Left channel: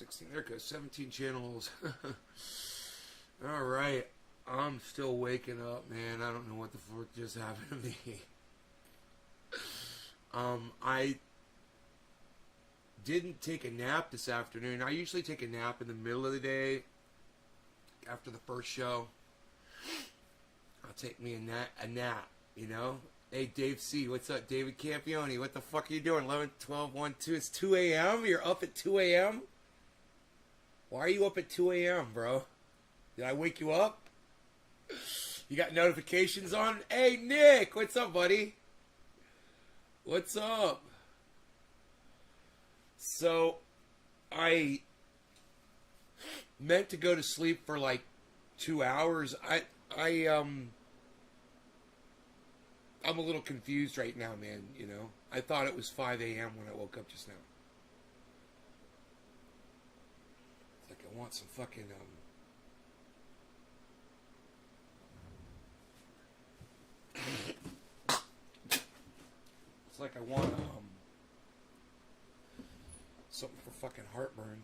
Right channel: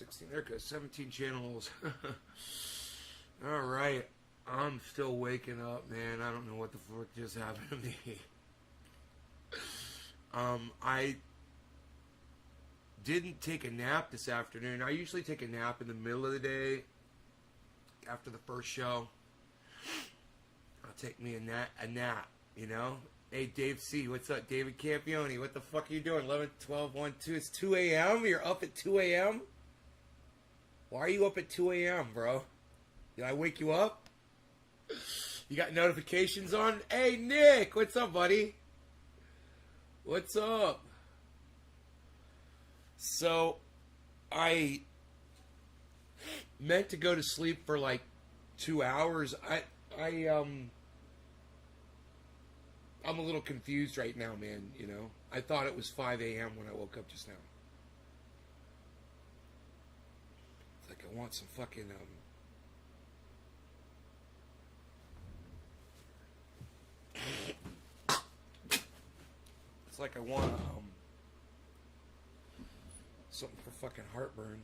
16. There goes 17 channels. All right. I'm still waking up, man. I don't know what the fuck just happened to me. I didn't take a nap this afternoon. I usually take a nap in the middle of the day after the first show. I'll take me a nap, you know? Hey, Dave C., what's up? David Campione, what the fuck are you doing? 11, 12, 1, 2. It's 2 a.m.? You're up at 2 a.m.? Why are you up at 2 a.m., bro? Did I wake you up? You got notifications on? Hey, Nick, what's up, buddy? What's up? So, I meant to go to sleep for like 2 hours. I'm a little confused right now, man, you know. I thought it was 5 a.m. when I woke up just now. It's like I want some fucking, it's like I want, something for fucking heartburn.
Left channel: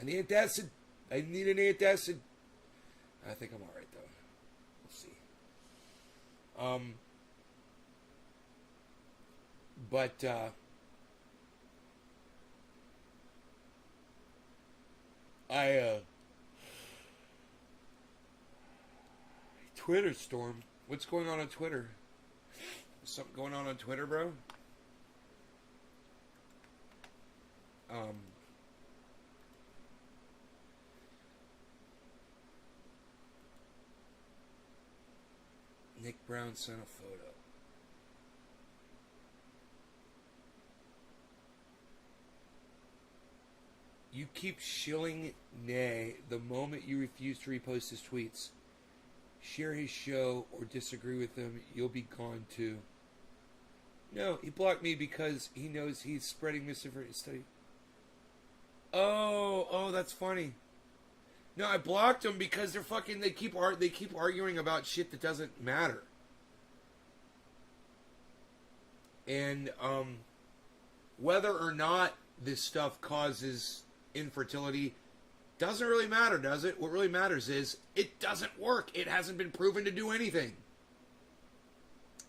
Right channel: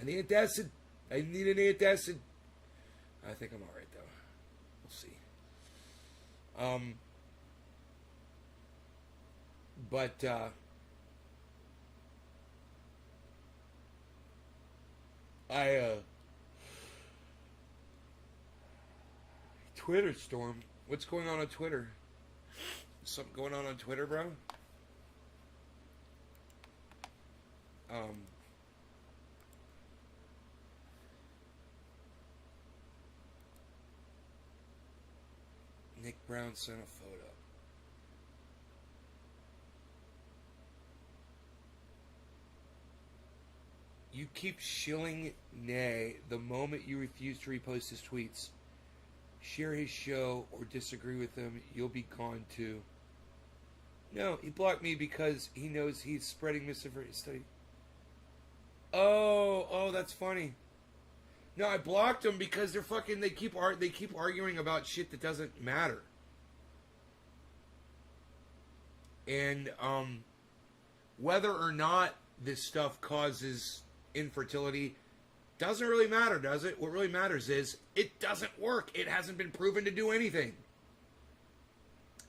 I need antacid. I need an antacid. I think I'm alright, though. We'll see. Twitter storm. What's going on Twitter? Something going on Twitter, bro? Nick Brown sent a photo. You keep shilling Nay the moment you refuse to repost his tweets. Share his show or disagree with him, you'll be gone too. No, he blocked me because he knows he's spreading misinformation. Oh, that's funny. No, I blocked them because they're fucking. They keep arguing about shit that doesn't matter. And whether or not this stuff causes infertility doesn't really matter, does it? What really matters is it doesn't work. It hasn't been proven to do anything.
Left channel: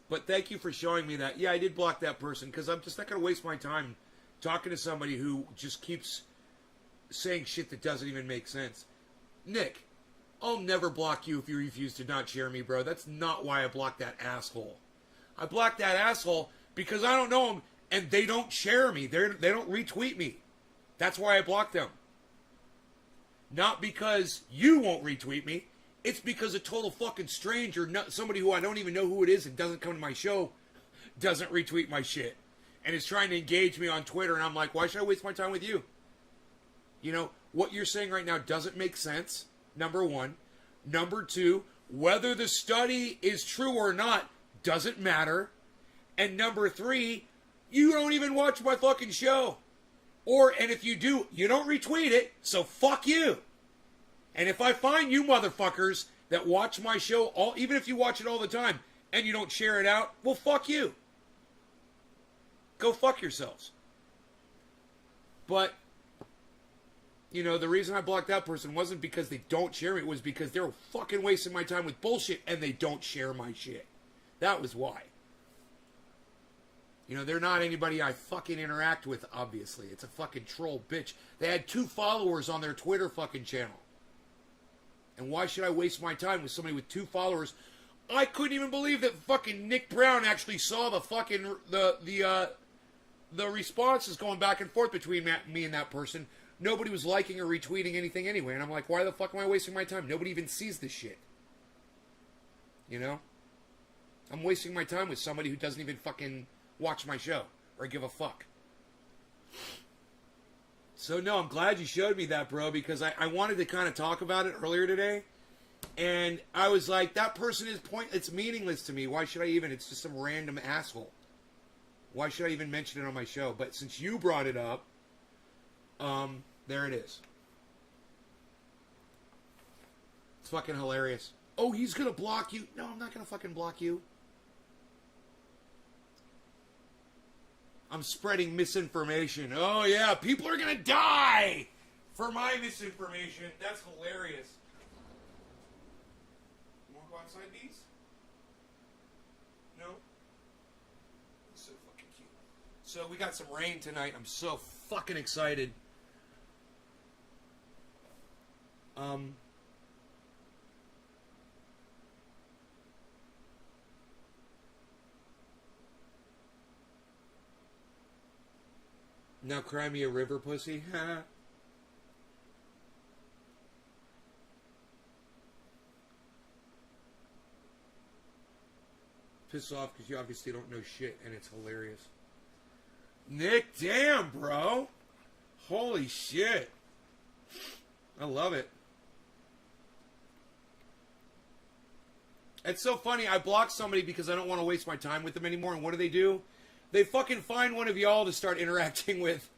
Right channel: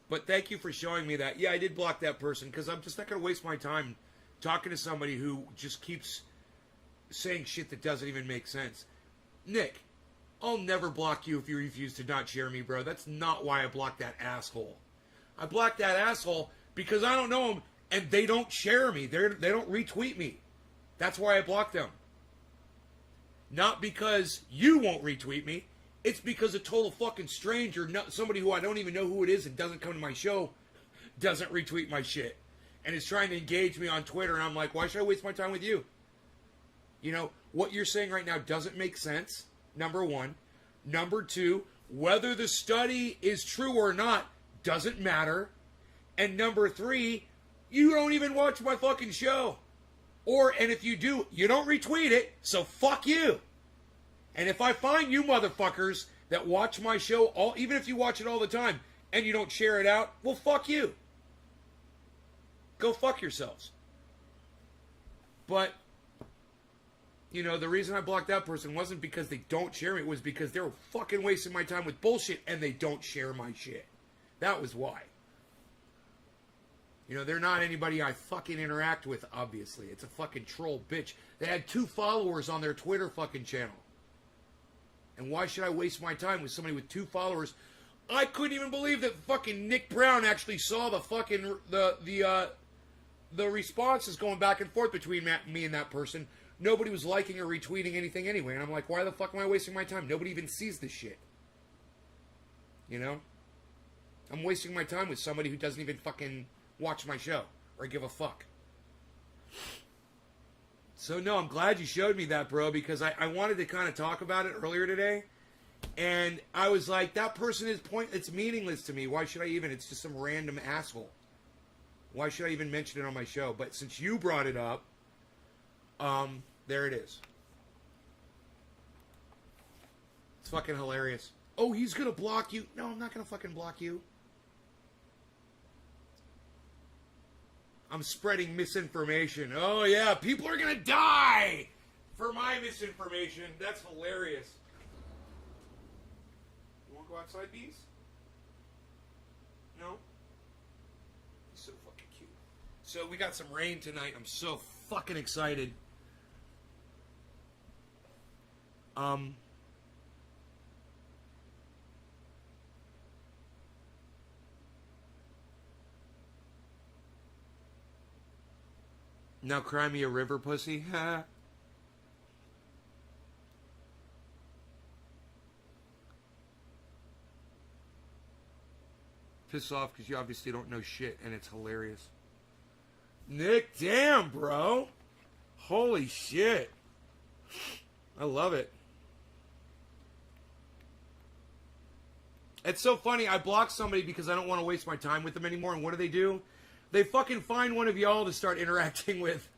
But thank you for showing me that. Yeah, I did block that person because I'm just not going to waste my time talking to somebody who just keeps saying shit that doesn't even make sense. Nick, I'll never block you if you refuse to not share me, bro. That's not why I blocked that asshole. I blocked that asshole because I don't know him and they don't share me. They don't retweet me. That's why I blocked them. Not because you won't retweet me. It's because a total fucking stranger, somebody who I don't even know who it is and doesn't come to my show, doesn't retweet my shit. And is trying to engage me on Twitter. And I'm like, why should I waste my time with you? You know, what you're saying right now doesn't make sense, number one. Number two, whether the study is true or not doesn't matter. And number three, you don't even watch my fucking show. And if you do, you don't retweet it, so fuck you. And if I find you motherfuckers that watch my show, even if you watch it all the time, and you don't share it out, well, fuck you. Go fuck yourselves. But, you know, the reason I blocked that person wasn't because they don't share me. It was because they were fucking wasting my time with bullshit, and they don't share my shit. That was why. You know, they're not anybody I fucking interact with, obviously. It's a fucking troll bitch. They had 2 followers on their Twitter fucking channel. And why should I waste my time with somebody with 2 followers? I couldn't even believe that fucking Nick Brown actually saw the fucking, the responses going back and forth between me and that person. Nobody was liking or retweeting anything anyway. And I'm like, why the fuck am I wasting my time? Nobody even sees this shit. You know? I'm wasting my time with somebody who doesn't even fucking watch my show or give a fuck. So, no, I'm glad you showed me that, bro, because I wanted to kind of talk about it earlier today. And I was like, that person is it's meaningless to me. Why should I even? It's just some random asshole. Why should I even mention it on my show? But since you brought it up, there it is. It's fucking hilarious. Oh, he's going to block you. No, I'm not going to fucking block you. I'm spreading misinformation. Oh, yeah, people are going to die for my misinformation. That's hilarious. You want to go outside, Bees? No? So fucking cute. So we got some rain tonight. I'm so fucking excited. Now cry me a river, pussy. Piss off because you obviously don't know shit, and it's hilarious. Nick, damn, bro. Holy shit. I love it. It's so funny. I blocked somebody because I don't want to waste my time with them anymore, and what do? They fucking find one of y'all to start interacting with.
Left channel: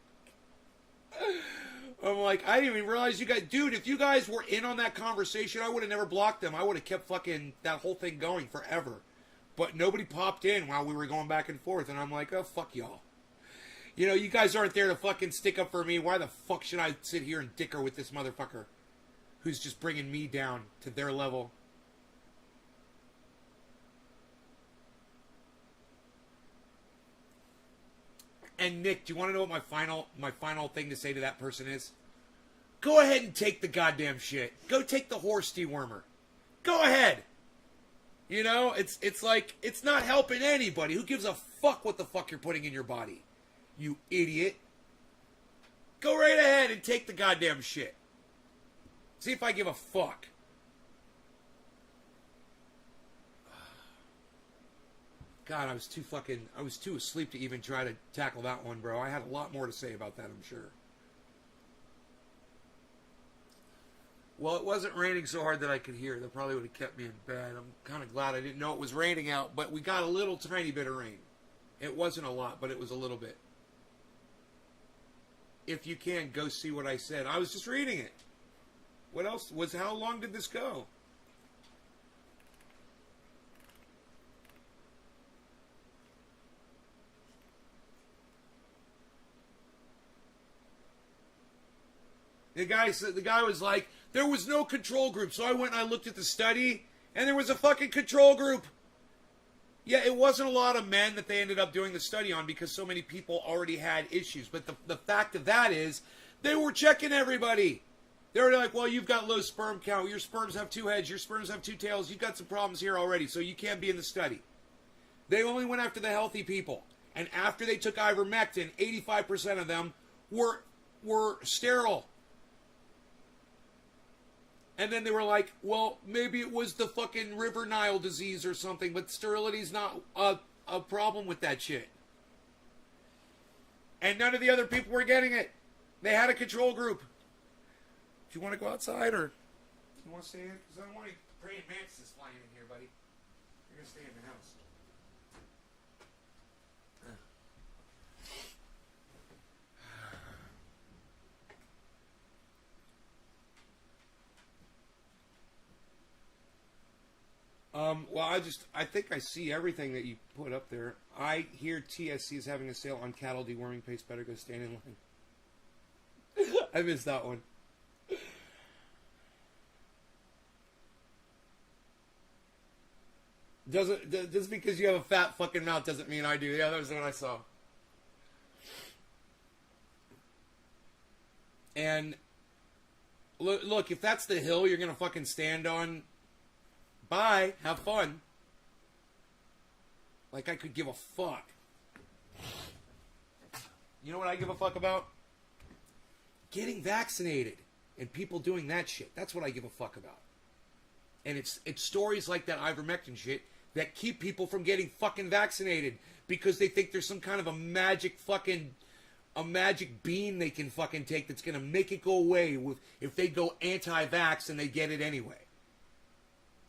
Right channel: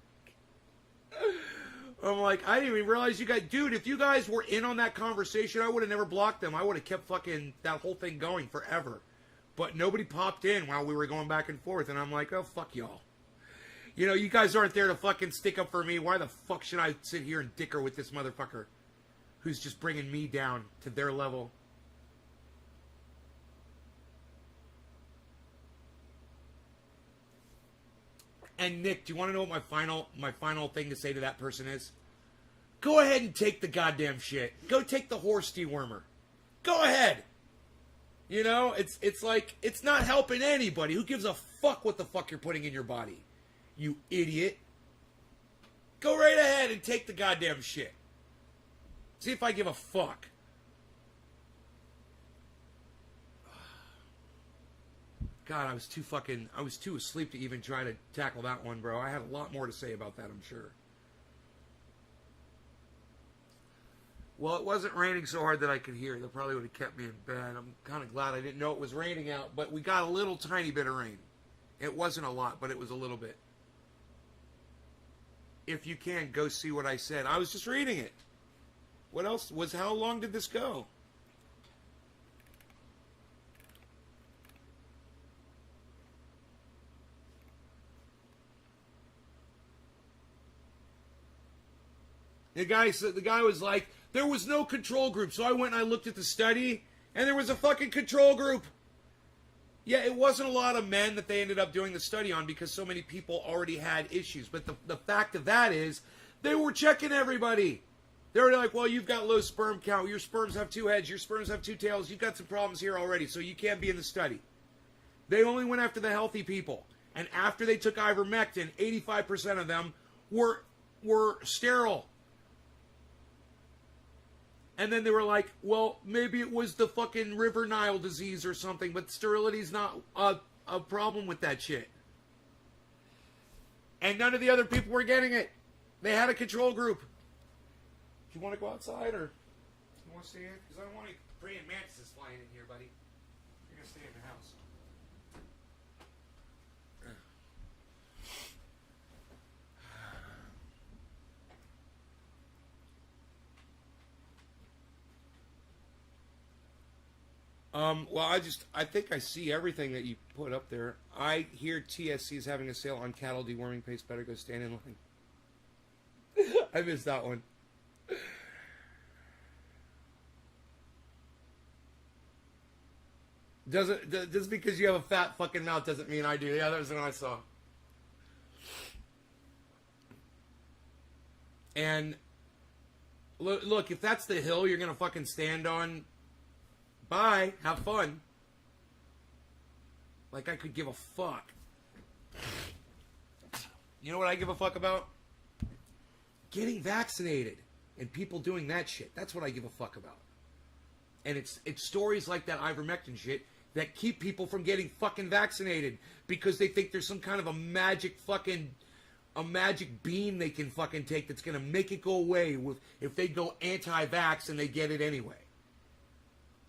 I'm like, I didn't even realize you guys... Dude, if you guys were in on that conversation, I would have never blocked them. I would have kept fucking that whole thing going forever. But nobody popped in while we were going back and forth, and I'm like, oh, fuck y'all. You know, you guys aren't there to fucking stick up for me. Why the fuck should I sit here and dicker with this motherfucker who's just bringing me down to their level? And Nick, do you want to know what my final thing to say to that person is? Go ahead and take the goddamn shit. Go take the horse dewormer. Go ahead. You know, it's like, it's not helping anybody. Who gives a fuck what the fuck you're putting in your body? You idiot. Go right ahead and take the goddamn shit. See if I give a fuck. God, I was too asleep to even try to tackle that one, bro. I had a lot more to say about that, I'm sure. Well, it wasn't raining so hard that I could hear. That probably would have kept me in bed. I'm kind of glad I didn't know it was raining out, but we got a little tiny bit of rain. It wasn't a lot, but it was a little bit. If you can, go see what I said. I was just reading it. What else? How long did this go? The guy was like, there was no control group. So I went and I looked at the study, and there was a fucking control group. Yeah, it wasn't a lot of men that they ended up doing the study on because so many people already had issues. But the fact of that is, they were checking everybody. They were like, well, you've got low sperm count. Your sperms have 2 heads. Your sperms have 2 tails. You've got some problems here already, so you can't be in the study. They only went after the healthy people. And after they took ivermectin, 85% of them were sterile. And then they were like, well, maybe it was the fucking River Nile disease or something, but sterility's not a problem with that shit. And none of the other people were getting it. They had a control group. Do you want to go outside or you want to stay in? Because I don't want any praying mantises flying in here, buddy. You're going to stay in the house. Well, I think I see everything that you put up there. I hear TSC is having a sale on cattle deworming paste. Better go stand in line. I missed that one. Just because you have a fat fucking mouth doesn't mean I do. Yeah, that was the one I saw. And look, if that's the hill you're gonna fucking stand on, bye. Have fun. Like I could give a fuck. You know what I give a fuck about? Getting vaccinated and people doing that shit. That's what I give a fuck about. And it's stories like that ivermectin shit that keep people from getting fucking vaccinated because they think there's some kind of a magic bean they can fucking take that's gonna make it go away if they go anti-vax and they get it anyway.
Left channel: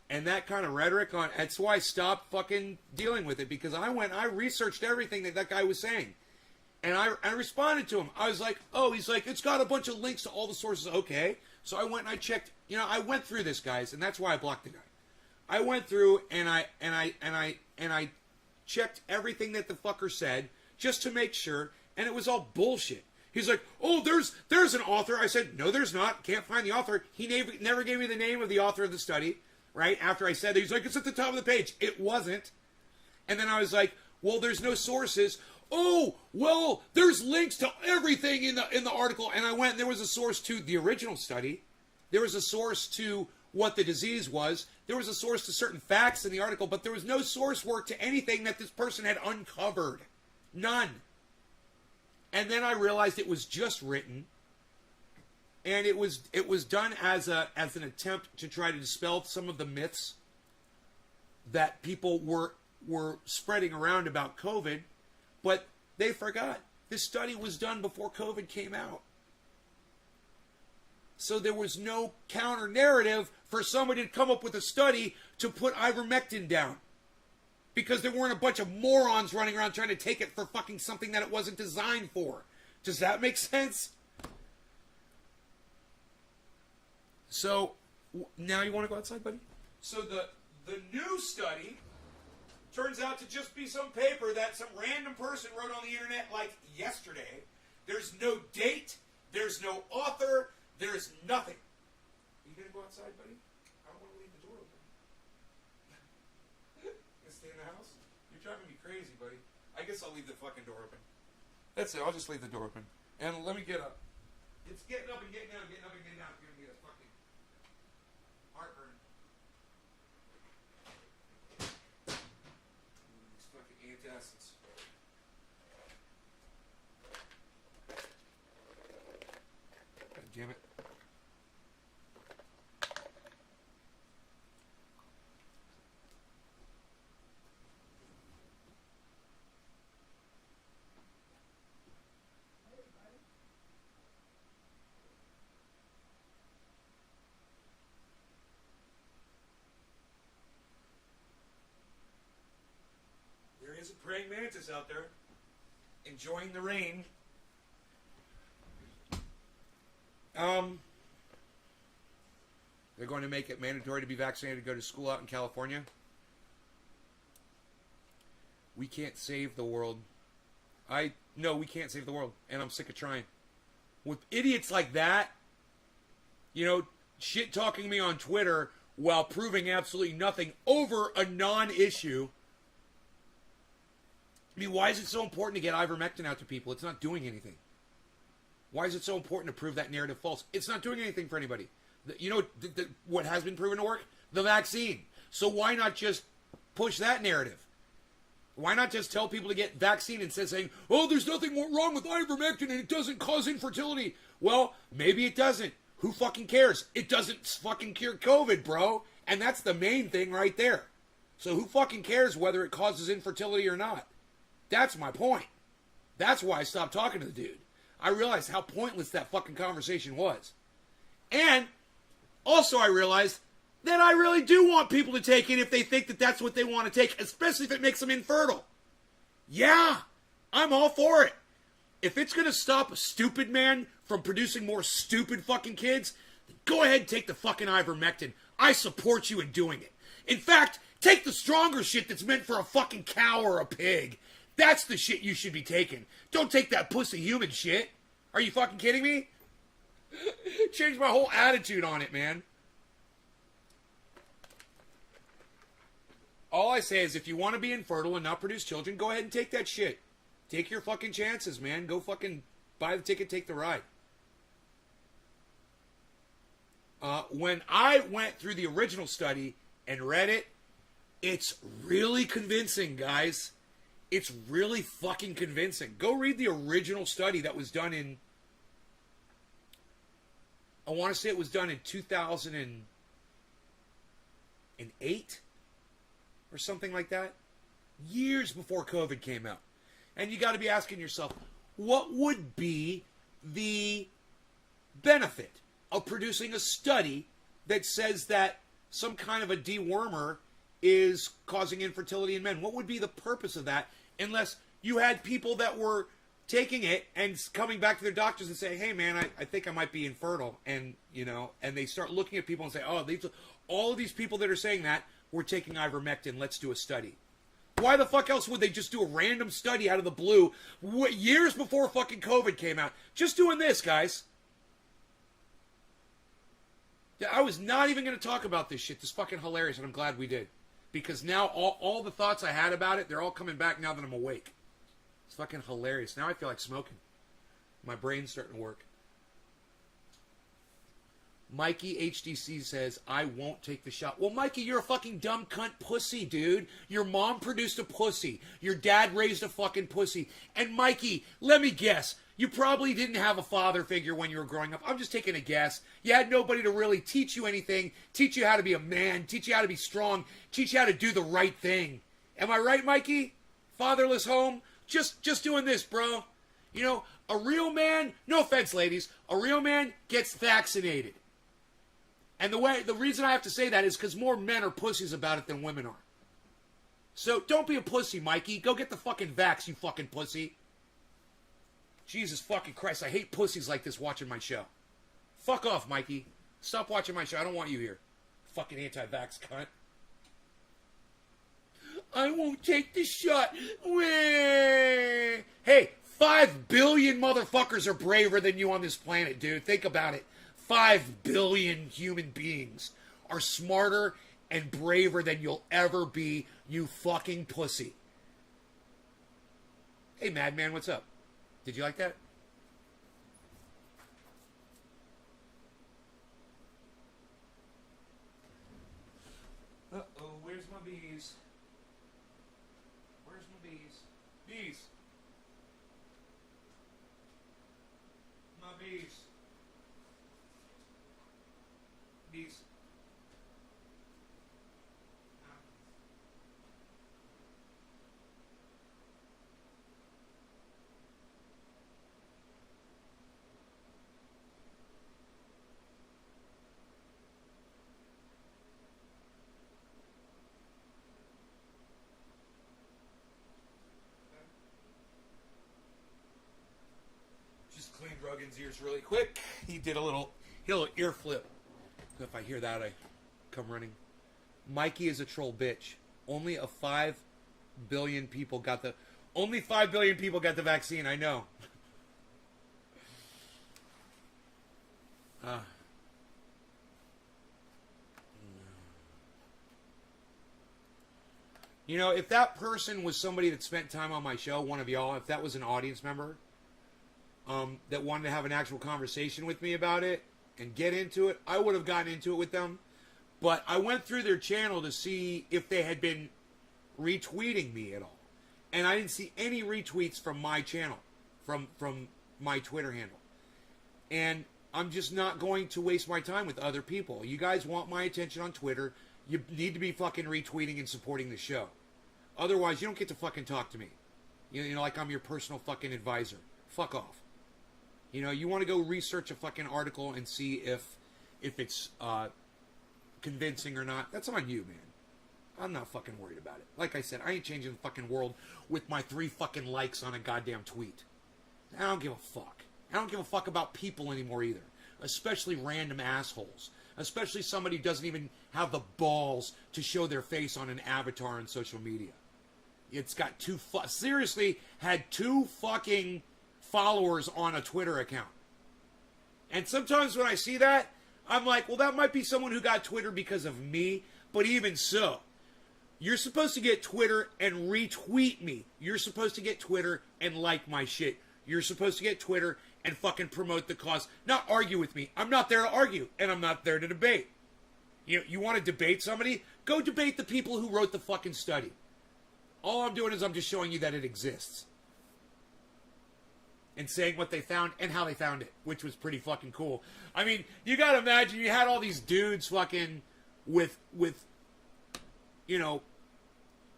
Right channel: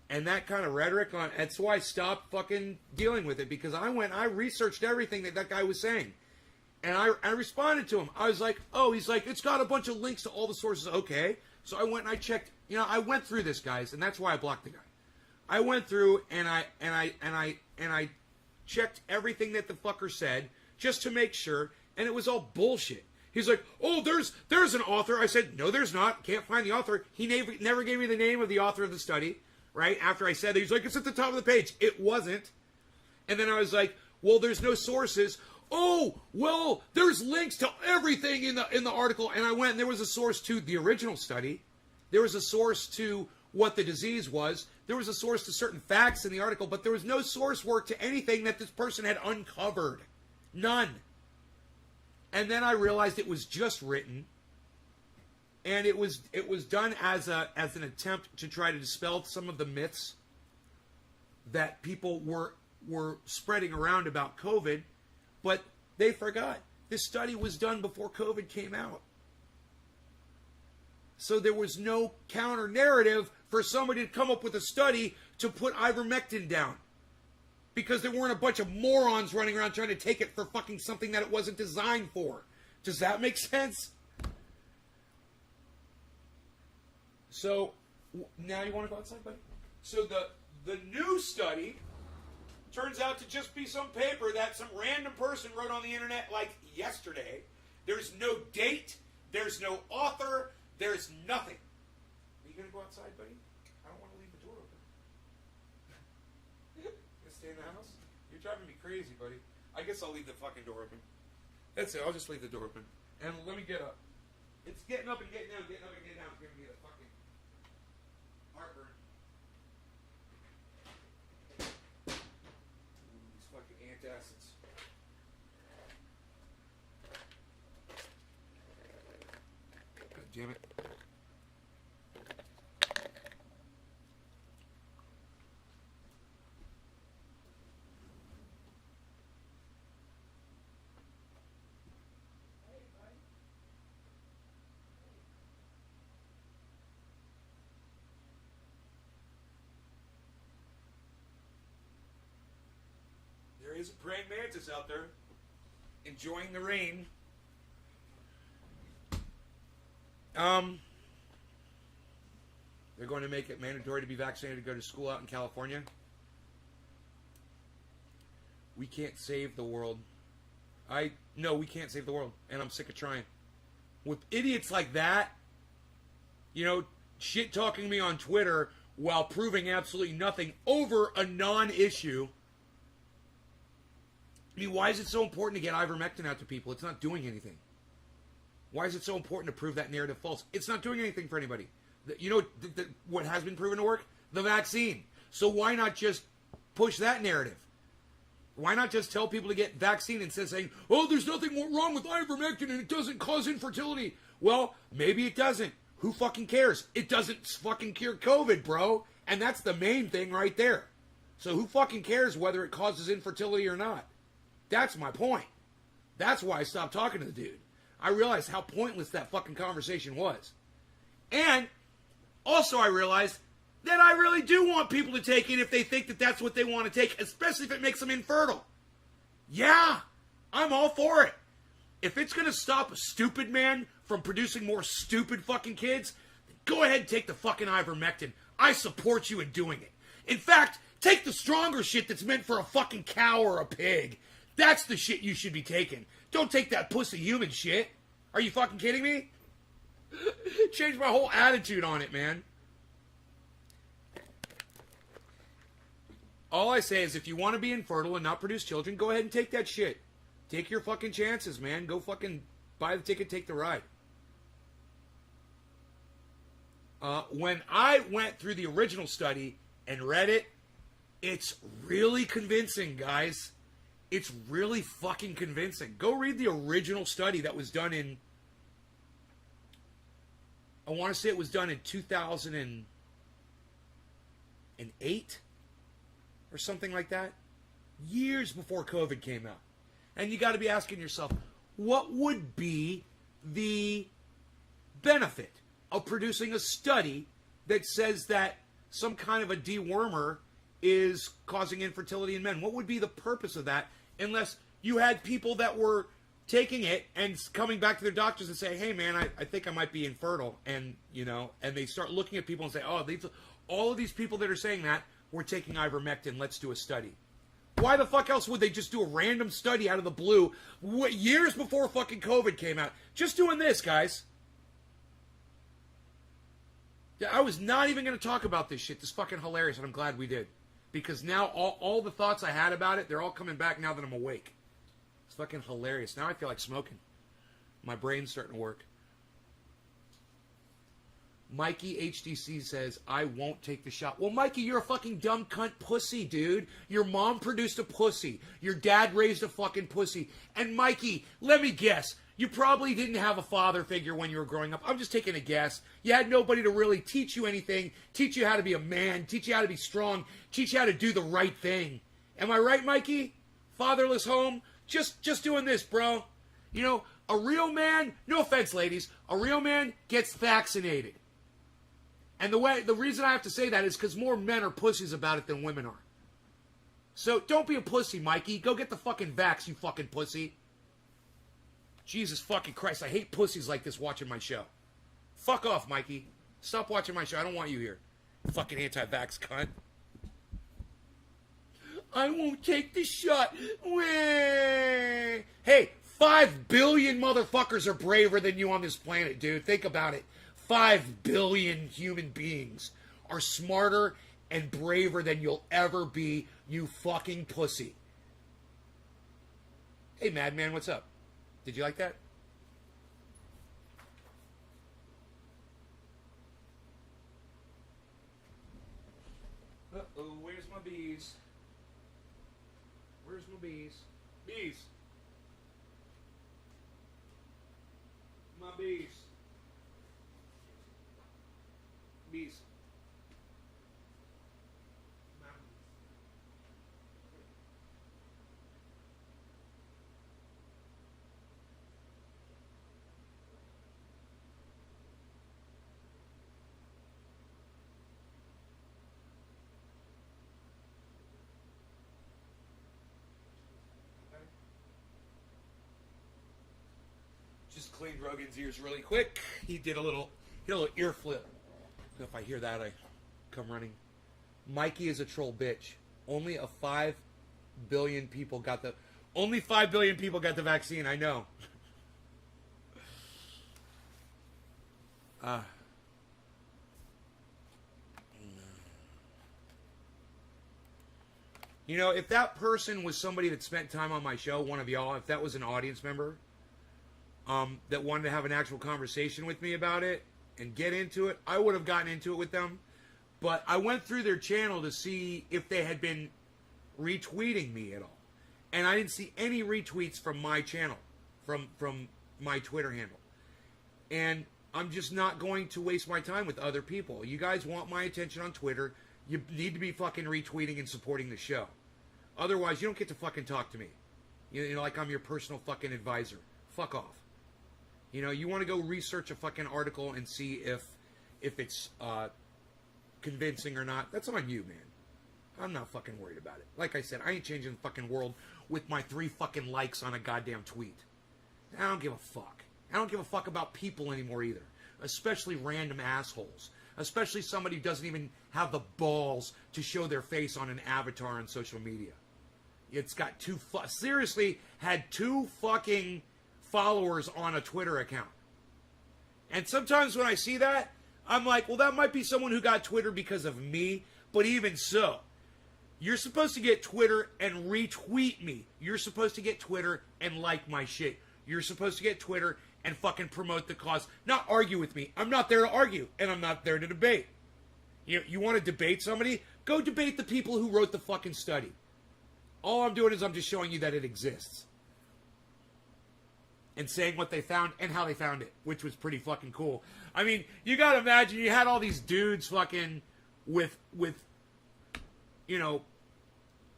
And that kind of rhetoric that's why I stopped fucking dealing with it, because I researched everything that guy was saying. And I responded to him. I was like, oh, he's like, it's got a bunch of links to all the sources. Okay. So I went and I checked, I went through this, guys, and that's why I blocked the guy. I went through and I checked everything that the fucker said just to make sure, and it was all bullshit. He's like, oh, there's an author. I said, no, there's not. Can't find the author. He never gave me the name of the author of the study, right? After I said that, he's like, it's at the top of the page. It wasn't. And then I was like, well, there's no sources. Oh, well, there's links to everything in the article. And I went, and there was a source to the original study. There was a source to what the disease was. There was a source to certain facts in the article, but there was no source work to anything that this person had uncovered. None. And then I realized it was just written, and it was done as an attempt to try to dispel some of the myths that people were spreading around about COVID, but they forgot. This study was done before COVID came out. So there was no counter narrative for somebody to come up with a study to put ivermectin down. Because there weren't a bunch of morons running around trying to take it for fucking something that it wasn't designed for. Does that make sense? So, now you want to go outside, buddy? So the new study turns out to just be some paper that some random person wrote on the internet like yesterday. There's no date. There's no author. There's nothing. Are you going to go outside, buddy? I don't want to leave the door open. Gonna stay in the house? You're driving me crazy, buddy. I guess I'll leave the fucking door open. That's it. I'll just leave the door open. And let me get up. It's getting up and getting down, getting up and getting down. It's giving me a fucking heartburn. These fucking antacids. God damn it. There is a praying mantis out there enjoying the rain. They're going to make it mandatory to be vaccinated to go to school out in California. We can't save the world. No, we can't save the world, and I'm sick of trying. With idiots like that, shit talking me on Twitter while proving absolutely nothing over a non-issue. I mean, why is it so important to get ivermectin out to people? It's not doing anything. Why is it so important to prove that narrative false? It's not doing anything for anybody. What has been proven to work? The vaccine. So why not just push that narrative? Why not just tell people to get vaccine instead of saying, oh, there's nothing wrong with ivermectin and it doesn't cause infertility? Well, maybe it doesn't. Who fucking cares? It doesn't fucking cure COVID, bro. And that's the main thing right there. So who fucking cares whether it causes infertility or not? That's my point. That's why I stopped talking to the dude. I realized how pointless that fucking conversation was. And also I realized that I really do want people to take it if they think that that's what they want to take, especially if it makes them infertile. Yeah, I'm all for it. If it's going to stop a stupid man from producing more stupid fucking kids, then go ahead and take the fucking ivermectin. I support you in doing it. In fact, take the stronger shit that's meant for a fucking cow or a pig. That's the shit you should be taking. Don't take that pussy human shit. Are you fucking kidding me? Changed my whole attitude on it, man. All I say is if you want to be infertile and not produce children, go ahead and take that shit. Take your fucking chances, man. Go fucking buy the ticket, take the ride. When I went through the original study and read it, it's really convincing, guys. It's really fucking convincing. Go read the original study that was done in, I want to say it was done in 2008 or something like that. Years before COVID came out. And you got to be asking yourself, what would be the benefit of producing a study that says that some kind of a dewormer is causing infertility in men? What would be the purpose of that unless you had people that were taking it and coming back to their doctors and say, hey man, I think I might be infertile, and and they start looking at people and say, oh, all of these people that are saying that were taking ivermectin, let's do a study. Why the fuck else would they just do a random study out of the blue years before fucking COVID came out? Just doing this, guys. Yeah, I was not even going to talk about this shit. This is fucking hilarious, and I'm glad we did. Because now all the thoughts I had about it, they're all coming back now that I'm awake. It's fucking hilarious. Now I feel like smoking. My brain's starting to work. Mikey HDC says, I won't take the shot. Well, Mikey, you're a fucking dumb cunt pussy, dude. Your mom produced a pussy. Your dad raised a fucking pussy. And Mikey, let me guess, you probably didn't have a father figure when you were growing up. I'm just taking a guess. You had nobody to really teach you anything, teach you how to be a man, teach you how to be strong, teach you how to do the right thing. Am I right, Mikey? Fatherless home? Just doing this, bro. You know, a real man, no offense, ladies, a real man gets vaccinated. And the reason I have to say that is because more men are pussies about it than women are. So don't be a pussy, Mikey. Go get the fucking vax, you fucking pussy. Jesus fucking Christ, I hate pussies like this watching my show. Fuck off, Mikey. Stop watching my show. I don't want you here. Fucking anti-vax cunt. I won't take the shot. Hey, 5 billion motherfuckers are braver than you on this planet, dude. Think about it. 5 billion human beings are smarter and braver than you'll ever be, you fucking pussy. Hey, Madman, what's up? Did you like that? Uh-oh, where's my bees? Where's my bees? Bees! My bees. Bees. Just cleaned Rogan's ears really quick. He did a little ear flip. So if I hear that, I come running. Mikey is a troll bitch. Only 5 billion people got the vaccine. I know. You know, if that person was somebody that spent time on my show, one of y'all, if that was an audience member, that wanted to have an actual conversation with me about it and get into it, I would have gotten into it with them. But I went through their channel to see if they had been retweeting me at all. And I didn't see any retweets from my channel, from my Twitter handle. And I'm just not going to waste my time with other people. You guys want my attention on Twitter, you need to be fucking retweeting and supporting the show. Otherwise, you don't get to fucking talk to me. You know, like I'm your personal fucking advisor. Fuck off. You know, you want to go research a fucking article and see if it's convincing or not. That's on you, man. I'm not fucking worried about it. Like I said, I ain't changing the fucking world with my 3 fucking likes on a goddamn tweet. I don't give a fuck. I don't give a fuck about people anymore either. Especially random assholes. Especially somebody who doesn't even have the balls to show their face on an avatar on social media. It's got seriously had 2 fucking followers on a Twitter account. And sometimes when I see that, I'm like, well, that might be someone who got Twitter because of me, but even so, you're supposed to get Twitter and retweet me. You're supposed to get Twitter and like my shit. You're supposed to get Twitter and fucking promote the cause, not argue with me. I'm not there to argue, and I'm not there to debate. You want to debate somebody? Go debate the people who wrote the fucking study. All I'm doing is I'm just showing you that it exists. And saying what they found and how they found it, which was pretty fucking cool. I mean, you gotta imagine you had all these dudes fucking with you know,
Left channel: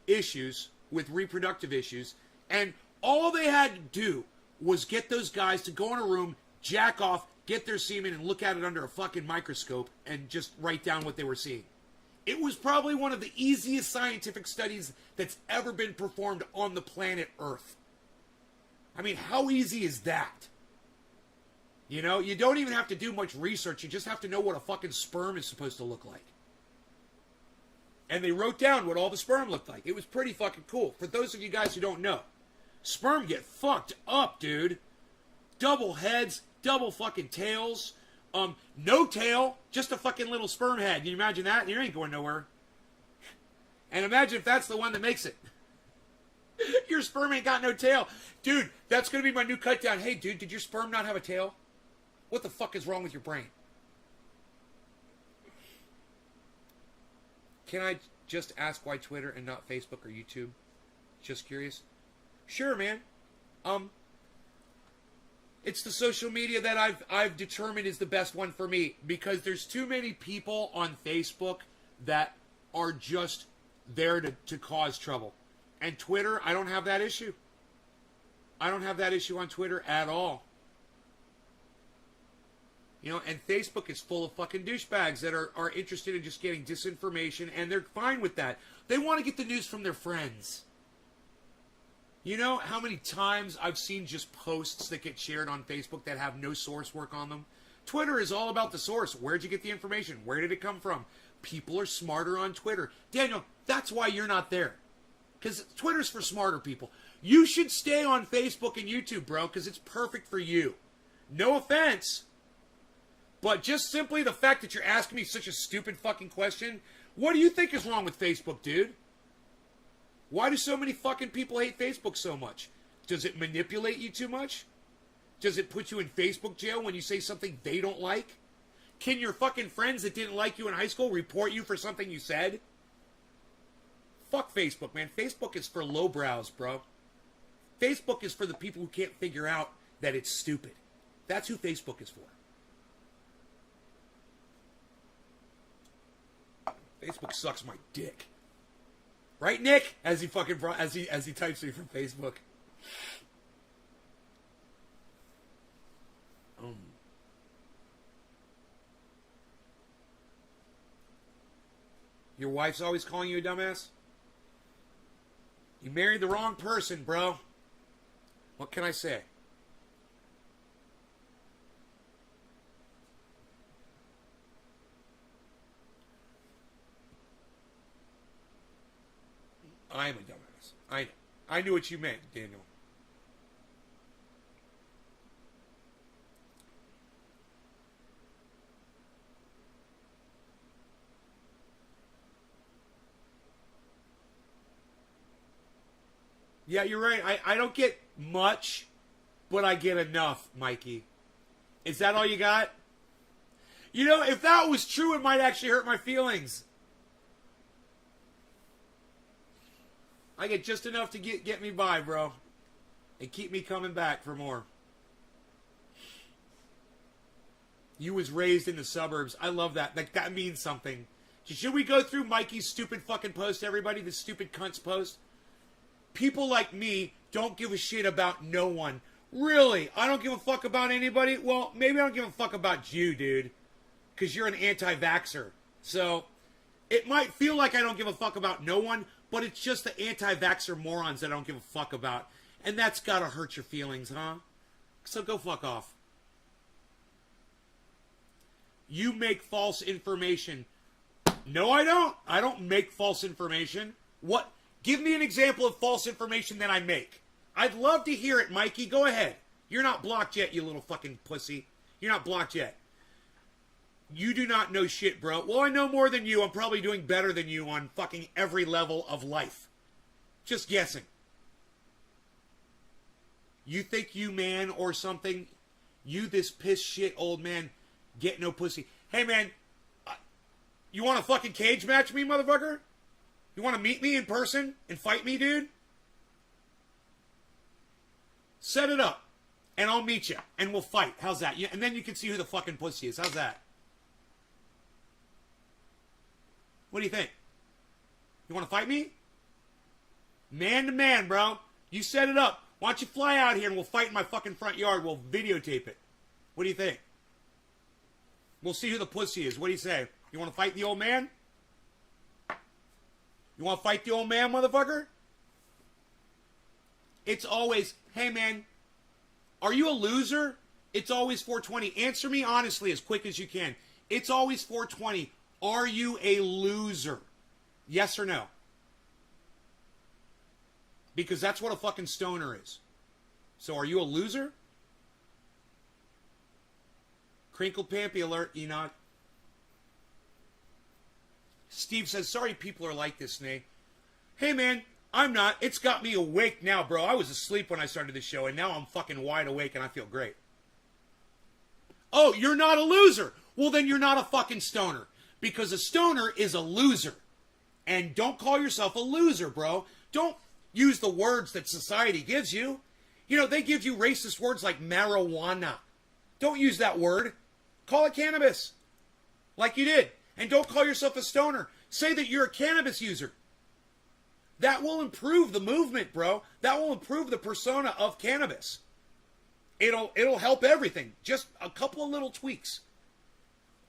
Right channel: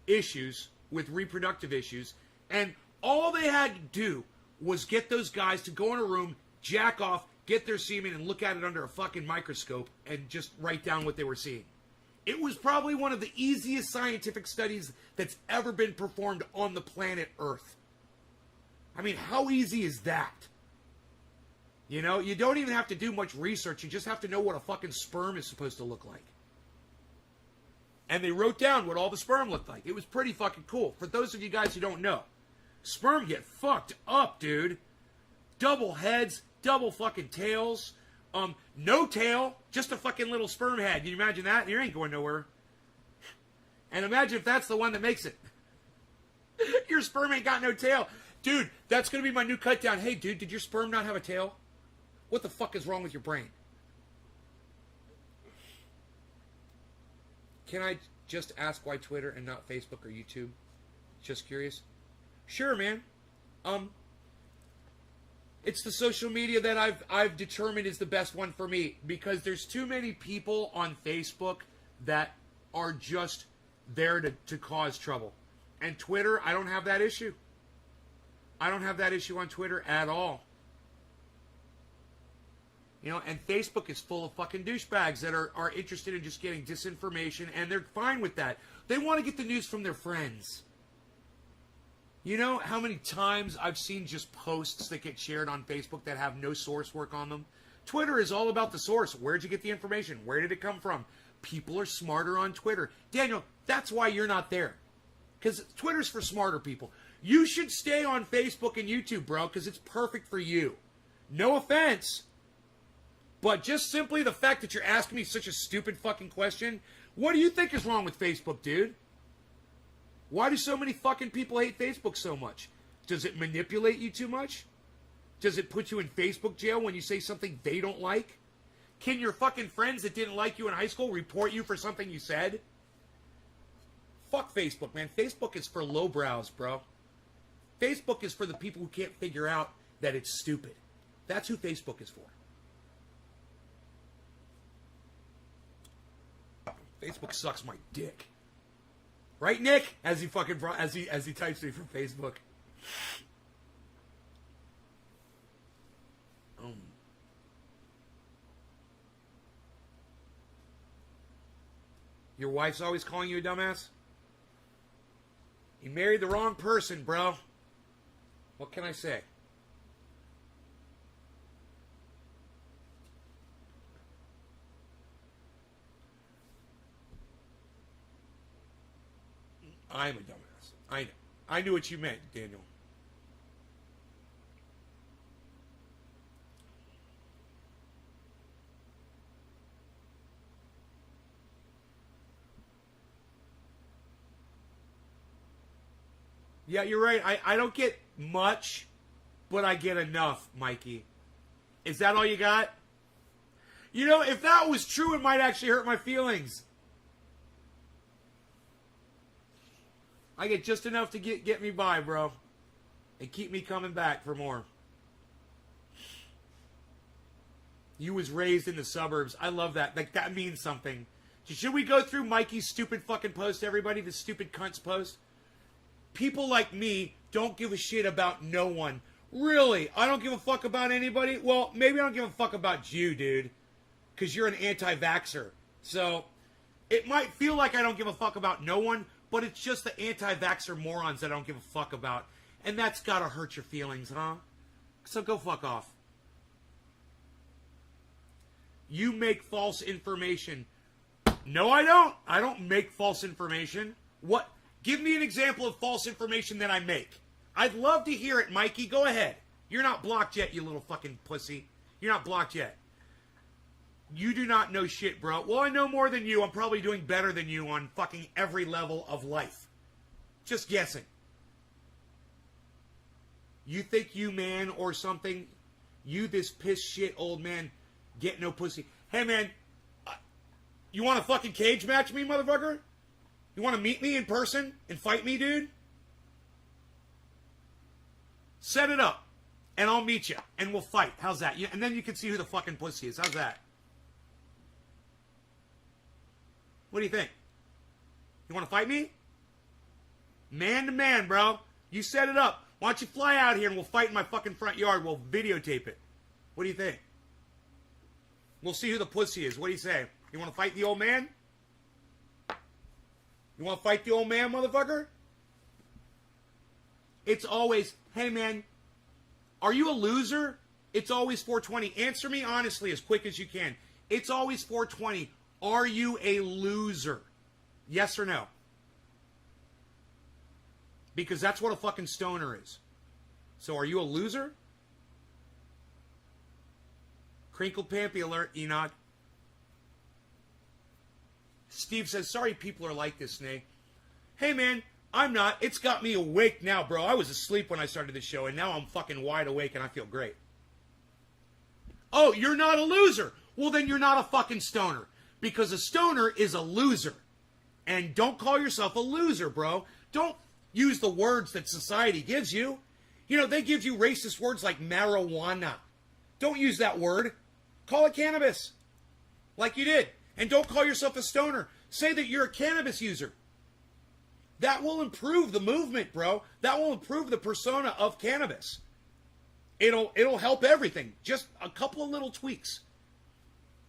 issues, with reproductive issues, and all they had to do was get those guys to go in a room, jack off, get their semen, and look at it under a fucking microscope and just write down what they were seeing. It was probably one of the easiest scientific studies that's ever been performed on the planet Earth. I mean, how easy is that? You know, you don't even have to do much research. You just have to know what a fucking sperm is supposed to look like. And they wrote down what all the sperm looked like. It was pretty fucking cool. For those of you guys who don't know, sperm get fucked up, dude. Double heads, double fucking tails. No tail, just a fucking little sperm head. Can you imagine that? You ain't going nowhere. And imagine if that's the one that makes it. Your sperm ain't got no tail. Dude, that's going to be my new cut down. Hey, dude, did your sperm not have a tail? What the fuck is wrong with your brain? Can I just ask why Twitter and not Facebook or YouTube? Just curious. Sure, man. It's the social media that I've determined is the best one for me, because there's too many people on Facebook that are just there to cause trouble. And Twitter, I don't have that issue. I don't have that issue on Twitter at all. You know, and Facebook is full of fucking douchebags that are interested in just getting disinformation, and they're fine with that. They want to get the news from their friends. You know how many times I've seen just posts that get shared on Facebook that have no source work on them? Twitter is all about the source. Where'd you get the information? Where did it come from? People are smarter on Twitter. Daniel, that's why you're not there. Because Twitter's for smarter people. You should stay on Facebook and YouTube, bro, because it's perfect for you. No offense. But just simply the fact that you're asking me such a stupid fucking question, what do you think is wrong with Facebook, dude? Why do so many fucking people hate Facebook so much? Does it manipulate you too much? Does it put you in Facebook jail when you say something they don't like? Can your fucking friends that didn't like you in high school report you for something you said? Fuck Facebook, man. Facebook is for lowbrows, bro. Facebook is for the people who can't figure out that it's stupid. That's who Facebook is for. Facebook sucks my dick. Right, Nick? As he fucking as he types me from Facebook. Your wife's always calling you a dumbass? You married the wrong person, bro. What can I say? I'm a dumbass. I know. I knew what you meant, Daniel. Yeah, you're right. I don't get much, but I get enough, Mikey. Is that all you got? You know, if that was true, it might actually hurt my feelings. I get just enough to get me by, bro. And keep me coming back for more. You was raised in the suburbs. I love that. That means something. Should we go through Mikey's stupid fucking post, everybody? This stupid cunt's post? People like me don't give a shit about no one. Really? I don't give a fuck about anybody? Well, maybe I don't give a fuck about you, dude. Because you're an anti-vaxxer. So, it might feel like I don't give a fuck about no one, but it's just the anti-vaxxer morons that I don't give a fuck about. And that's gotta hurt your feelings, huh? So go fuck off. You make false information. No, I don't. I don't make false information. What? Give me an example of false information that I make. I'd love to hear it, Mikey. Go ahead. You're not blocked yet, you little fucking pussy. You're not blocked yet. You do not know shit, bro. Well, I know more than you. I'm probably doing better than you on fucking every level of life. Just guessing. You think you man or something? You this piss shit old man get no pussy. Hey, man. You want to fucking cage match me, motherfucker? You want to meet me in person and fight me, dude? Set it up, and I'll meet you, and we'll fight. How's that? And then you can see who the fucking pussy is. How's that? What do you think? You want to fight me? Man to man, bro. You set it up. Why don't you fly out here and we'll fight in my fucking front yard. We'll videotape it. What do you think? We'll see who the pussy is. What do you say? You want to fight the old man? You want to fight the old man, motherfucker? It's always, hey, man, are you a loser? It's always 420. Answer me honestly as quick as you can. It's always 420. Are you a loser? Yes or no? Because that's what a fucking stoner is. So are you a loser? Crinkle Pampy alert, Enoch. Steve says, sorry people are like this, Snake. Hey, man, I'm not. It's got me awake now, bro. I was asleep when I started the show, and now I'm fucking wide awake, and I feel great. Oh, you're not a loser. Well, then you're not a fucking stoner. Because a stoner is a loser. And don't call yourself a loser, bro. Don't use the words that society gives you. You know, they give you racist words like marijuana. Don't use that word. Call it cannabis. Like you did. And don't call yourself a stoner. Say that you're a cannabis user. That will improve the movement, bro. That will improve the persona of cannabis. It'll help everything. Just a couple of little tweaks.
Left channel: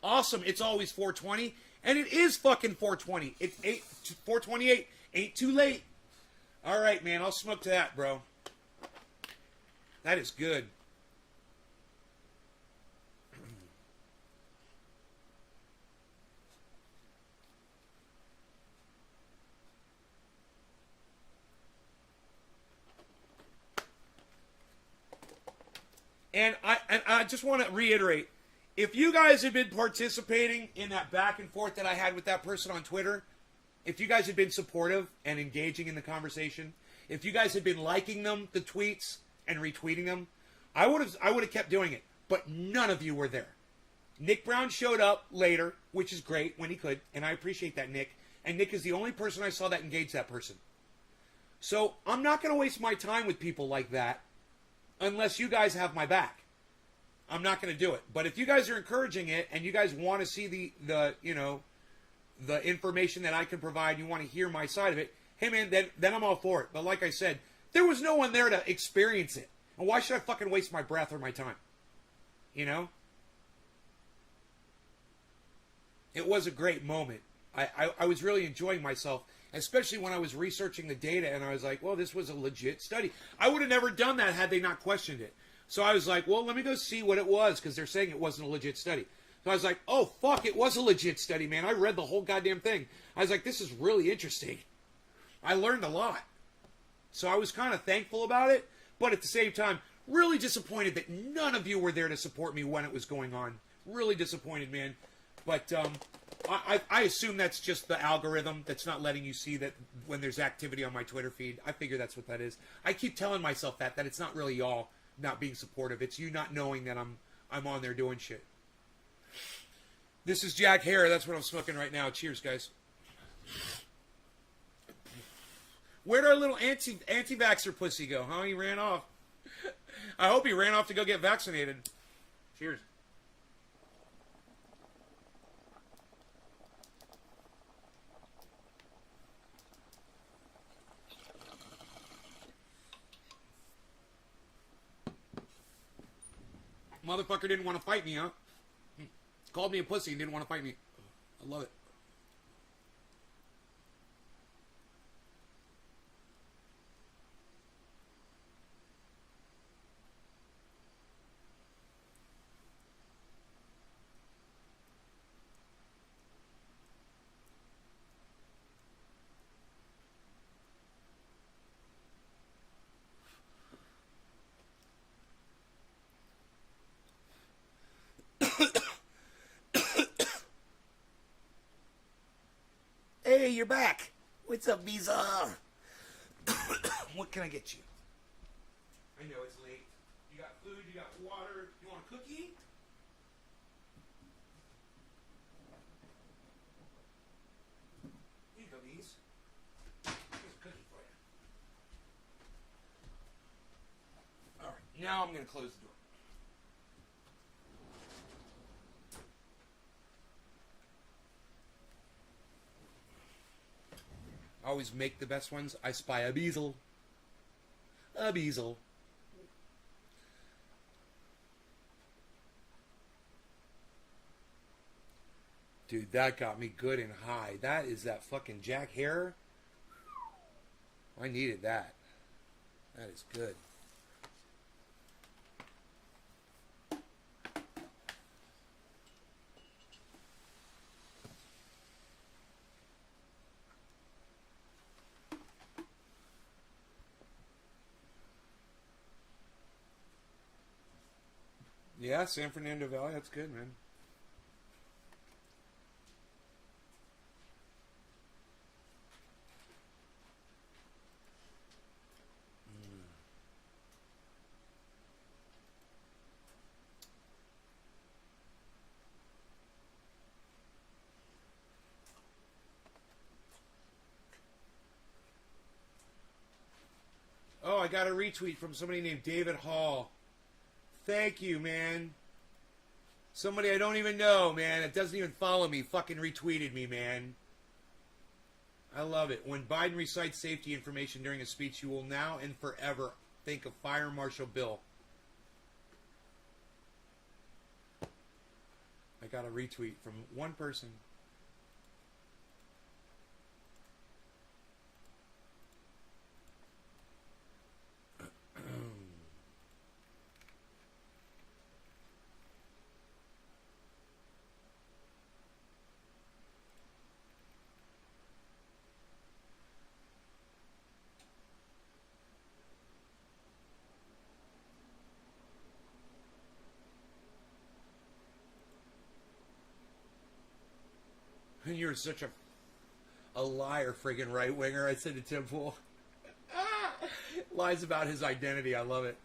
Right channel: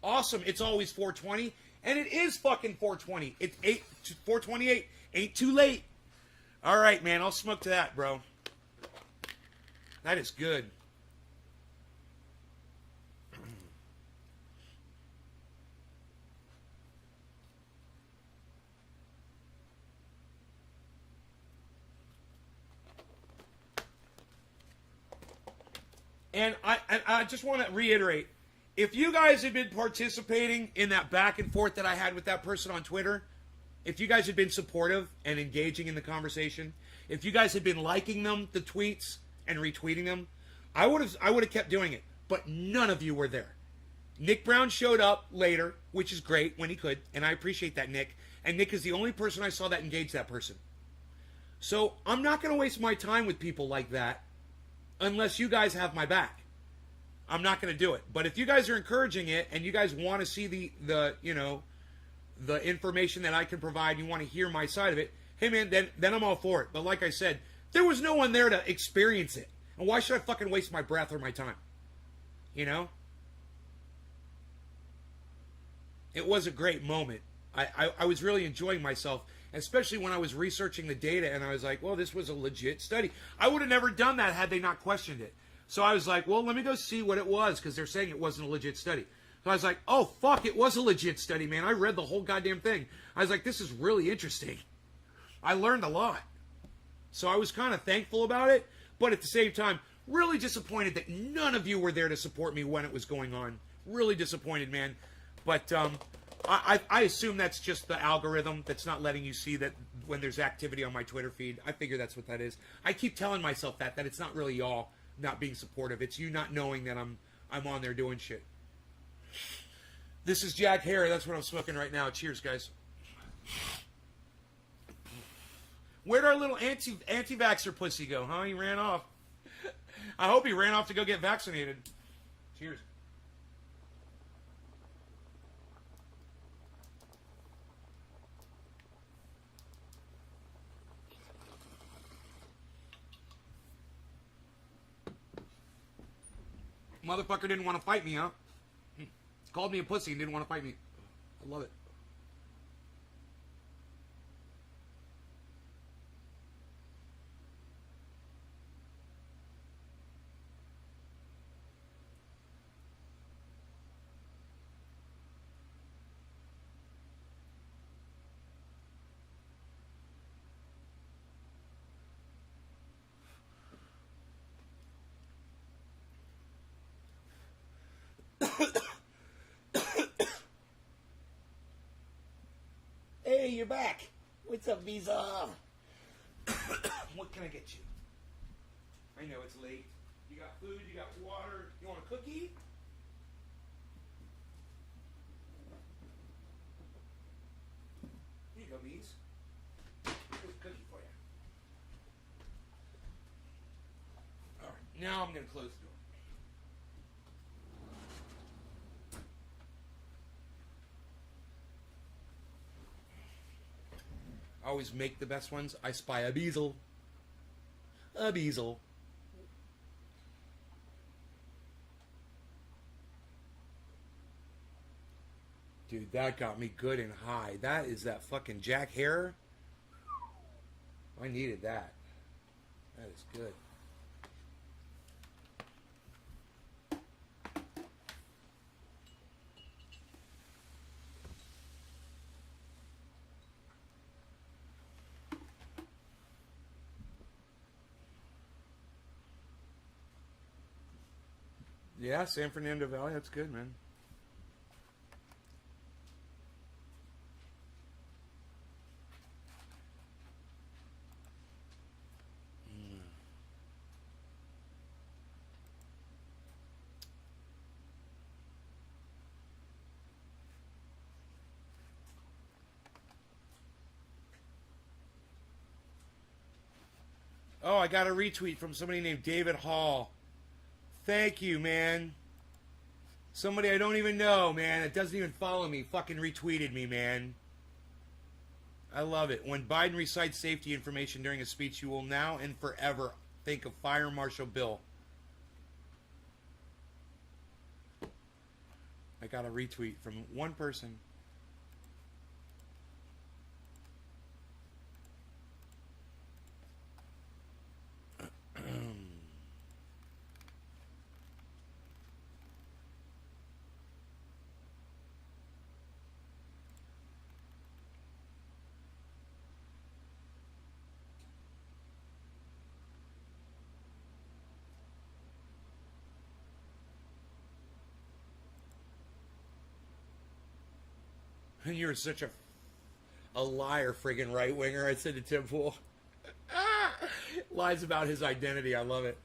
Awesome. It's always 420. And it is fucking 420. It's 428. Ain't too late. All right, man. I'll smoke to that, bro. That is good. And I just want to reiterate, if you guys have been participating in that back and forth that I had with that person on Twitter, if you guys had been supportive and engaging in the conversation, if you guys had been liking them, the tweets, and retweeting them, I would have kept doing it. But none of you were there. Nick Brown showed up later, which is great when he could, and I appreciate that, Nick. And Nick is the only person I saw that engaged that person. So I'm not going to waste my time with people like that unless you guys have my back. I'm not going to do it. But if you guys are encouraging it and you guys want to see the information that I can provide, you want to hear my side of it, hey man, then I'm all for it. But like I said, there was no one there to experience it. And why should I fucking waste my breath or my time? You know? It was a great moment. I was really enjoying myself, especially when I was researching the data and I was like, well, this was a legit study. I would have never done that had they not questioned it. So I was like, well, let me go see what it was because they're saying it wasn't a legit study. So I was like, oh, fuck, it was a legit study, man. I read the whole goddamn thing. I was like, this is really interesting. I learned a lot. So I was kind of thankful about it, but at the same time, really disappointed that none of you were there to support me when it was going on. Really disappointed, man. But I assume that's just the algorithm that's not letting you see that when there's activity on my Twitter feed. I figure that's what that is. I keep telling myself that it's not really y'all not being supportive. It's you not knowing that I'm on there doing shit. This is Jack Hare. That's what I'm smoking right now. Cheers, guys. Where'd our little anti-vaxxer pussy go, huh? He ran off. I hope he ran off to go get vaccinated. Cheers. Motherfucker didn't want to fight me, huh? Called me a pussy and didn't want to fight me. I love it. Hey, you're back. What's up, Visa? What can I get you? I know it's late. You got food, you got water. You want a cookie? Here you go, Bees. Here's a cookie for you. Alright, now I'm going to close the door. I always make the best ones. I spy a bezel. A bezel. Dude, that got me good and high. That is that fucking Jack Hare. I needed that. That is good. Yeah, San Fernando Valley. That's good, man. Oh, I got a retweet from somebody named David Hall. Thank you, man. Somebody I don't even know, man. It doesn't even follow me. Fucking retweeted me, man. I love it. When Biden recites safety information during a speech, you will now and forever think of Fire Marshal Bill. I got a retweet from one person. You're such a liar, friggin' right winger. I said to Tim Pool. Lies about his identity. I love it.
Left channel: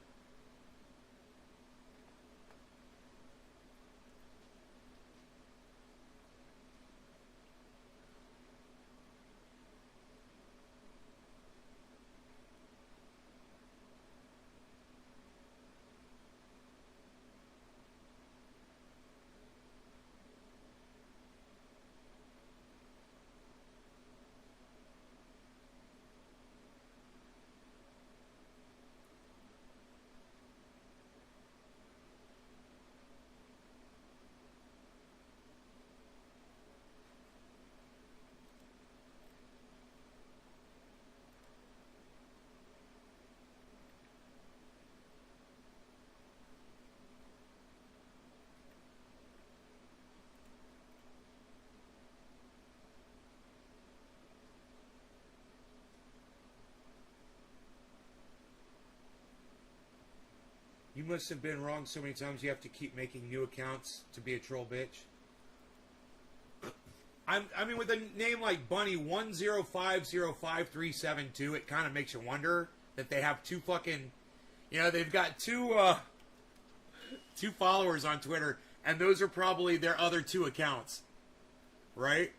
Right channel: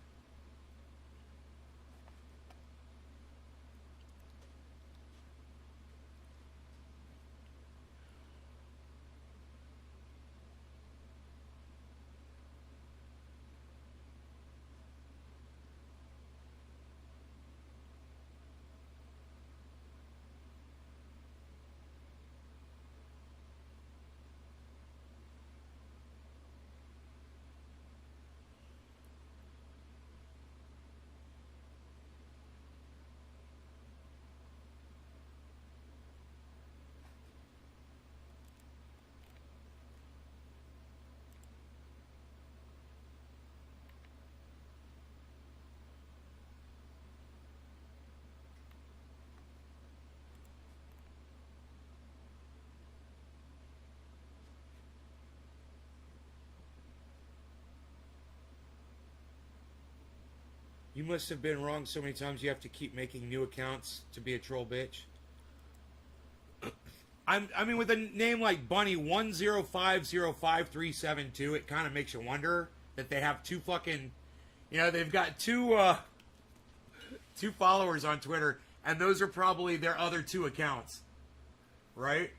You must have been wrong so many times you have to keep making new accounts to be a troll bitch. I mean, with a name like Bunny1050537, it kind of makes you wonder that they have two fucking, they've got two followers on Twitter, and those are probably their other two accounts, right?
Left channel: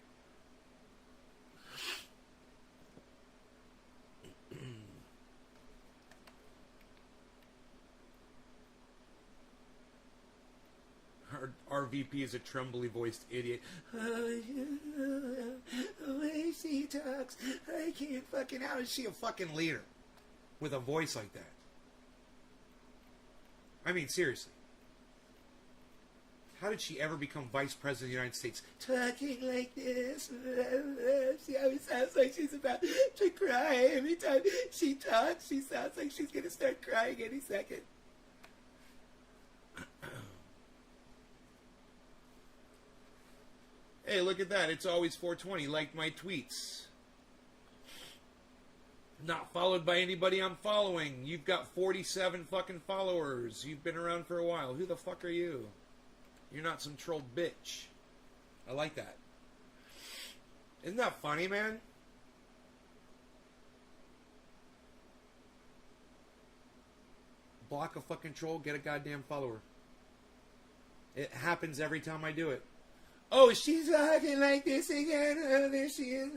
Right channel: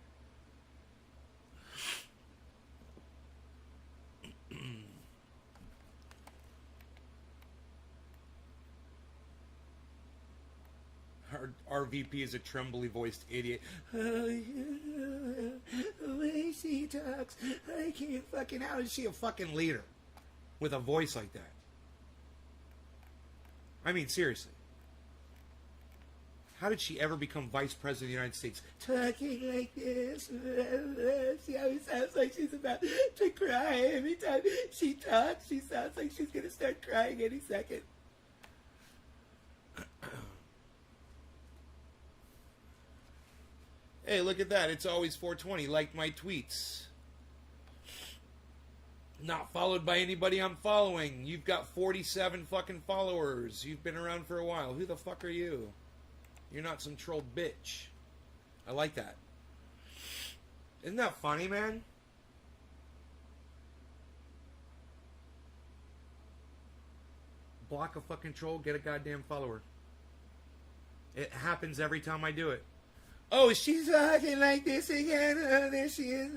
Our VP is a trembly voiced idiot. The way she talks, I can't fucking. How is she a fucking leader with a voice like that? I mean, seriously. How did she ever become vice president of the United States? Talking like this. She always sounds like she's about to cry. Every time she talks, she sounds like she's going to start crying any second. Hey, look at that. It's always 420. Like my tweets. Not followed by anybody I'm following. You've got 47 fucking followers. You've been around for a while. Who the fuck are you? You're not some troll bitch. I like that. Isn't that funny, man? Block a fucking troll, get a goddamn follower. It happens every time I do it. Oh, she's talking like this again. Oh, there she is.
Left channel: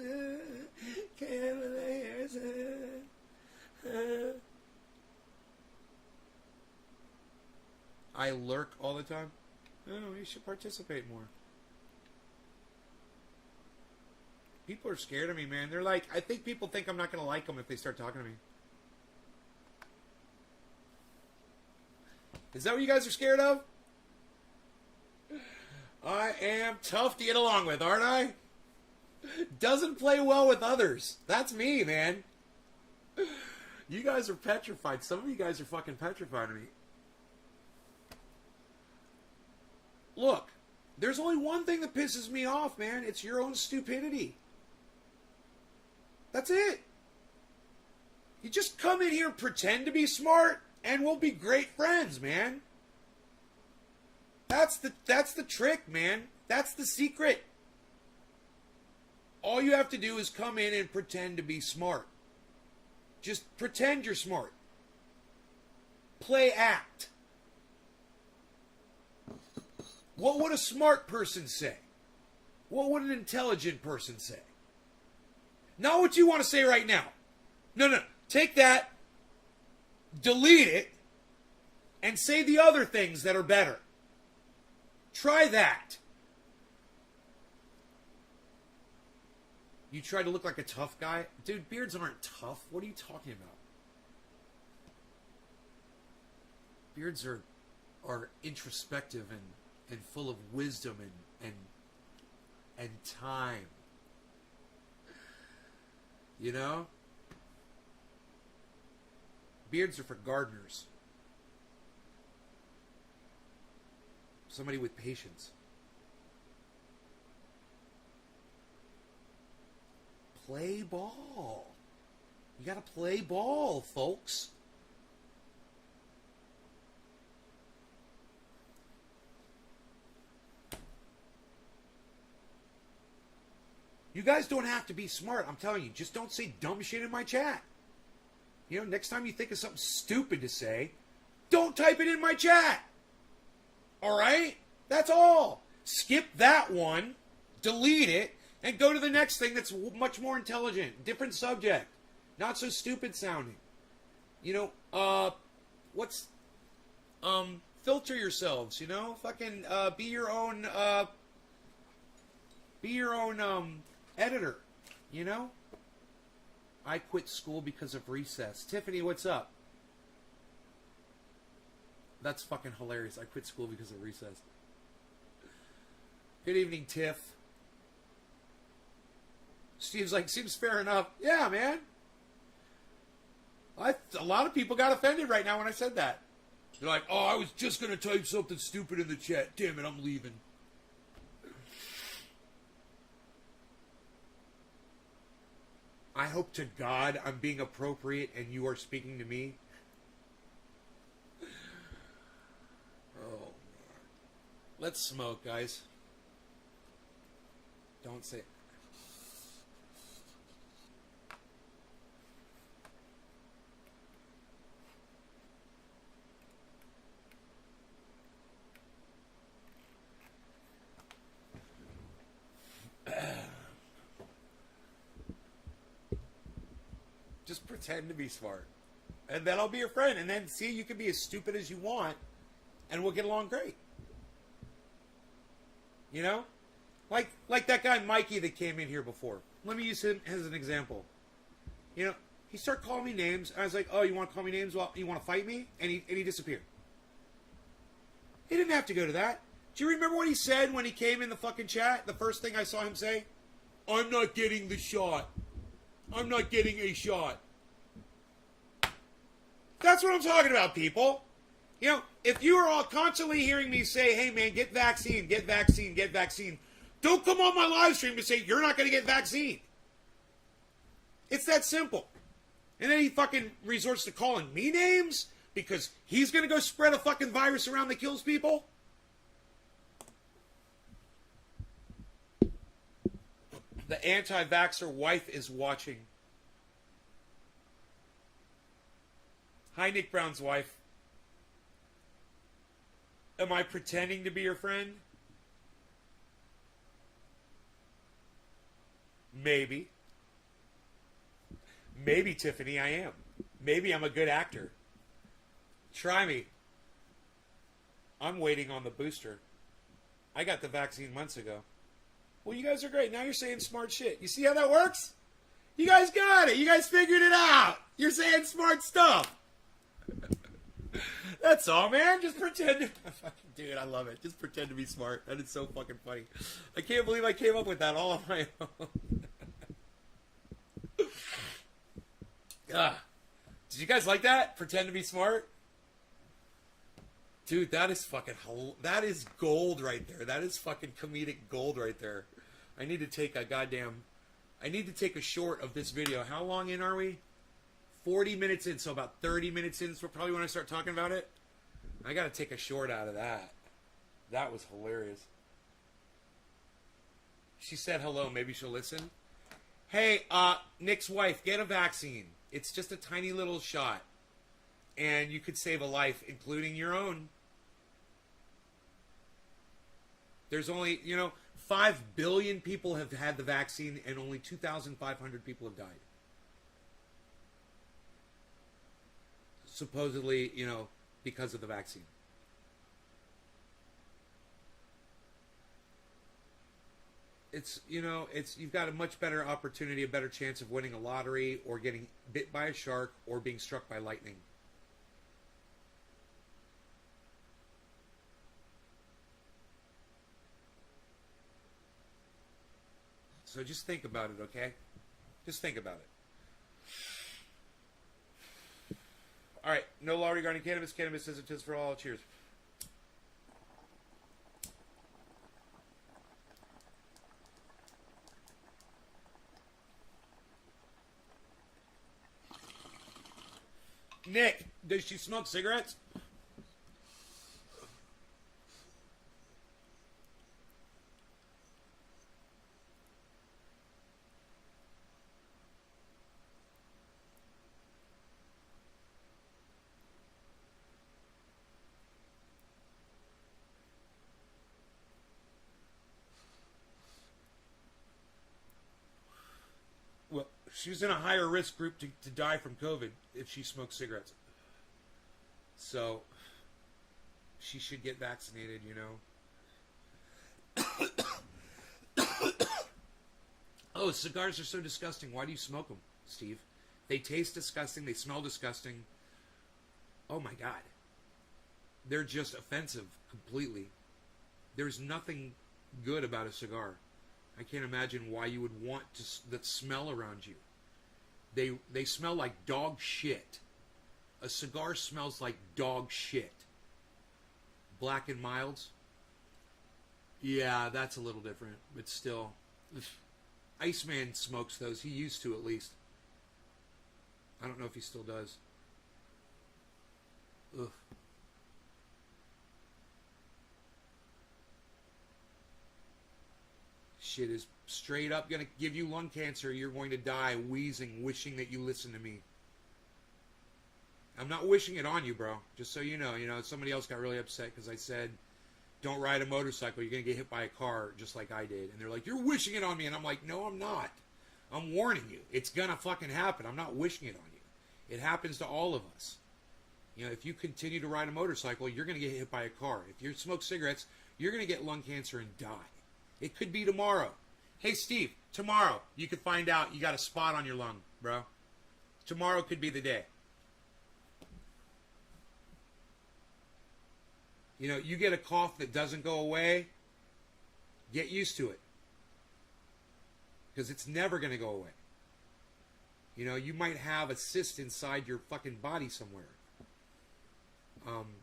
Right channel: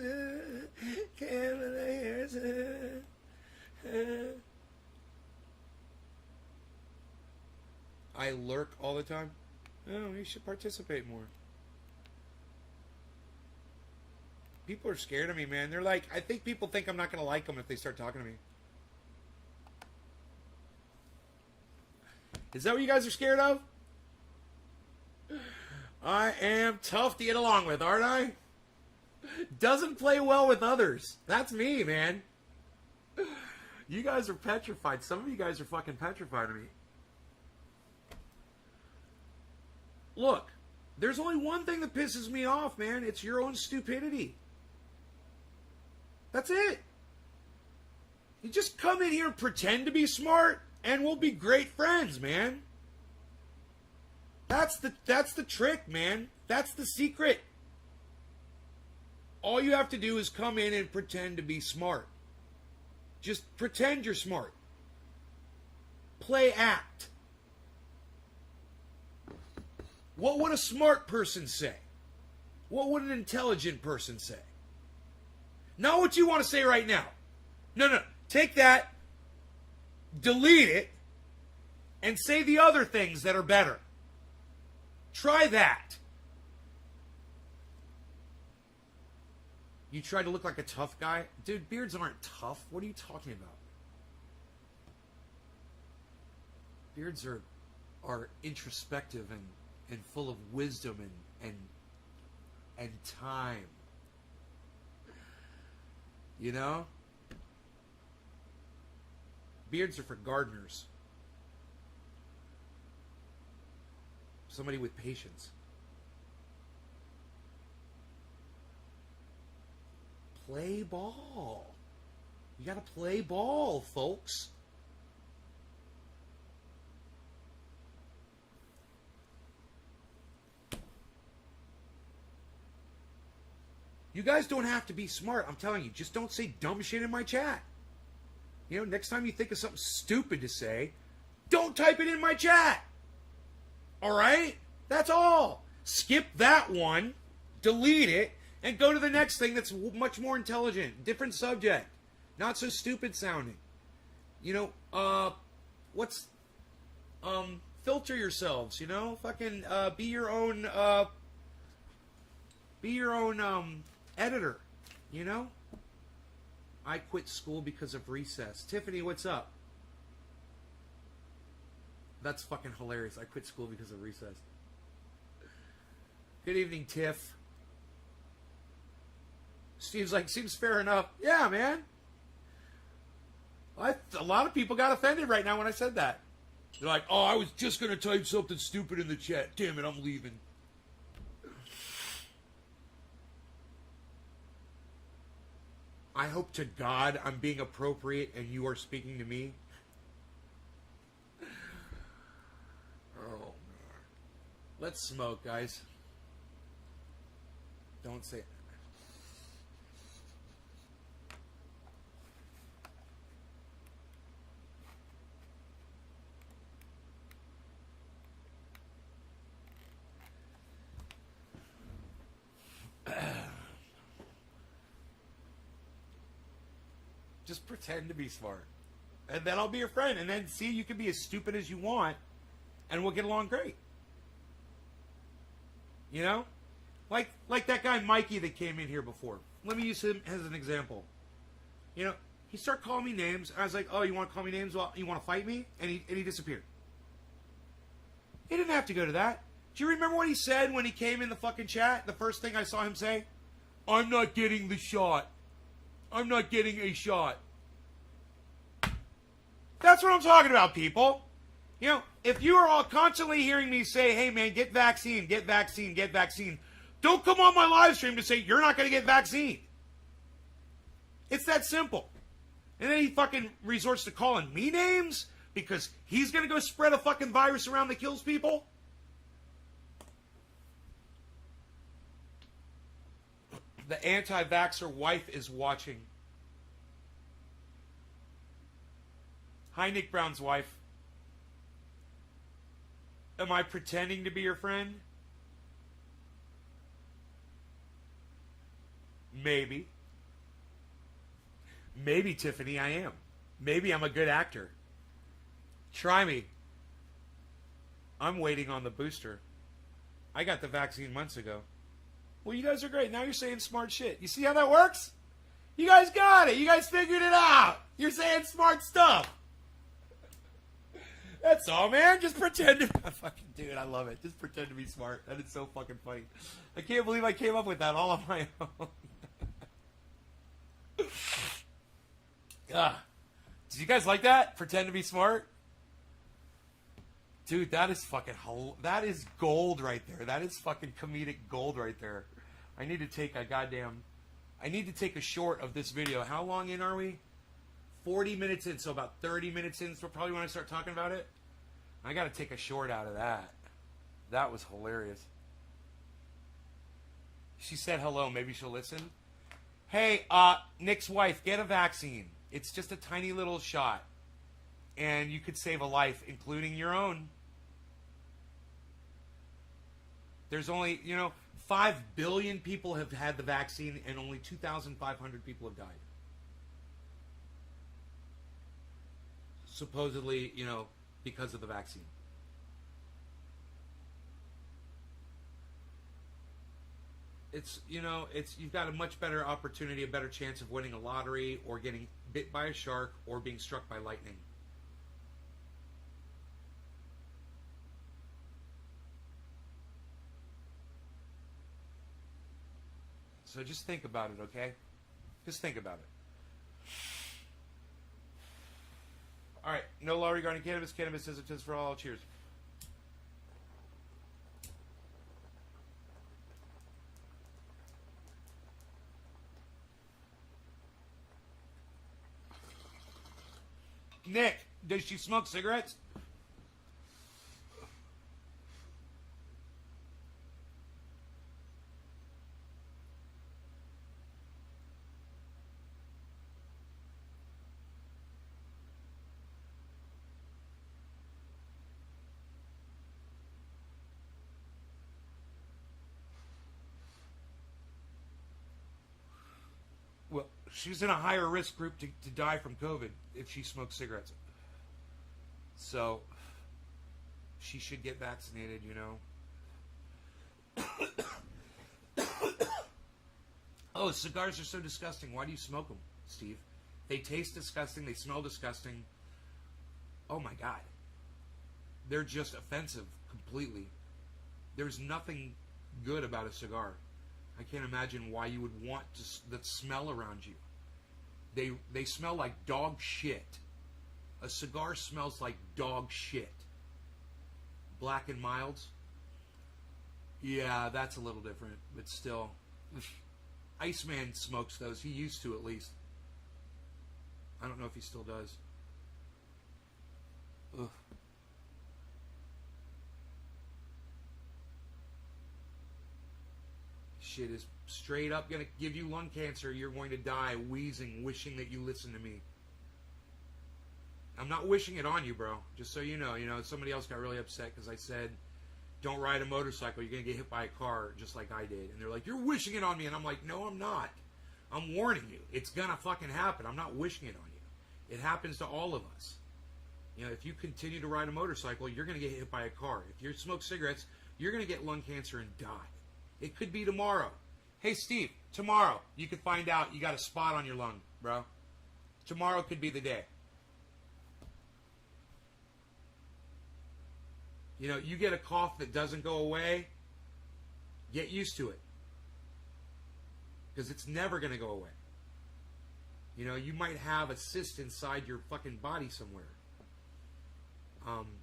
Cavaliers. I lurk all the time. Oh, you should participate more. People are scared of me, man. They're like, I think people think I'm not going to like them if they start talking to me. Is that what you guys are scared of? I am tough to get along with, aren't I? Doesn't play well with others. That's me, man. You guys are petrified. Some of you guys are fucking petrified of me. Look, there's only one thing that pisses me off, man. It's your own stupidity. That's it. You just come in here and pretend to be smart, and we'll be great friends, man. that's the trick, man. That's the secret. All you have to do is come in and pretend to be smart. Just pretend you're smart. Play act. What would a smart person say? What would an intelligent person say? Not what you want to say right now. No. Take that, delete it, and say the other things that are better. Try that. You try to look like a tough guy? Dude, beards aren't tough. What are you talking about? Beards are introspective and full of wisdom and time. You know? Beards are for gardeners. Somebody with patience. Play ball. You gotta play ball, folks. You guys don't have to be smart. I'm telling you, just don't say dumb shit in my chat. You know, next time you think of something stupid to say, don't type it in my chat. All right? That's all. Skip that one, delete it, and go to the next thing that's much more intelligent. Different subject. Not so stupid sounding. You know, filter yourselves, you know? Fucking, be your own editor, you know? I quit school because of recess. Tiffany, what's up? That's fucking hilarious. I quit school because of recess. Good evening, Tiff. Steve's like, seems fair enough. Yeah, man. A lot of people got offended right now when I said that. They're like, oh, I was just going to type something stupid in the chat. Damn it, I'm leaving. I hope to God I'm being appropriate and you are speaking to me. Oh, God. Let's smoke, guys. Don't say it. Just pretend to be smart. And then I'll be your friend. And then, see, you can be as stupid as you want, and we'll get along great. You know? Like that guy Mikey that came in here before. Let me use him as an example. You know, he started calling me names. I was like, oh, you want to call me names? Well, you want to fight me? And he disappeared. He didn't have to go to that. Do you remember what he said when he came in the fucking chat? The first thing I saw him say? I'm not getting the shot. I'm not getting a shot. That's what I'm talking about, people. You know, if you are all constantly hearing me say, hey, man, get vaccine, get vaccine, get vaccine, don't come on my live stream to say you're not going to get vaccine. It's that simple. And then he fucking resorts to calling me names because he's going to go spread a fucking virus around that kills people. The anti-vaxxer wife is watching. Hi, Nick Brown's wife. Am I pretending to be your friend? Maybe. Maybe, Tiffany, I am. Maybe I'm a good actor. Try me. I'm waiting on the booster. I got the vaccine months ago. Well, you guys are great. Now you're saying smart shit. You see how that works? You guys got it. You guys figured it out. You're saying smart stuff. That's all, man. Just pretend to... Fucking dude, I love it. Just pretend to be smart. That is so fucking funny. I can't believe I came up with that all on my own. Did you guys like that? Pretend to be smart? Dude, that is fucking... That is gold right there. That is fucking comedic gold right there. I need to take a goddamn... I need to take a short of this video. How long in are we? 40 minutes in, so about 30 minutes in, so probably when I start talking about it. I gotta take a short out of that. That was hilarious. She said hello. Maybe she'll listen. Hey, Nick's wife, get a vaccine. It's just a tiny little shot. And you could save a life, including your own. There's only, 5 billion people have had the vaccine and only 2,500 people have died. Supposedly, because of the vaccine. It's you've got a much better opportunity, a better chance of winning a lottery or getting bit by a shark or being struck by lightning. So just think about it, okay? Just think about it. All right, no law regarding cannabis. Cannabis is a test for all. Cheers. Nick, does she smoke cigarettes? Well, she's in a higher risk group to die from COVID if she smokes cigarettes. So, she should get vaccinated, Oh, cigars are so disgusting. Why do you smoke them, Steve? They taste disgusting. They smell disgusting. Oh my God. They're just offensive completely. There's nothing good about a cigar. I can't imagine why you would want that smell around you. They smell like dog shit. A cigar smells like dog shit. Black and Milds? Yeah, that's a little different, but still. Iceman smokes those. He used to, at least. I don't know if he still does. Ugh. Shit is straight up gonna give you lung cancer. You're going to die wheezing, wishing that you listen to me. I'm not wishing it on you, bro. Just so you know, somebody else got really upset because I said, don't ride a motorcycle. You're going to get hit by a car just like I did. And they're like, you're wishing it on me. And I'm like, no, I'm not. I'm warning you. It's going to fucking happen. I'm not wishing it on you. It happens to all of us. If you continue to ride a motorcycle, you're going to get hit by a car. If you smoke cigarettes, you're going to get lung cancer and die. It could be tomorrow. Hey, Steve, tomorrow you could find out you got a spot on your lung, bro. Tomorrow could be the day. You get a cough that doesn't go away, get used to it. Because it's never going to go away. You might have a cyst inside your fucking body somewhere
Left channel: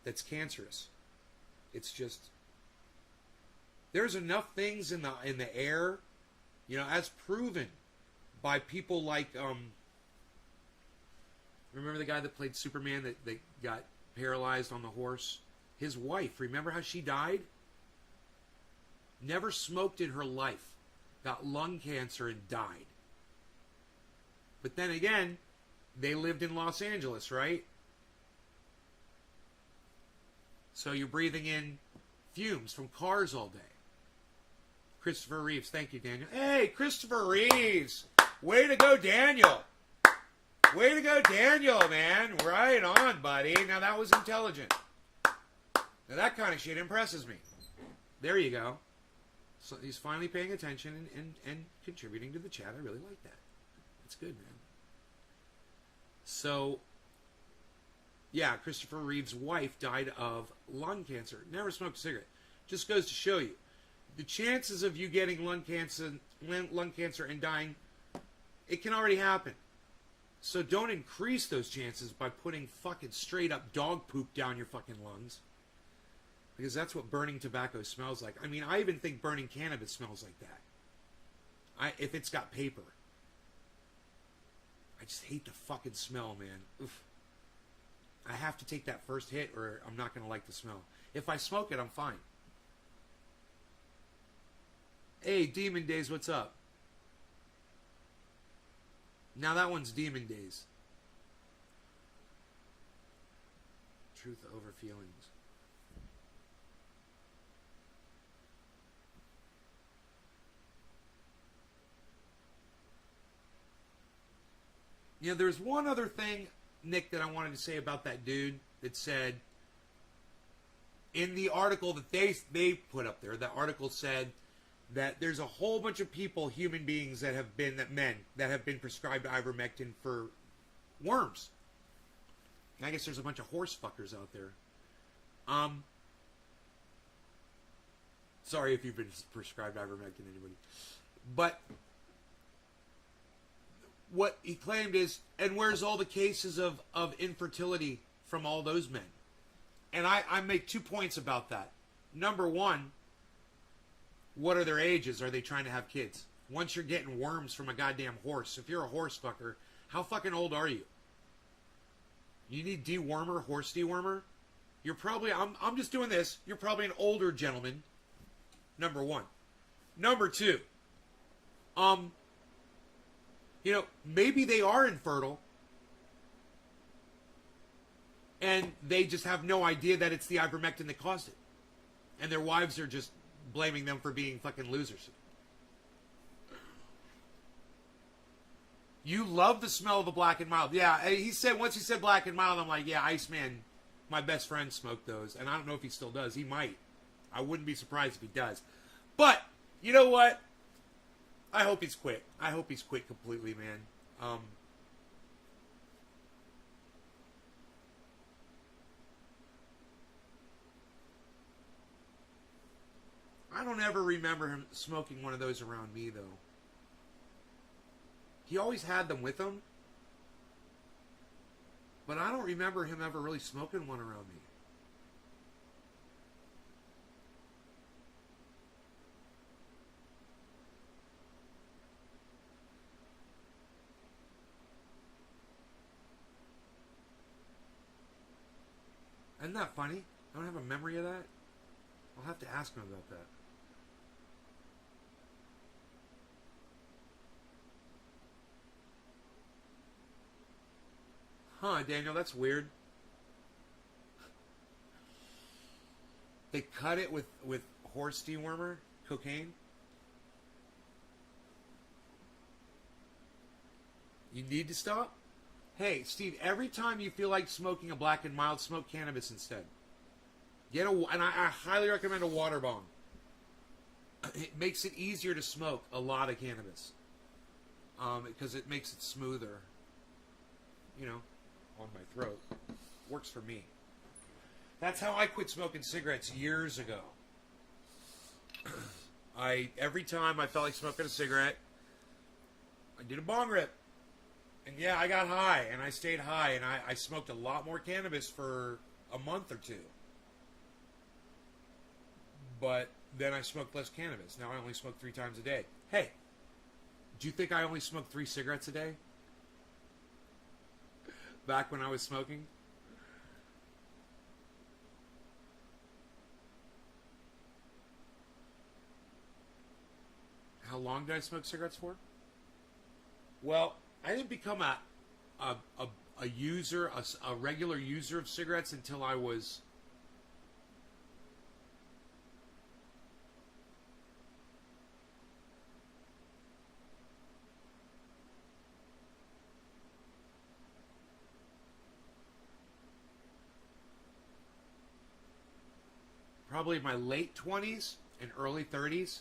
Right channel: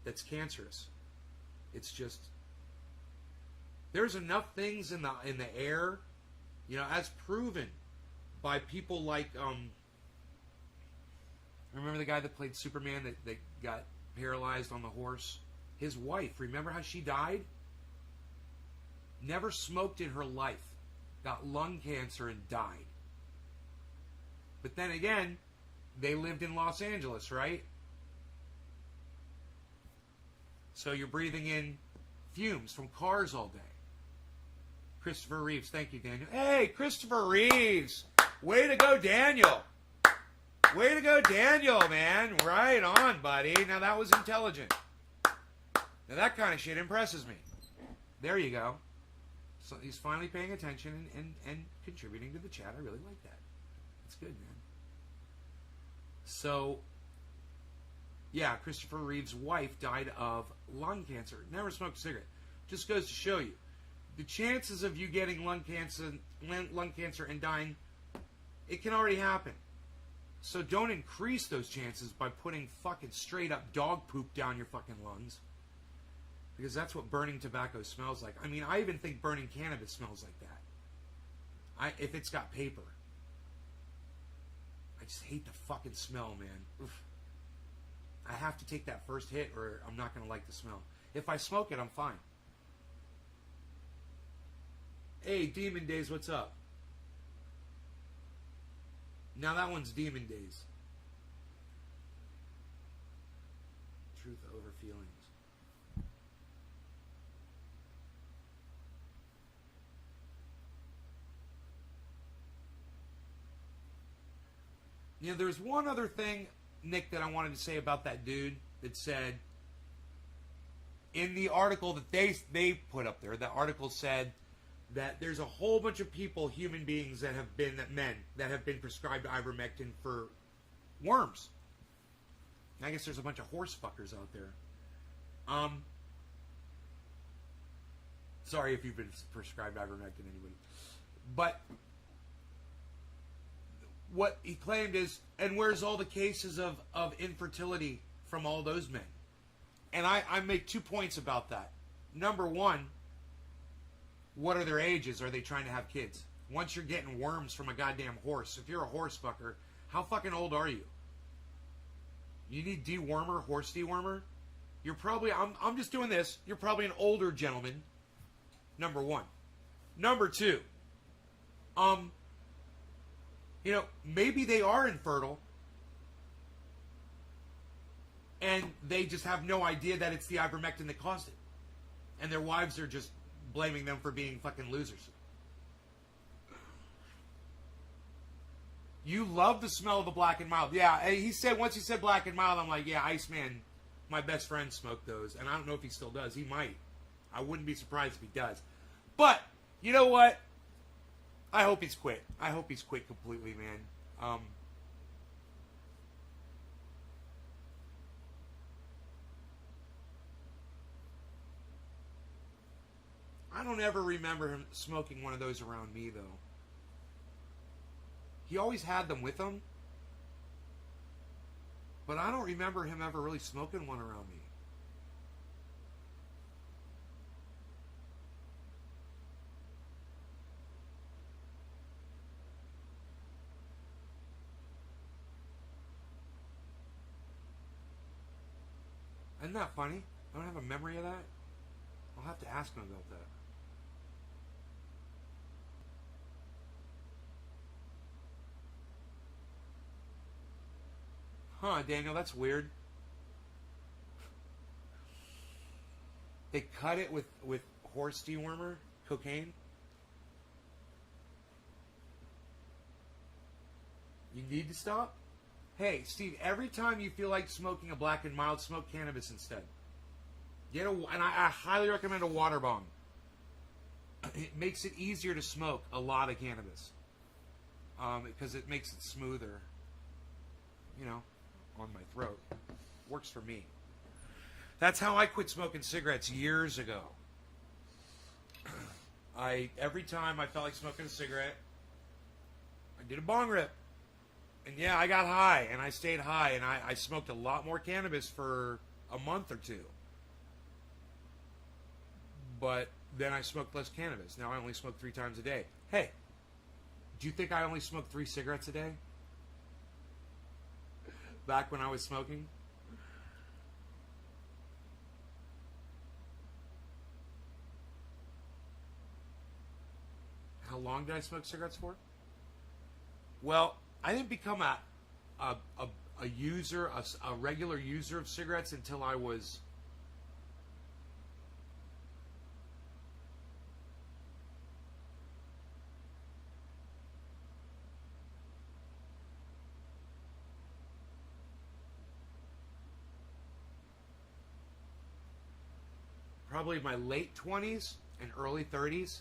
that's cancerous. It's just, there's enough things in the air, as proven by people like, remember the guy that played Superman that got paralyzed on the horse? His wife, remember how she died? Never smoked in her life. Got lung cancer and died. But then again, they lived in Los Angeles, right? So you're breathing in fumes from cars all day. Christopher Reeves, thank you, Daniel. Hey, Christopher Reeves! Way to go, Daniel! Way to go, Daniel, man! Right on, buddy. Now that was intelligent. Now that kind of shit impresses me. There you go. So he's finally paying attention and contributing to the chat. I really like that. It's good, man. So, yeah, Christopher Reeve's wife died of lung cancer. Never smoked a cigarette. Just goes to show you. The chances of you getting lung cancer and dying, it can already happen. So don't increase those chances by putting fucking straight up dog poop down your fucking lungs. Because that's what burning tobacco smells like. I mean, I even think burning cannabis smells like that. If it's got paper. I just hate the fucking smell, man. Oof. I have to take that first hit or I'm not going to like the smell. If I smoke it, I'm fine. Hey, Demon Days, what's up? Now that one's Demon Days. Truth over feelings. You know, there's one other thing, Nick, that I wanted to say about that dude. It said in the article that they put up there, the article said that there's a whole bunch of people, human beings that have been prescribed ivermectin for worms. I guess there's a bunch of horse fuckers out there. Sorry if you've been prescribed ivermectin, anybody. But what he claimed is, and where's all the cases of infertility from all those men? And I make 2 points about that. Number one, what are their ages? Are they trying to have kids? Once you're getting worms from a goddamn horse, if you're a horse fucker, how fucking old are you? You need dewormer, horse dewormer? You're probably, I'm just doing this, you're probably an older gentleman. Number one. Number two, you know, maybe they are infertile and they just have no idea that it's the ivermectin that caused it. And their wives are just blaming them for being fucking losers. You love the smell of the Black and Mild. Yeah, he said, once he said Black and Mild, I'm like, yeah, Iceman, my best friend, smoked those. And I don't know if he still does. He might. I wouldn't be surprised if he does. But, you know what? I hope he's quit. I hope he's quit completely, man. I don't ever remember him smoking one of those around me, though. He always had them with him. But I don't remember him ever really smoking one around me. Isn't that funny? I don't have a memory of that. I'll have to ask him about that. Huh, Daniel, that's weird. They cut it with horse dewormer, cocaine. You need to stop? Hey, Steve, every time you feel like smoking a Black and Mild, smoke cannabis instead. And I highly recommend a water bomb. It makes it easier to smoke a lot of cannabis. Because it makes it smoother. You know, on my throat. Works for me. That's how I quit smoking cigarettes years ago. Every time I felt like smoking a cigarette, I did a bong rip. And yeah, I got high, and I stayed high, and I smoked a lot more cannabis for a month or two. But then I smoked less cannabis. Now I only smoke 3 times a day. Hey, do you think I only smoked 3 cigarettes a day? Back when I was smoking? How long did I smoke cigarettes for? Well, I didn't become a user, a regular user of cigarettes until I was probably my late 20s and early 30s.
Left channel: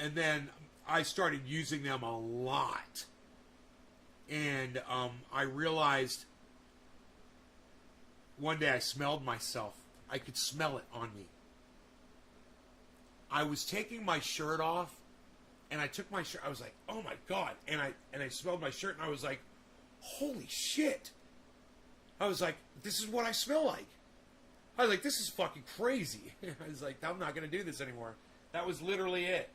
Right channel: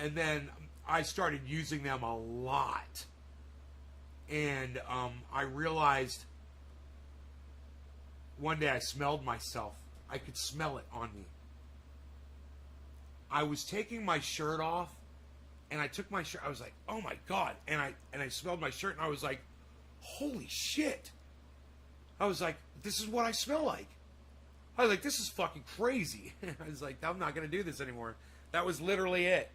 And then I started using them a lot. And I realized one day I smelled myself. I could smell it on me. I was taking my shirt off, and I took my shirt. I was like, oh my God. And I smelled my shirt, and I was like, holy shit. I was like, this is what I smell like. I was like, this is fucking crazy. I was like, I'm not going to do this anymore. That was literally it.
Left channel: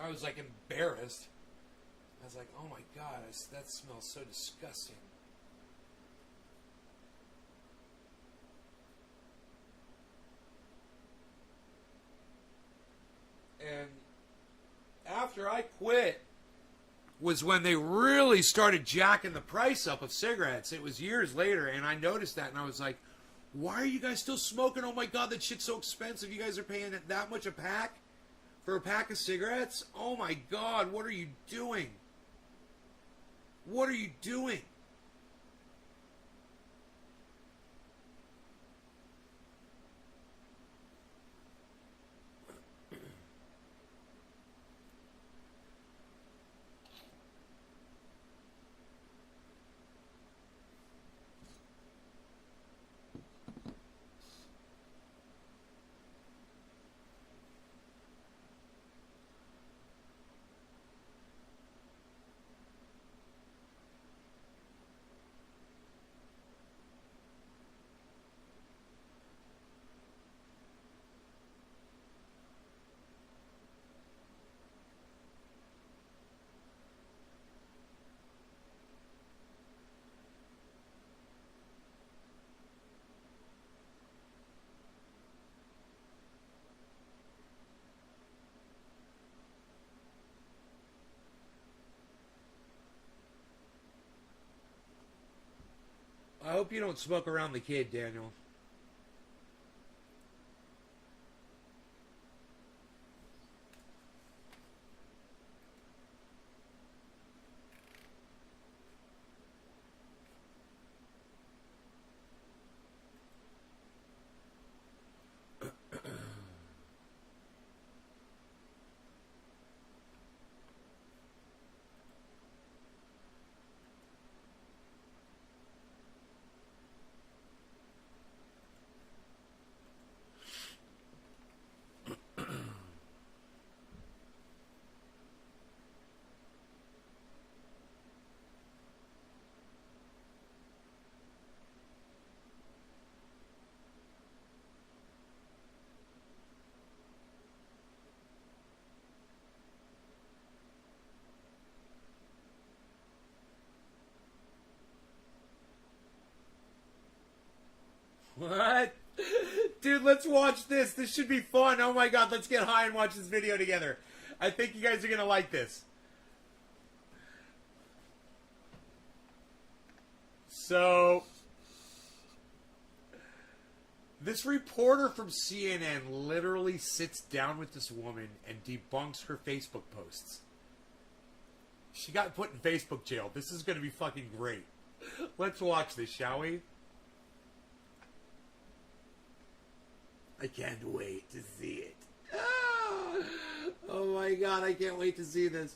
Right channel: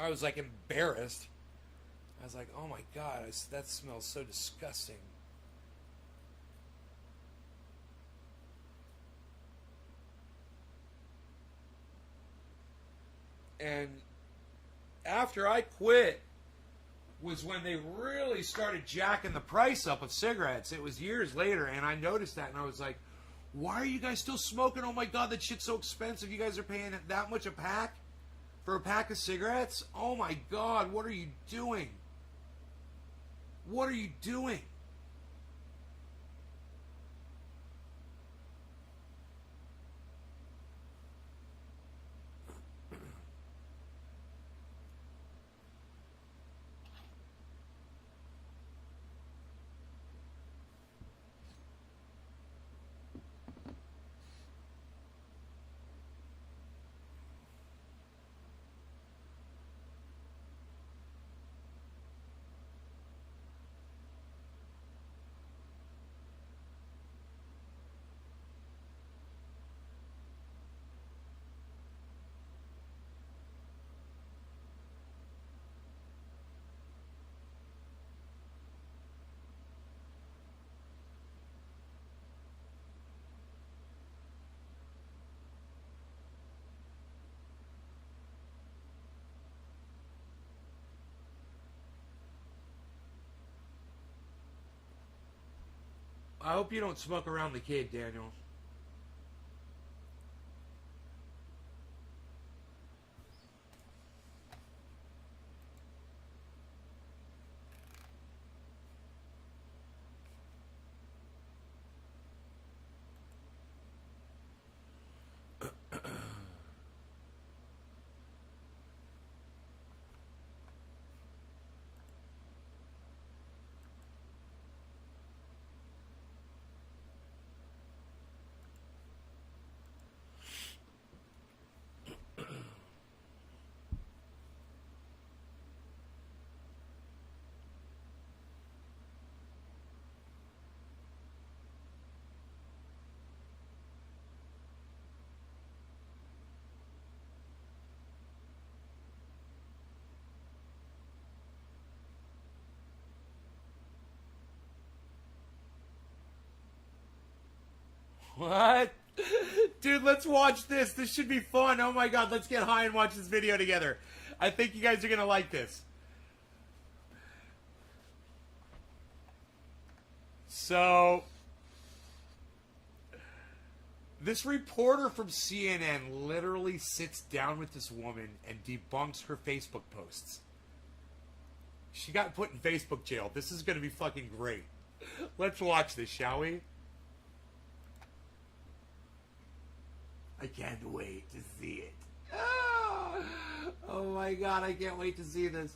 I was like embarrassed. I was like, oh my God, that smells so disgusting. And after I quit was when they really started jacking the price up of cigarettes. It was years later, and I noticed that, and I was like, why are you guys still smoking? Oh my god, that shit's so expensive. You guys are paying that much a pack for a pack of cigarettes? Oh my god, what are you doing? What are you doing? I hope you don't smoke around the kid, Daniel. What? Dude, let's watch this. This should be fun. Oh my god, let's get high and watch this video together. I think you guys are going to like this. So, this reporter from CNN literally sits down with this woman and debunks her Facebook posts. She got put in Facebook jail. This is going to be fucking great. Let's watch this, shall we? I can't wait to see it. Oh my god, I can't wait to see this.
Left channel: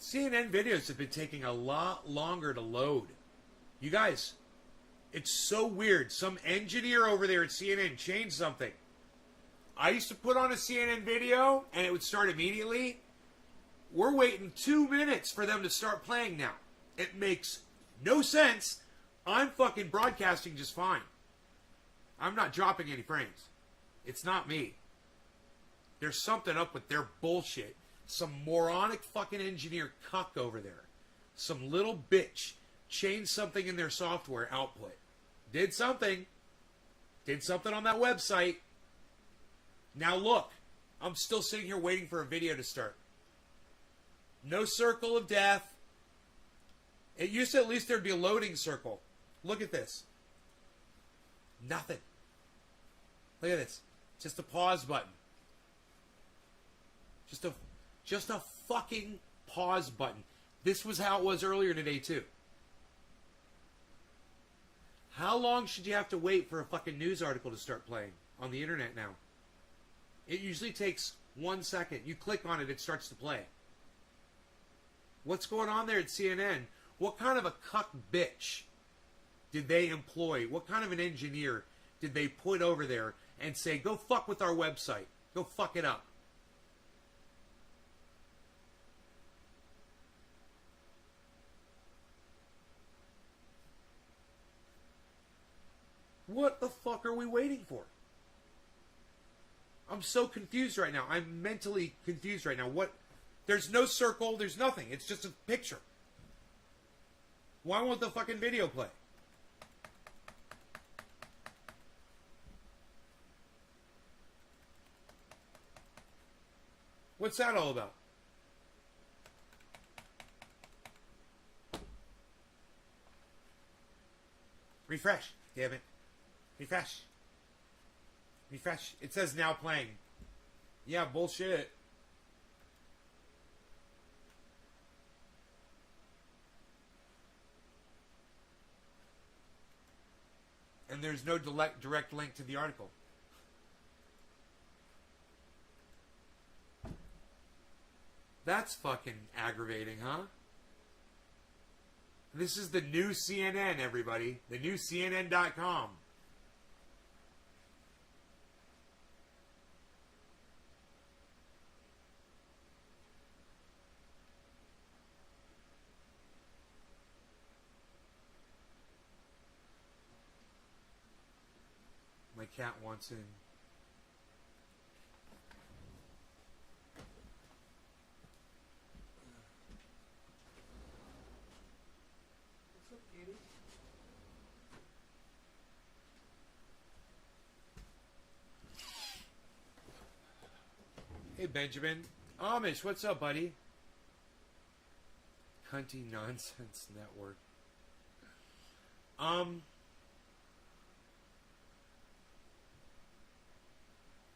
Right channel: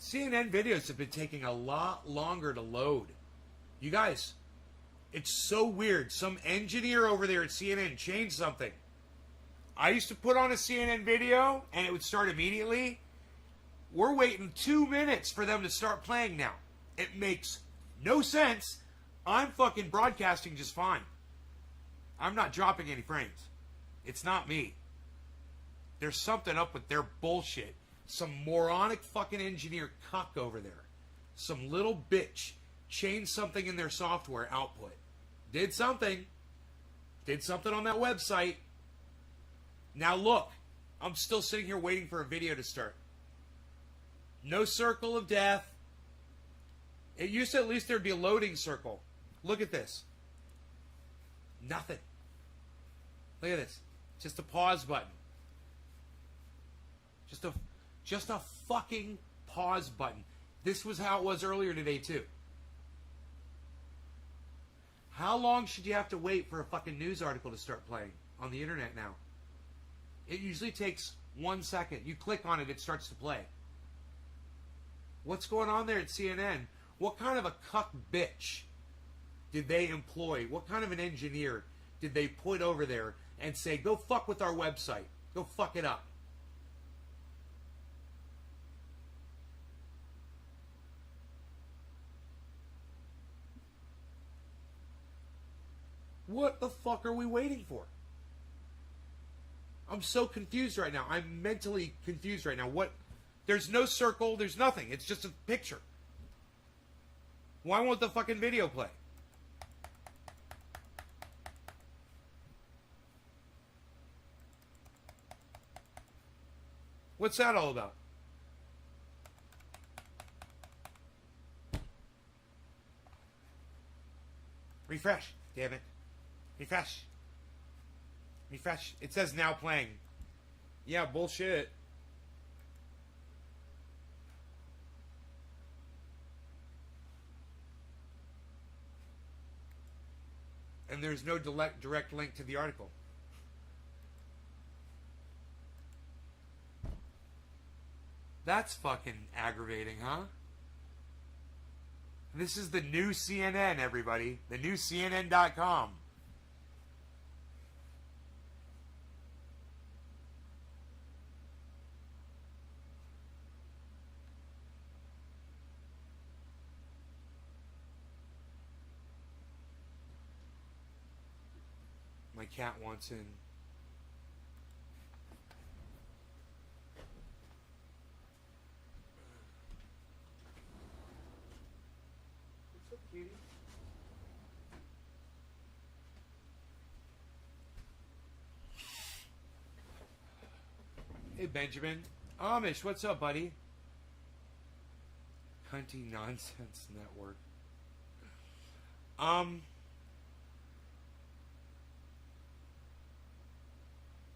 CNN videos have been taking a lot longer to load. You guys, it's so weird. Some engineer over there at CNN changed something. I used to put on a CNN video and it would start immediately. We're waiting 2 minutes for them to start playing now. It makes no sense. I'm fucking broadcasting just fine. I'm not dropping any frames. It's not me. There's something up with their bullshit. Some moronic fucking engineer cuck over there. Some little bitch changed something in their software output. Did something. Did something on that website. Now look, I'm still sitting here waiting for a video to start. No circle of death. It used to at least there'd be a loading circle. Look at this. Nothing. Look at this. Just a pause button. Just a fucking pause button. This was how it was earlier today too. How long should you have to wait for a fucking news article to start playing on the internet now? It usually takes 1 second. You click on it, it starts to play. What's going on there at CNN? What kind of a cuck bitch did they employ? What kind of an engineer did they put over there and say, go fuck with our website. Go fuck it up. What the fuck are we waiting for? I'm so confused right now. I'm mentally confused right now. What? There's no circle. There's nothing. It's just a picture. Why won't the fucking video play? What's that all about? Refresh. Damn it. Refresh. Refresh. It says now playing. Yeah, bullshit. And there's no direct link to the article. That's fucking aggravating, huh? This is the new CNN, everybody. The new CNN.com. My cat wants in. What's up, kitty? Hey, Benjamin. Amish, what's up, buddy? Hunty Nonsense Network.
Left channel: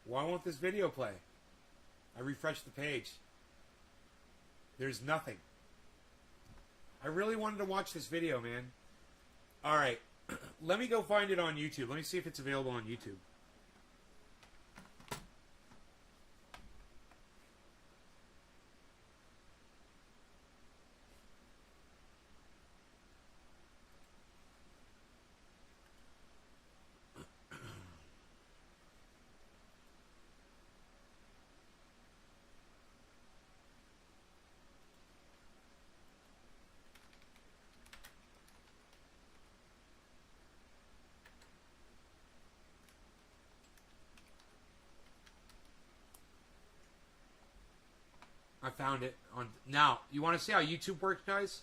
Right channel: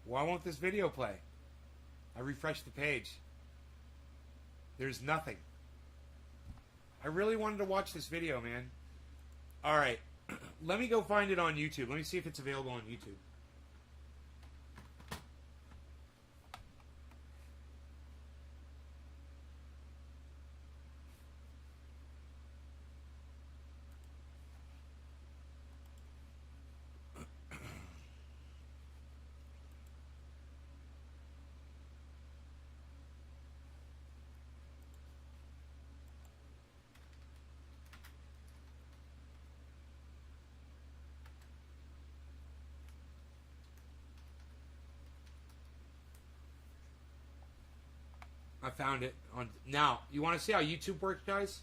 Why won't this video play? I refreshed the page. There's nothing. I really wanted to watch this video, man. Alright. Let me go find it on YouTube. Let me see if it's available on YouTube. I found it on now. You want to see how YouTube works, guys?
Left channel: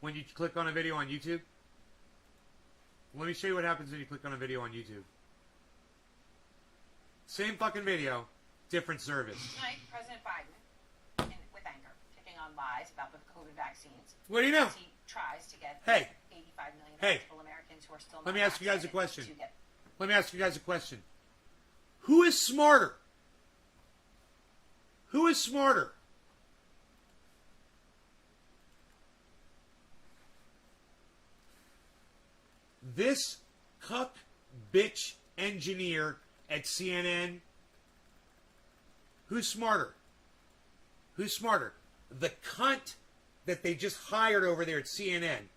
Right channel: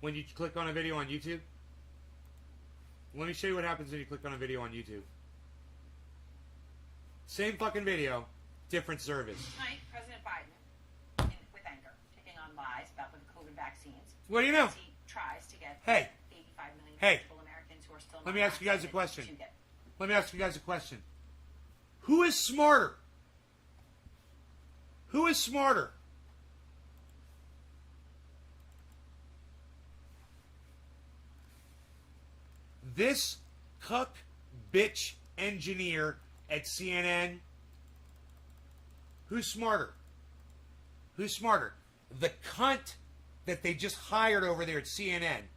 When you click on a video on YouTube, let me show you what happens when you click on a video on YouTube. Same fucking video, different service. Tonight, President Biden, with anger, kicking on lies about the COVID vaccines. What do you know? He tries to get 85 million eligible Americans who are still. Let me ask you guys a question. To get. Let me ask you guys a question. Who is smarter? Who is smarter? This cuck bitch engineer at CNN? Who's smarter? Who's smarter? The cunt that they just hired over there at CNN.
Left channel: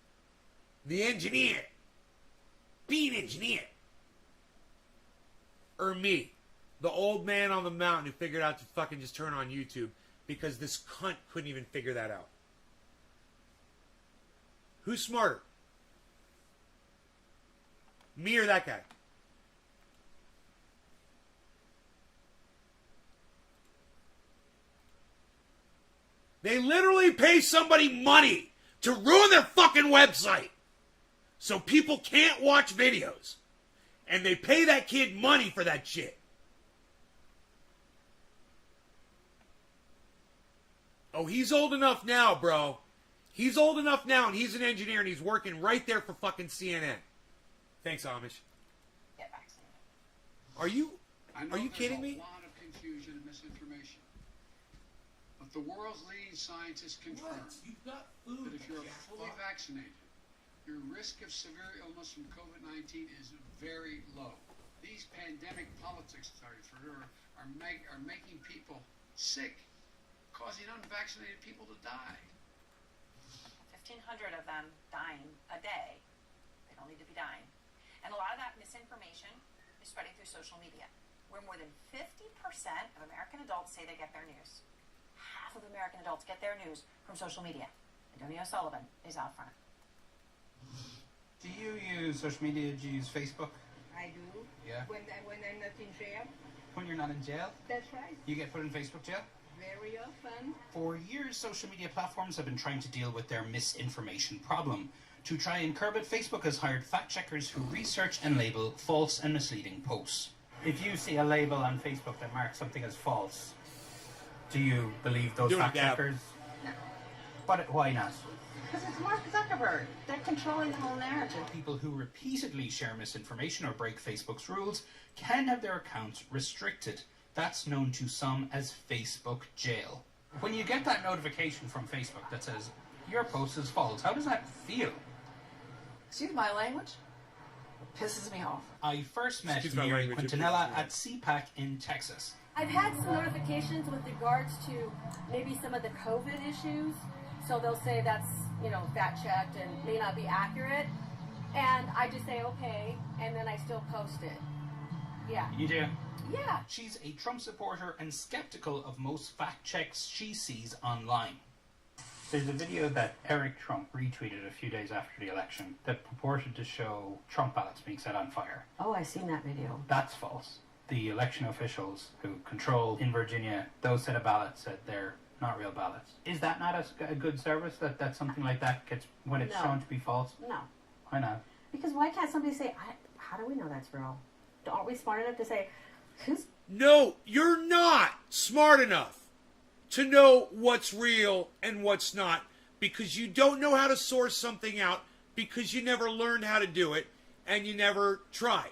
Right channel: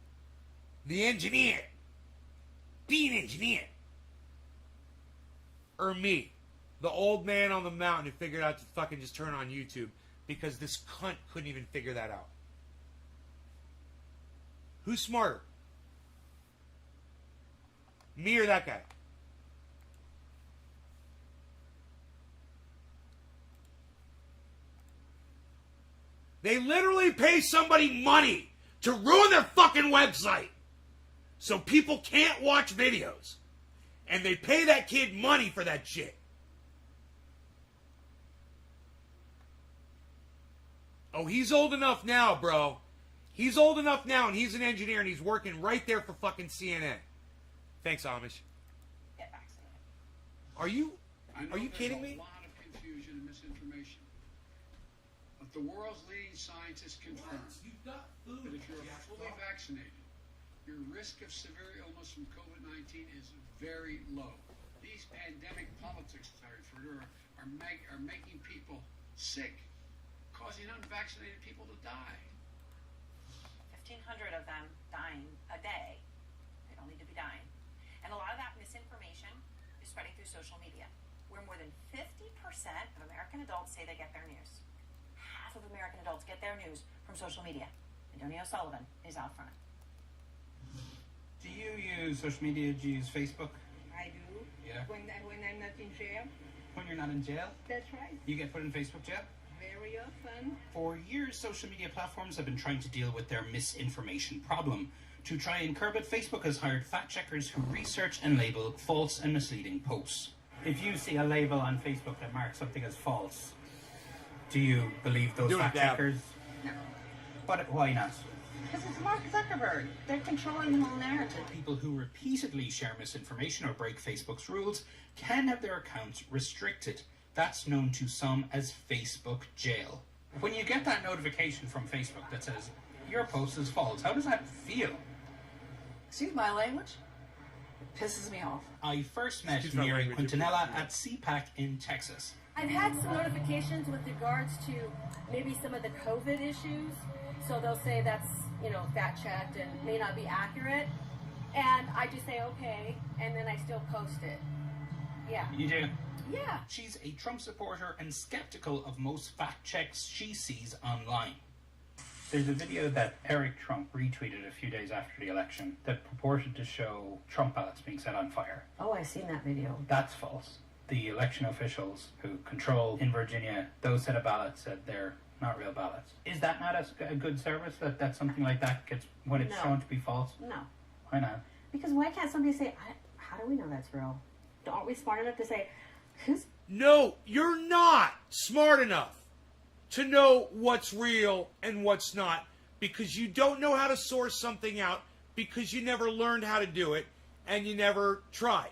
The engineer. Being engineer. Or me. The old man on the mountain who figured out to fucking just turn on YouTube because this cunt couldn't even figure that out. Who's smarter? Me or that guy? They literally pay somebody money to ruin their fucking website so people can't watch videos. And they pay that kid money for that shit. Oh, he's old enough now, bro. He's old enough now, and he's an engineer, and he's working right there for fucking CNN. Thanks, Amish. Get vaccinated. Are you kidding me? There's a lot of confusion and misinformation. But the world's leading scientists confirm that if you're fully vaccinated, your risk of severe illness from COVID-19 is very low. These pandemic politics are making people sick, causing unvaccinated people to die. 1,500 of them dying a day. They don't need to be dying. And a lot of that misinformation is spreading through social media, where more than 50% of American adults say they get their news. Half of American adults get their news from social media. Antonio Sullivan is out front. Do you use social media? Do you use Facebook? I do. Yeah. When I'm not in jail. when you're not in jail? That's right. You get put in Facebook jail? Very often. For years, social media platforms have been trying to deal with their misinformation problem. To try and curb it, Facebook has hired fact-checkers who research and label false and misleading posts. If you see a label on Facebook that marks something as false, do you believe those fact-checkers? No. But why not? Because it's Mark Zuckerberg. They're controlling the whole narrative. People who repeatedly share misinformation or break Facebook's rules can have their accounts restricted. That's known to some as Facebook jail. When you get that notification from Facebook that says, your post is false, how does that feel? Excuse my language? It pisses me off. I first met Mary Quintanilla at CPAC in Texas. I've had some notifications with regards to maybe some of the COVID issues. So they'll say that's, fact checked and may not be accurate. And I just say, okay, and then I still post it. Yeah. You do? Yeah. She's a Trump supporter and skeptical of most fact checks she sees online. There's a video that Eric Trump retweeted a few days after the election that purported to show Trump ballots being set on fire. Oh, I've seen that video. That's false. The election officials who control in Virginia those set of ballots said they're not real ballots. Is that not a good service that something like that gets when it's shown to be false? No. Why not? Because why can't somebody say, how do we know that's real? Aren't we smart enough to say, who's... No, you're not smart enough to know what's real and what's not, because you don't know how to source something out, because you never learned how to do it and you never tried.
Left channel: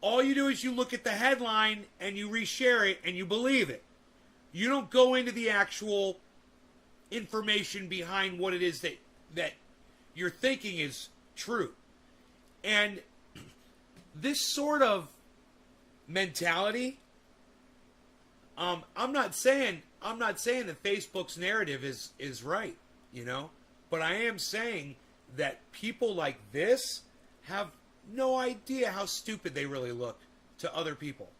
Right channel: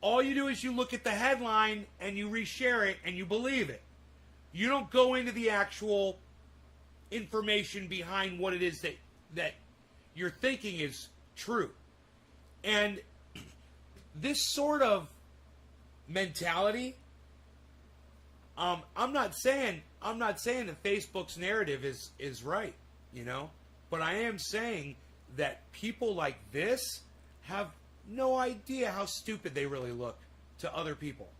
All you do is you look at the headline and you reshare it and you believe it. You don't go into the actual information behind what it is that you're thinking is true. And this sort of mentality, I'm not saying that Facebook's narrative is right, but I am saying that people like this have no idea how stupid they really look to other people.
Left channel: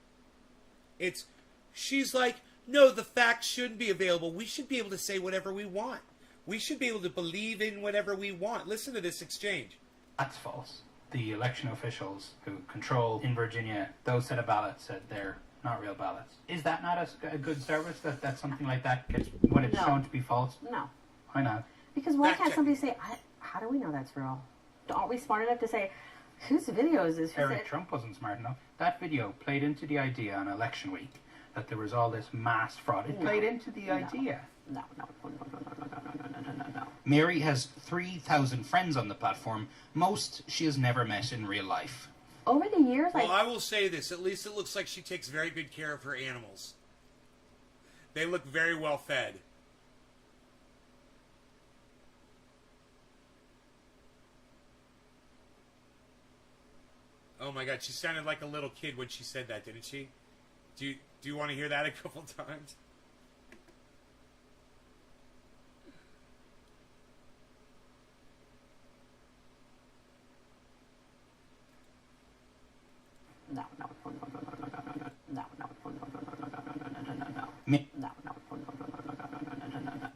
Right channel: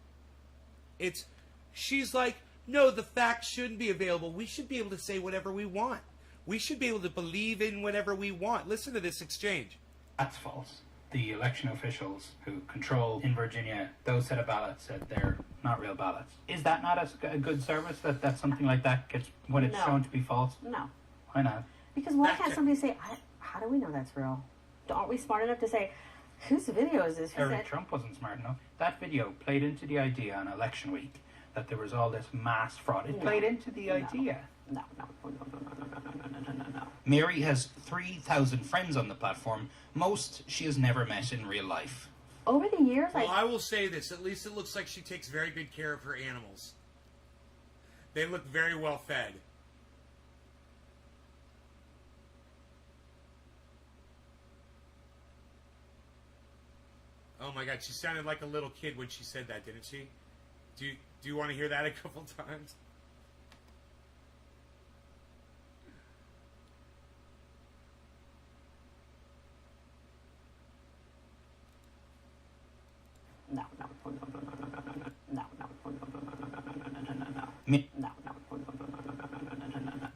She's like, no, the facts shouldn't be available. We should be able to say whatever we want. We should be able to believe in whatever we want. Listen to this exchange. That's false. The election officials who control in Virginia those set of ballots said they're not real ballots. Is that not a good service that something like that gets when it's shown to be false? No. Why not? Because why can't somebody say, how do we know that's real? Aren't we smart enough to say, whose video is this? Eric Trump wasn't smart enough. That video played into the idea on election week that there was all this mass fraud. It played into the idea. No. Mary has 3,000 friends on the platform. Most she has never met in real life. Over the years, well, I will say this. At least it looks like she takes very good care of her animals. They look very well fed. Oh my God, she sounded like a little kid when she said that, didn't she? Do you want to hear that a couple times? No.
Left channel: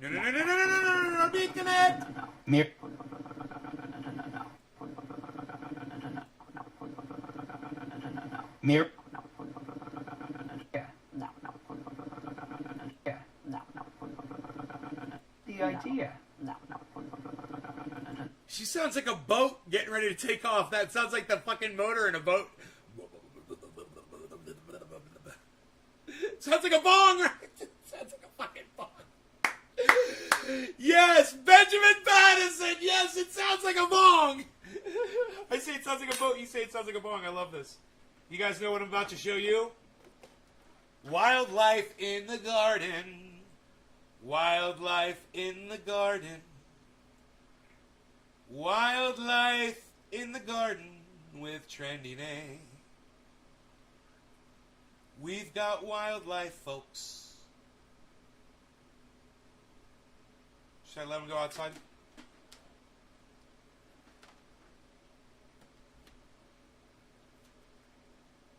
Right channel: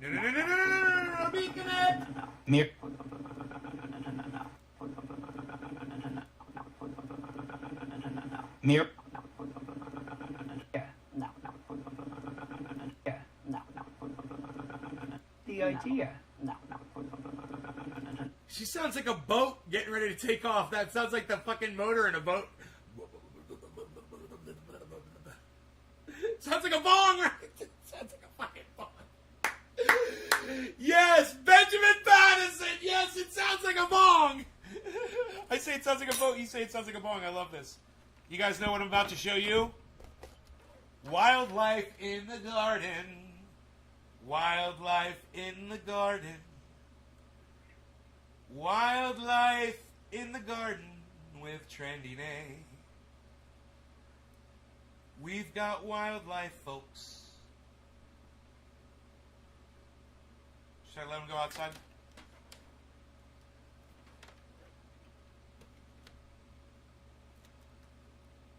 No, beacon it! Mir. The idea. She sounds like a boat getting ready to take off. That sounds like the fucking motor in a boat. Sounds like a bong, right? Sounds like a fucking bong. Yes, Benjamin Pattison. Yes, it sounds like a bong. I say it sounds like a boat. You say it sounds like a bong. I love this. You guys know what I'm about to show you? Wildlife in the garden. Wildlife in the garden. Wildlife in the garden with Trendy Nay. We've got wildlife, folks. Should I let him go outside?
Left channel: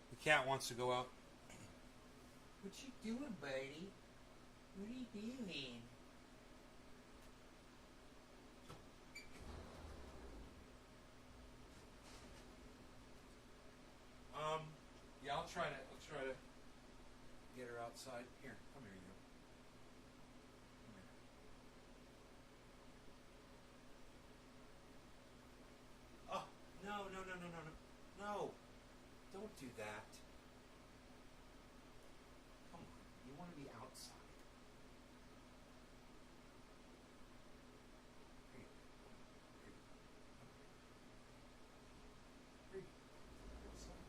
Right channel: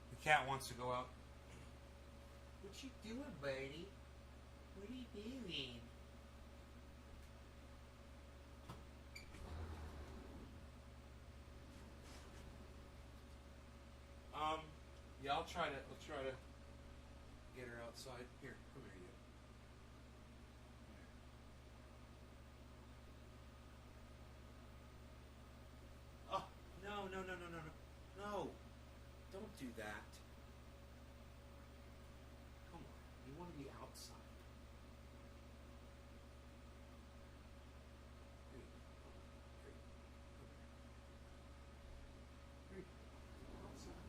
The cat wants to go out. What you doing, buddy? What are you doing? Yeah, I'll try to outside. Here, come here, you. Oh, no, no, no, no, no, no. No. Don't do that. Come on. You want to be outside. Here you go. Here you go. Here you go. Outside.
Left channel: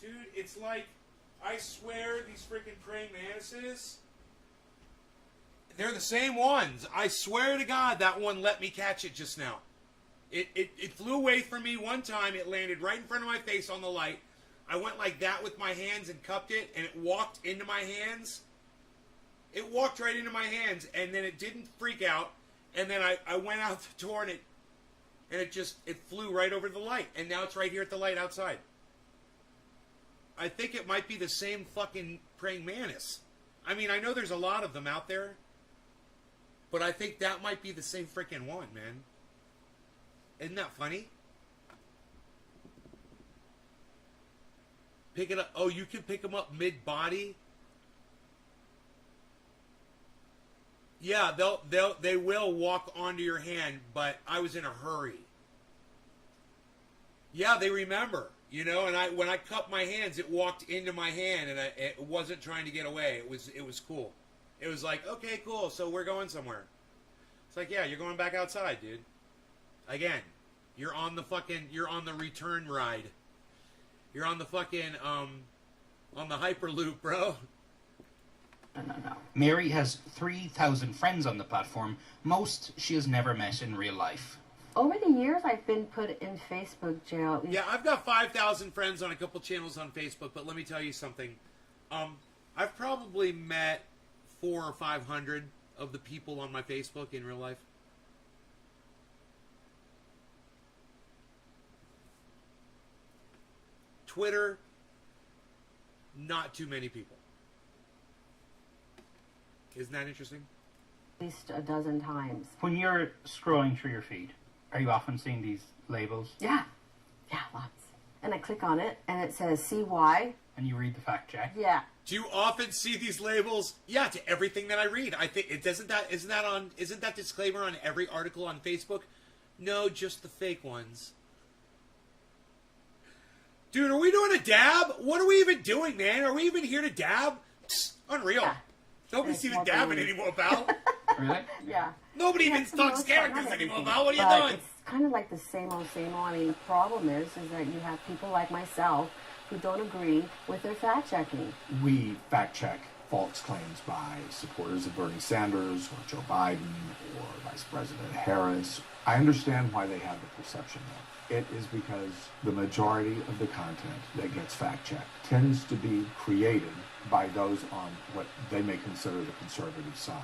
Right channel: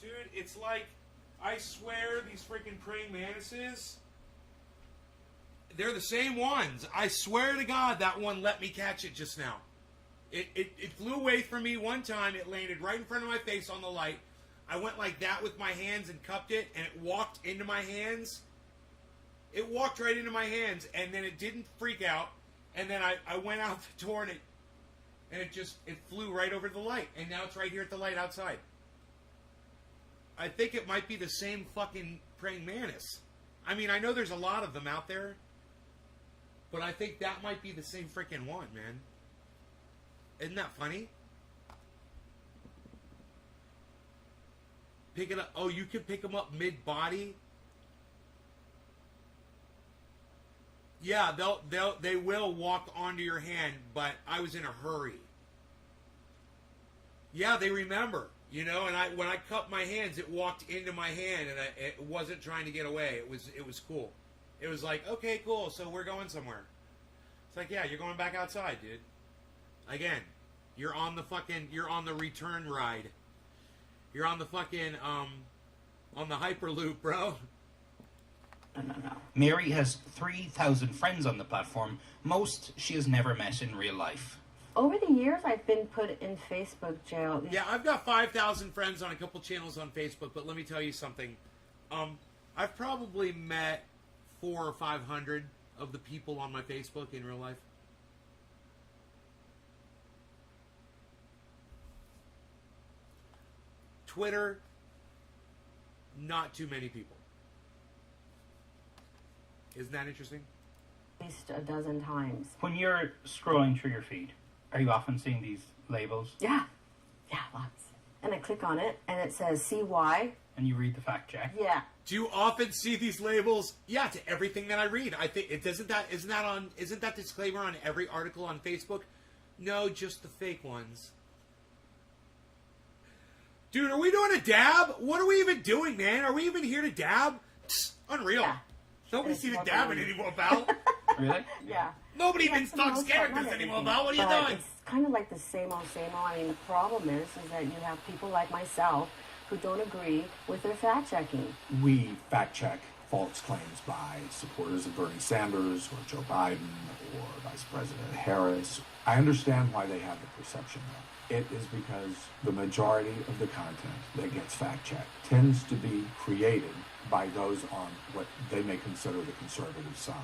Dude, it's like, I swear these freaking praying mantises, they're the same ones. I swear to God that one let me catch it just now. It flew away from me one time. It landed right in front of my face on the light. I went like that with my hands and cupped it, and it walked into my hands. It walked right into my hands, and then it didn't freak out. And then I went out the door, and it flew right over the light. And now it's right here at the light outside. I think it might be the same fucking praying mantis. I mean, I know there's a lot of them out there, but I think that might be the same freaking one, man. Isn't that funny? Pick it up. Oh, you can pick them up mid-body? Yeah, they will walk onto your hand, but I was in a hurry. Yeah, they remember. You know, and when I cupped my hands, it walked into my hand, and it wasn't trying to get away. It was cool. It was like, okay, cool. So we're going somewhere. It's like, yeah, you're going back outside, dude. Again, you're on the return ride. You're on the fucking on the Hyperloop, bro. No. Mary has 3,000 friends on the platform. Most she has never met in real life. Over the years, I've been put in Facebook jail. Yeah, I've got 5,000 friends on a couple channels on Facebook, but let me tell you something. I've probably met 400 or 500 of the people on my Facebook in real life. Twitter, not too many people. Isn't that interesting? At least a dozen times. When you're scrolling through your feed, are you often seeing these labels? Yeah, lots. And I click on it, and it says, see why? And you read the fact check? Yeah. Do you often see these labels? Yeah, to everything that I read. I think isn't that disclaimer on every article on Facebook? No, just the fake ones. Dude, are we doing a dab? What are we even doing, man? Are we even here to dab? Psst, unreal. Yeah. Nobody's even dabbing anymore, pal. Really? Yeah. Nobody even talks characters anymore, pal. What are you doing? It's kind of like the same old, same old. I mean, the problem is that you have people like myself who don't agree with their fact-checking. We fact-check false claims by supporters of Bernie Sanders or Joe Biden or Vice President Harris. I understand why they have the perception. It is because the majority of the content that gets fact-checked tends to be created by those on what they may consider the conservative side.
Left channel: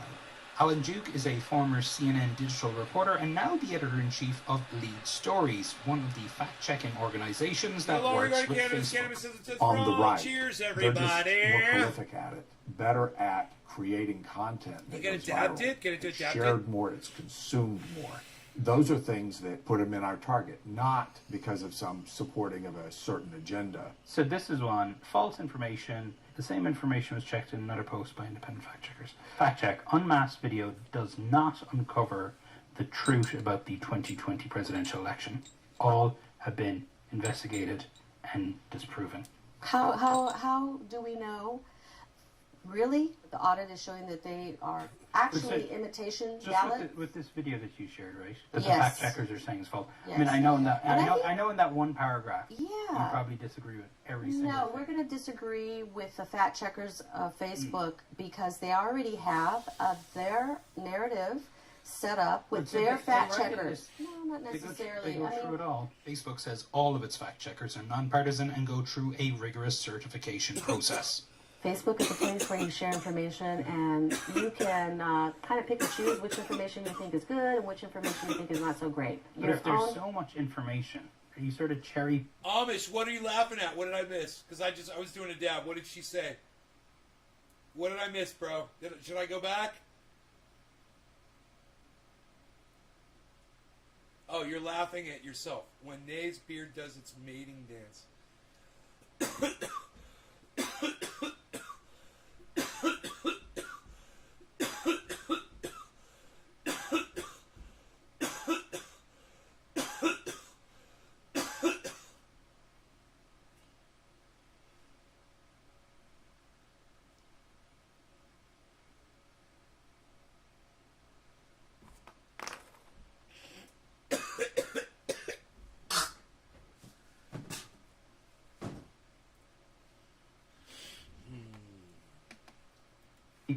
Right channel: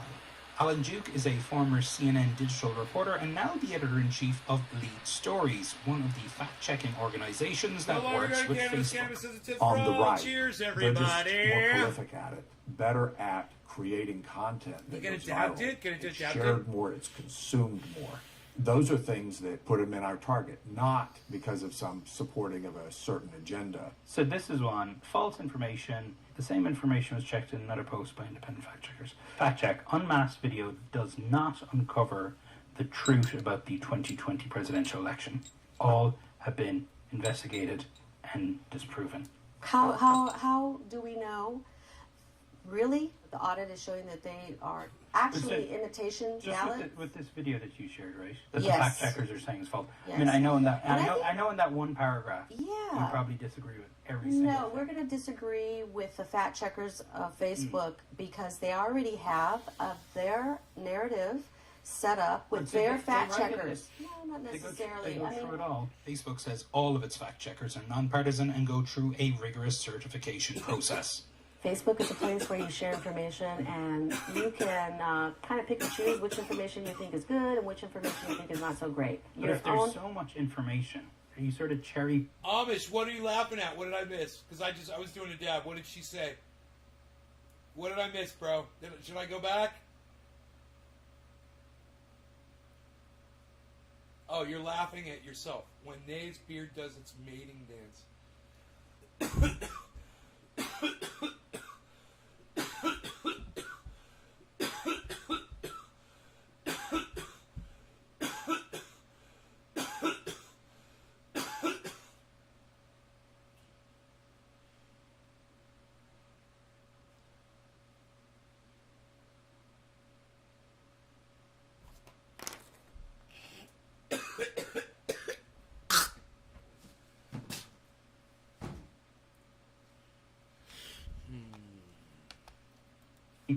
Alan Duke is a former CNN digital reporter and now the editor-in-chief of Lead Stories, one of the fact-checking organizations that works with Facebook. On the right, cheers, everybody. They're just more everybody. prolific at it, better at creating content that You gets gotta viral. adapt it, It's shared more, it's consumed more. Those are things that put them in our target, not because of some supporting of a certain agenda. So this is one. False information. The same information was checked in another post by independent fact checkers. Fact check. Unmasked video does not uncover the truth about the 2020 presidential election. All have been investigated and disproven. How do we know? Really? The audit is showing that they are actually imitation ballots? With this video that you shared, right? That Yes. the fact checkers are saying is false. Yes. I mean, I know in that And I know in that one paragraph. Yeah. You probably disagree with every single No, thing. we're going to disagree with the fact checkers of Facebook because they already have their narrative set up with So their they fact write it checkers. No, not They go necessarily. through it all. Facebook says all of its fact checkers are nonpartisan and go through a rigorous certification process. Facebook is a place where you share information and you can kind of pick and choose which information you think is good and which information you think is not so great. But if there's so much information, are you sort of cherry... Amish, what are you laughing at? What did I miss? Because I was doing a dab. What did she say? What did I miss, bro? Should I go back? Oh, you're laughing at yourself. When Nay's beard does its mating dance.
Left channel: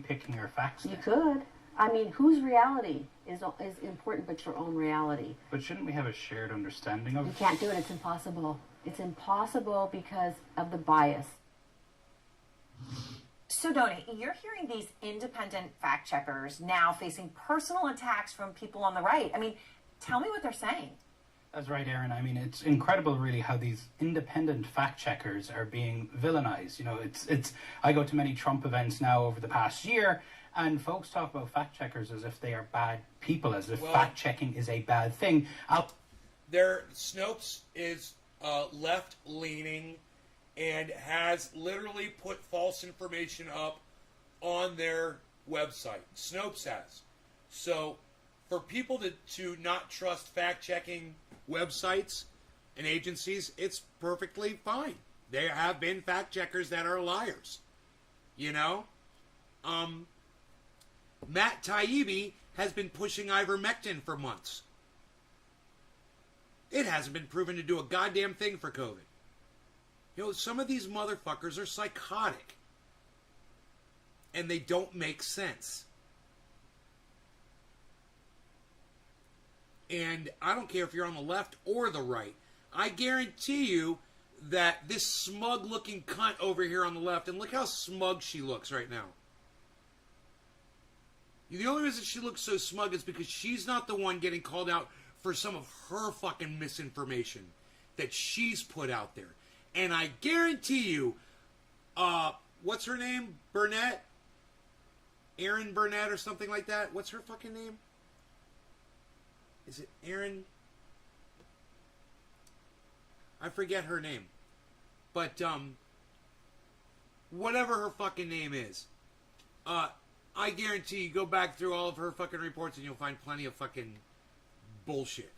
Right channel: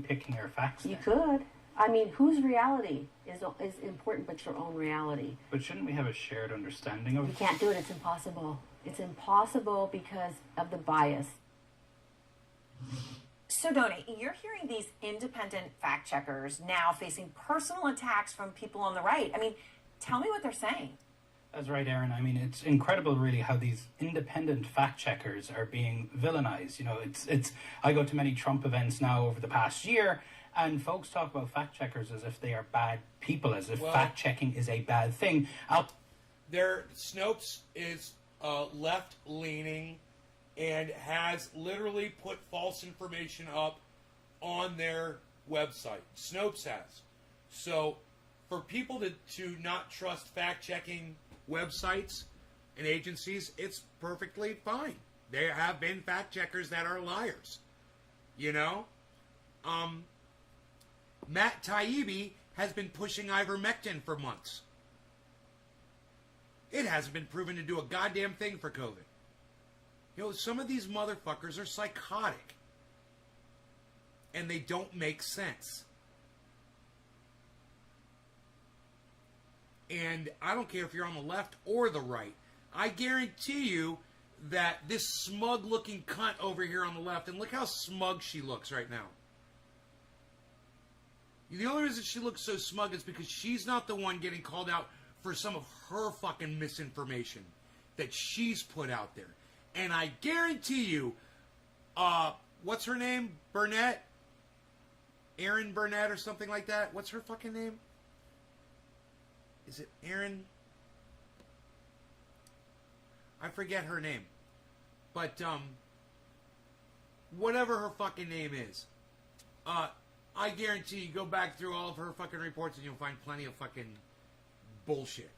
Picking your facts. You could. I mean, whose reality is important but your own reality? But shouldn't we have a shared understanding of You can't do it. It's impossible. It's impossible because of the bias. So, Donnie, you're hearing these independent fact checkers now facing personal attacks from people on the right. I mean, tell me what they're saying. That's right, Aaron. I mean, it's incredible, really, how these independent fact checkers are being villainized. You know, it's. I go to many Trump events now over the past year, and folks talk about fact checkers as if they are bad people, as if fact checking is a bad thing. Snopes is left leaning and has literally put false information up on their website. Snopes has. So, for people to not trust fact checking websites and agencies, it's perfectly fine. There have been fact checkers that are liars. You know? Matt Taibbi has been pushing ivermectin for months. It hasn't been proven to do a goddamn thing for COVID. You know, some of these motherfuckers are psychotic. And they don't make sense. And I don't care if you're on the left or the right. I guarantee you that this smug-looking cunt over here on the left, and look how smug she looks right now. The only reason she looks so smug is because she's not the one getting called out for some of her fucking misinformation that she's put out there. And I guarantee you, what's her name? Burnett? Erin Burnett or something like that? What's her fucking name? Is it Erin? I forget her name. But, whatever her fucking name is, I guarantee you go back through all of her fucking reports and you'll find plenty of fucking bullshit.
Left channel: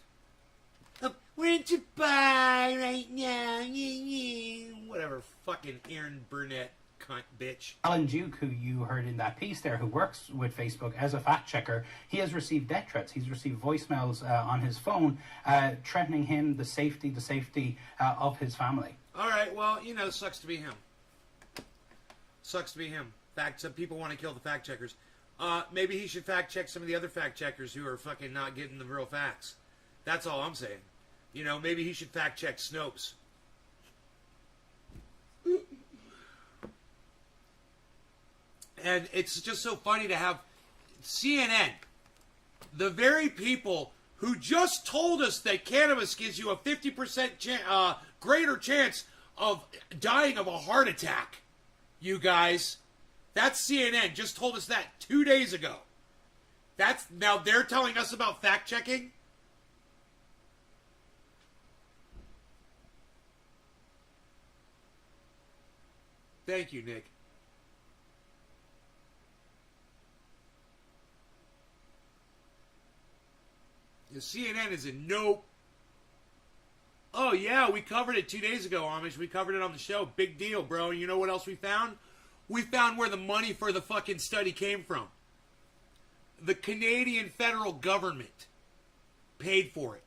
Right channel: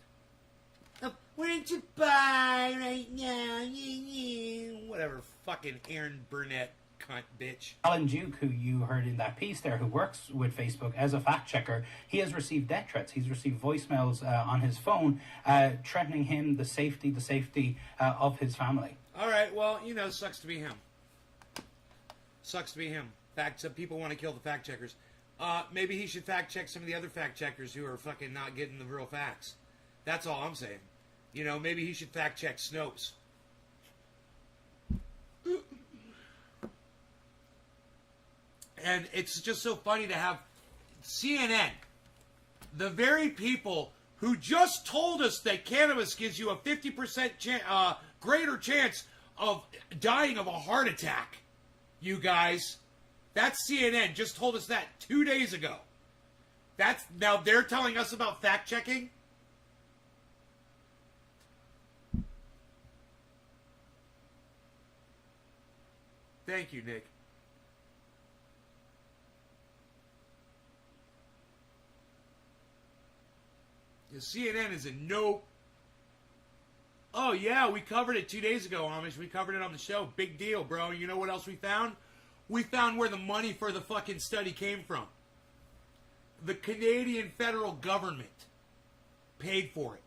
We're in Dubai right now. Whatever, fucking Erin Burnett cunt bitch. Alan Duke, who you heard in that piece there, who works with Facebook as a fact checker, he has received death threats. He's received voicemails on his phone threatening him, the safety of his family. All right, well, you know, sucks to be him. Sucks to be him. Some people want to kill the fact checkers. Maybe he should fact check some of the other fact checkers who are fucking not getting the real facts. That's all I'm saying. You know, maybe he should fact check Snopes. And it's just so funny to have CNN, the very people who just told us that cannabis gives you a 50% greater chance of dying of a heart attack. You guys, that's CNN, just told us that 2 days ago. Now they're telling us about fact checking? Thank you, Nick. The CNN is a nope. Oh, yeah, we covered it 2 days ago, Amish. We covered it on the show. Big deal, bro. And you know what else we found? We found where the money for the fucking study came from. The Canadian federal government paid for it.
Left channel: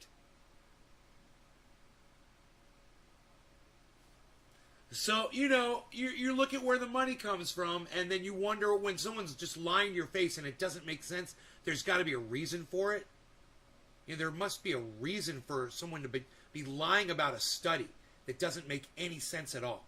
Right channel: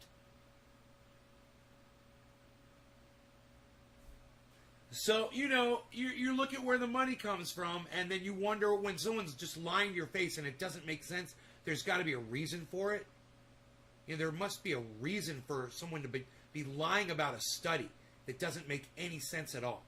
So, you know, you look at where the money comes from, and then you wonder when someone's just lying to your face and it doesn't make sense, there's got to be a reason for it. You know, there must be a reason for someone to be lying about a study that doesn't make any sense at all.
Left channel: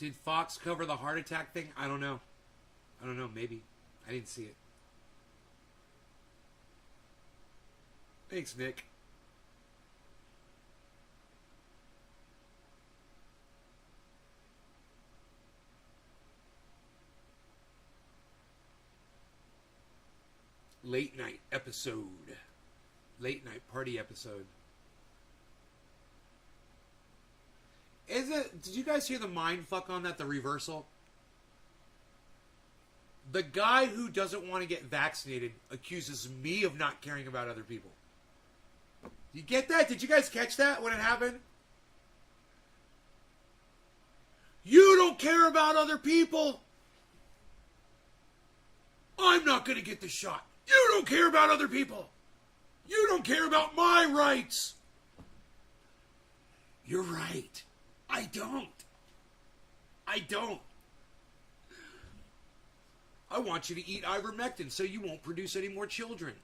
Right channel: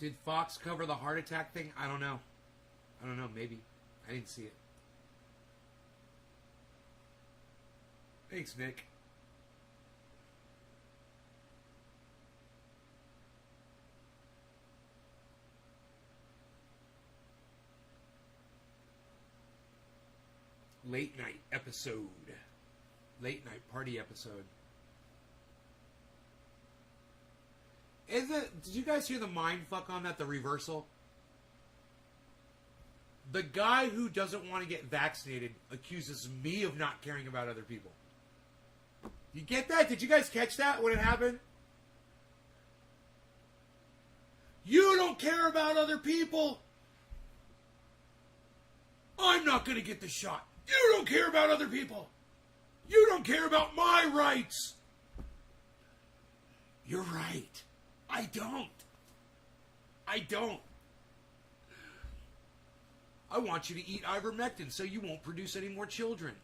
Did Fox cover the heart attack thing? I don't know. Maybe. I didn't see it. Thanks, Nick. late night episode. Late night party episode. Did you guys hear the mind fuck on that? The reversal? The guy who doesn't want to get vaccinated accuses me of not caring about other people. You get that? Did you guys catch that when it happened? You don't care about other people. I'm not going to get the shot. You don't care about other people. You don't care about my rights. You're right. I don't. I don't. I want you to eat ivermectin so you won't produce any more children.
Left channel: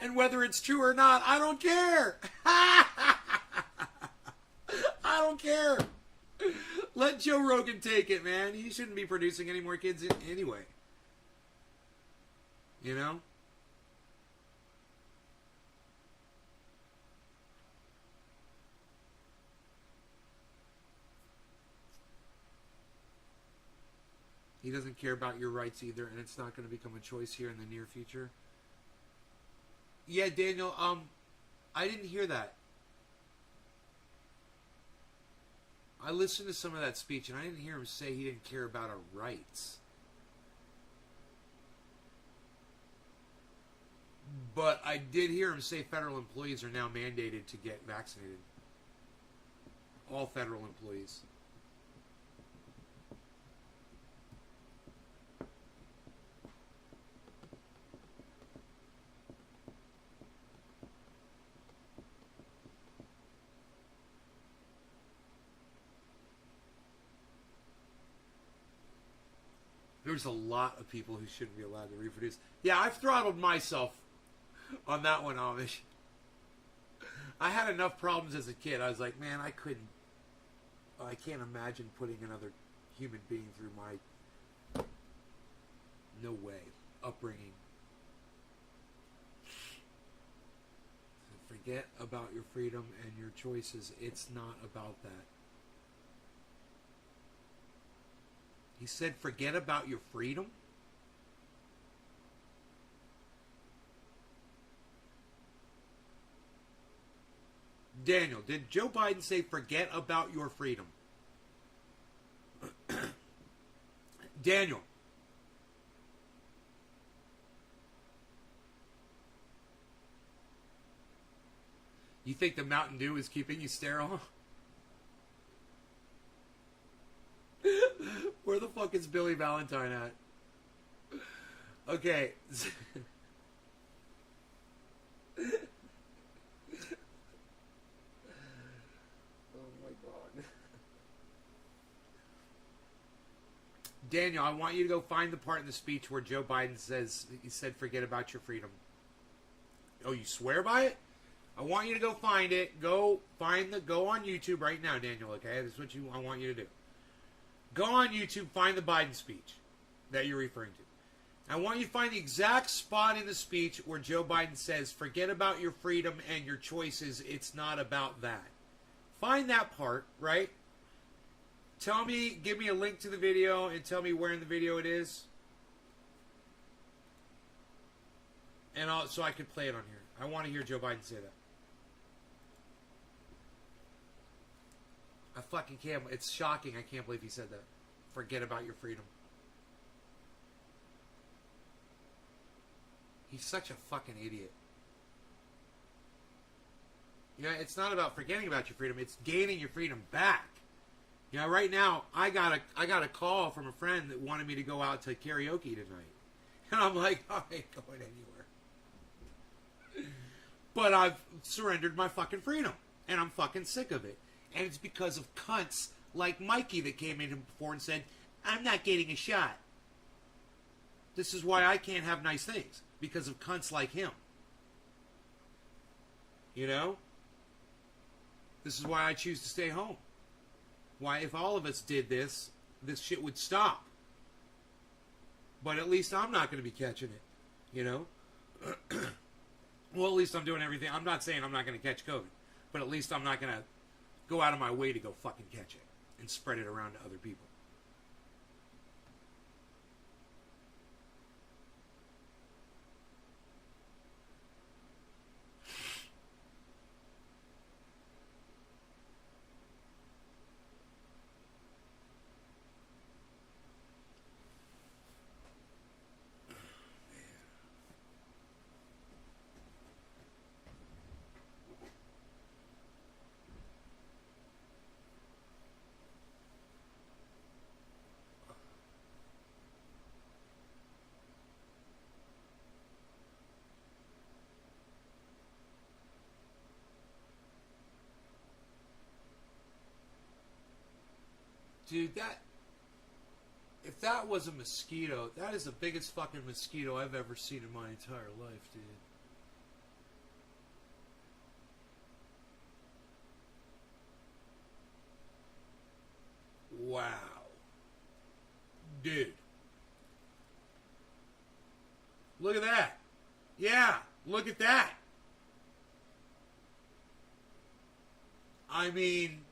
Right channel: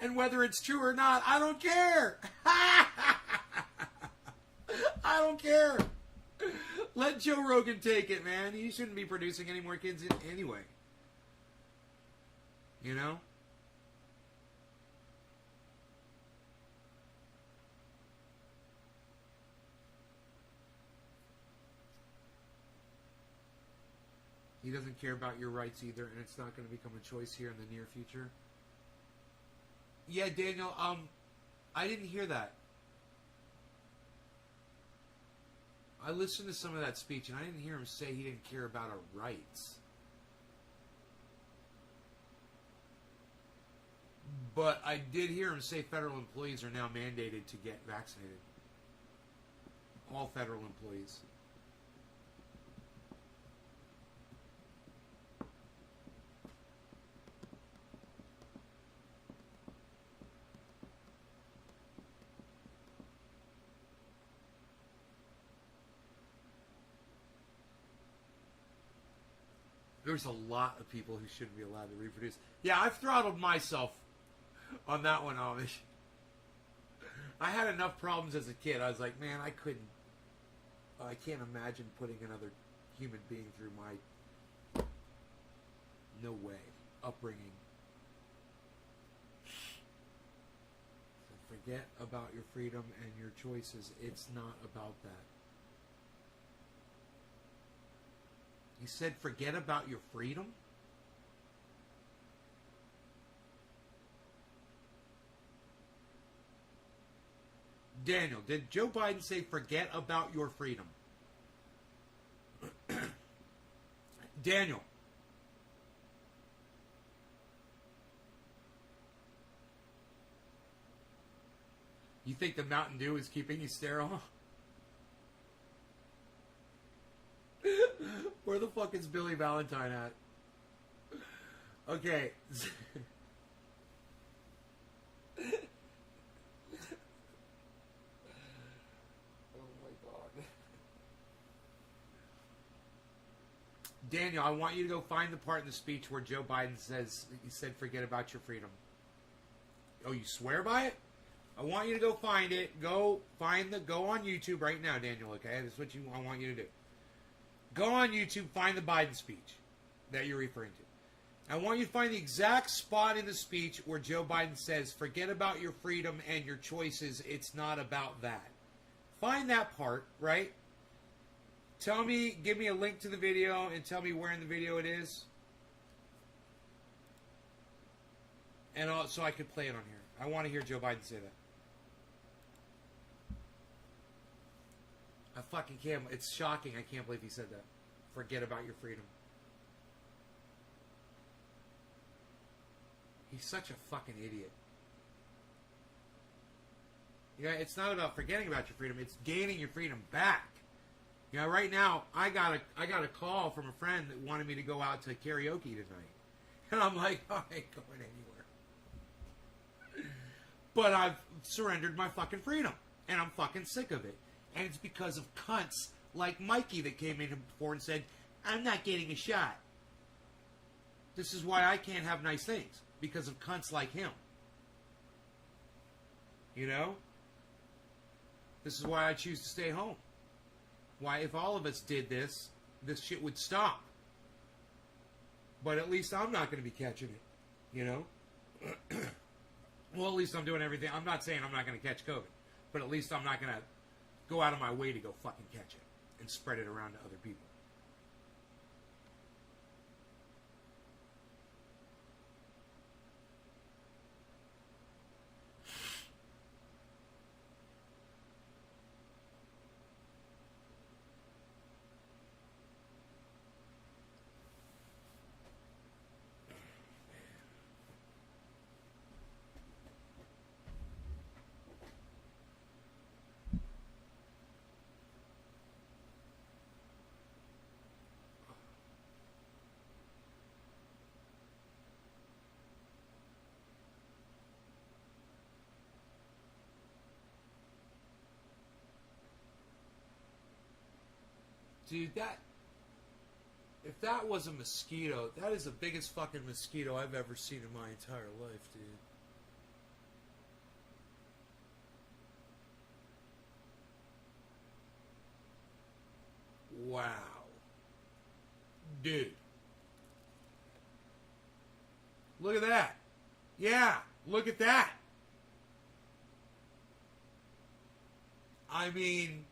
And whether it's true or not, I don't care. I don't care. Let Joe Rogan take it, man. He shouldn't be producing any more kids anyway. You know? He doesn't care about your rights either, and it's not going to become a choice here in the near future. Yeah, Daniel, I didn't hear that. I listened to some of that speech, and I didn't hear him say he didn't care about our rights. But I did hear him say federal employees are now mandated to get vaccinated. All federal employees. There's a lot of people who shouldn't be allowed to reproduce. Yeah, I've throttled myself on that one, Amish. I had enough problems as a kid. I was like, man, I can't imagine putting another human being through my, no way, upbringing. Forget about your freedom and your choices. It's not about that. He said, forget about your freedom? Daniel, did Joe Biden say, forget about your freedom? Daniel. You think the Mountain Dew is keeping you sterile? Where the fuck is Billy Valentine at? Okay. Oh my God. Daniel, I want you to go find the part in the speech where Joe Biden says, he said, forget about your freedom. Oh, you swear by it? I want you to go find it. Go on YouTube right now, Daniel, okay? That's what I want you to do. Go on YouTube, find the Biden speech that you're referring to. I want you to find the exact spot in the speech where Joe Biden says, forget about your freedom and your choices. It's not about that. Find that part, right? Give me a link to the video and tell me where in the video it is. And so I could play it on here. I want to hear Joe Biden say that. I fucking can't. It's shocking. I can't believe he said that. Forget about your freedom. He's such a fucking idiot. Yeah, it's not about forgetting about your freedom. It's gaining your freedom back. You know, right now, I got a call from a friend that wanted me to go out to karaoke tonight. And I'm like, I ain't going anywhere. But I've surrendered my fucking freedom. And I'm fucking sick of it. And it's because of cunts like Mikey that came in before and said, I'm not getting a shot. This is why I can't have nice things. Because of cunts like him. You know? This is why I choose to stay home. Why, if all of us did this shit would stop. But at least I'm not going to be catching it. You know? Well, at least I'm doing everything. I'm not saying I'm not going to catch COVID. But at least I'm not going to go out of my way to go fucking catch it and spread it around to other people. Dude, if that was a mosquito, that is the biggest fucking mosquito I've ever seen in my entire life, dude. Wow. Dude. Look at that. Yeah, look at that. I mean,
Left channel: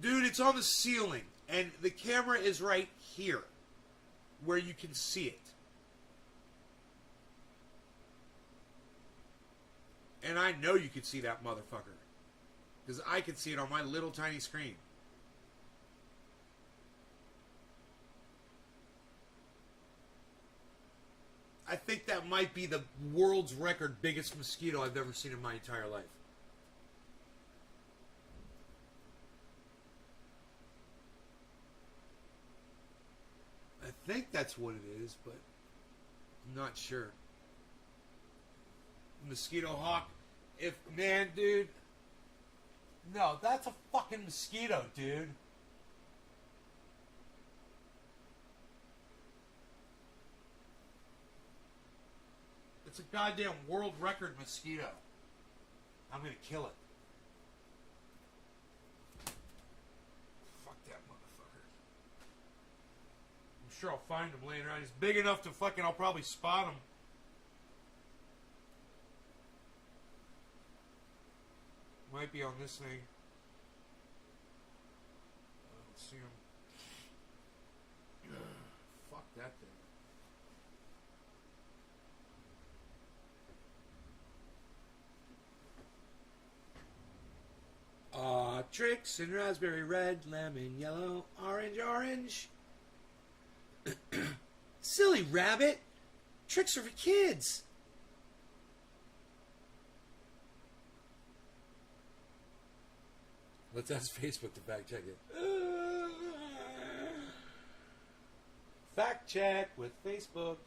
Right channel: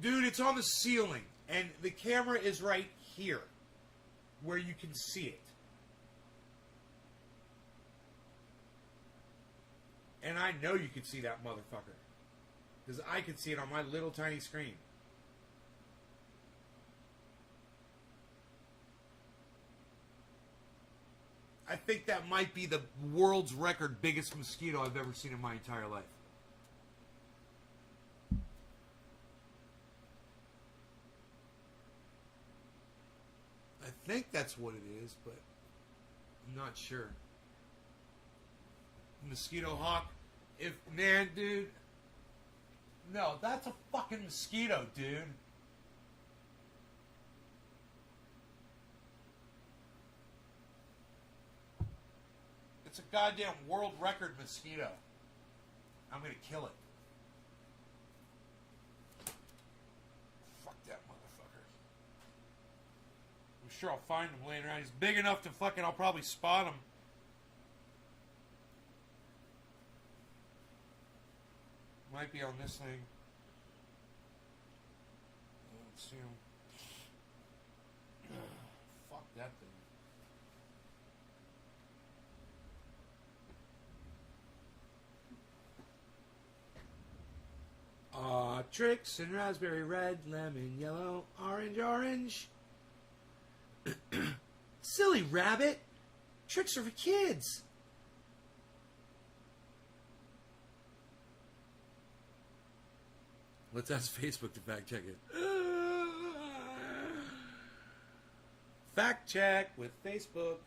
dude, it's on the ceiling, and the camera is right here, where you can see it. And I know you can see that motherfucker, because I can see it on my little tiny screen. I think that might be the world's record biggest mosquito I've ever seen in my entire life. I think that's what it is, but I'm not sure. Mosquito hawk. Man, dude. No, that's a fucking mosquito, dude. It's a goddamn world record mosquito. I'm gonna kill it. Fuck that motherfucker. I'm sure I'll find him later on. He's big enough to fucking, I'll probably spot him. Might be on this thing. I don't see him. Fuck that thing. Tricks in raspberry red, lemon yellow, orange. Silly rabbit. Tricks are for kids. Let's ask Facebook to fact check it. Fact check with Facebook.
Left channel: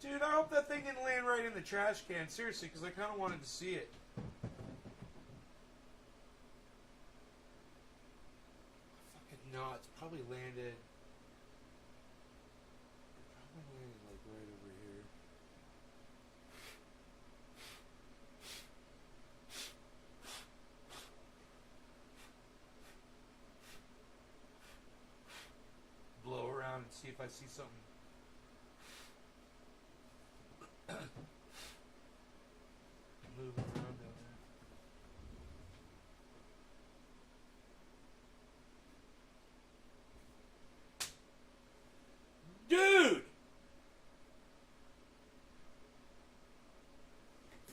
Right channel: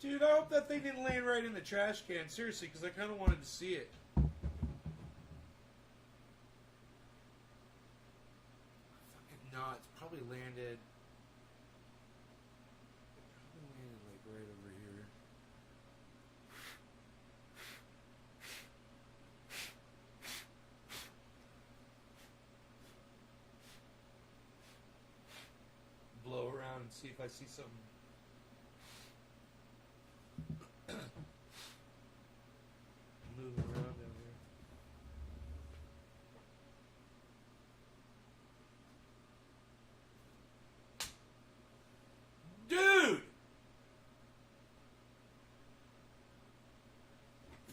Dude, I hope that thing didn't land right in the trash can. Seriously, because I kind of wanted to see it. Fucking not. It's probably landed. Like right over here. Blow around and see if I see something. Moving around down there.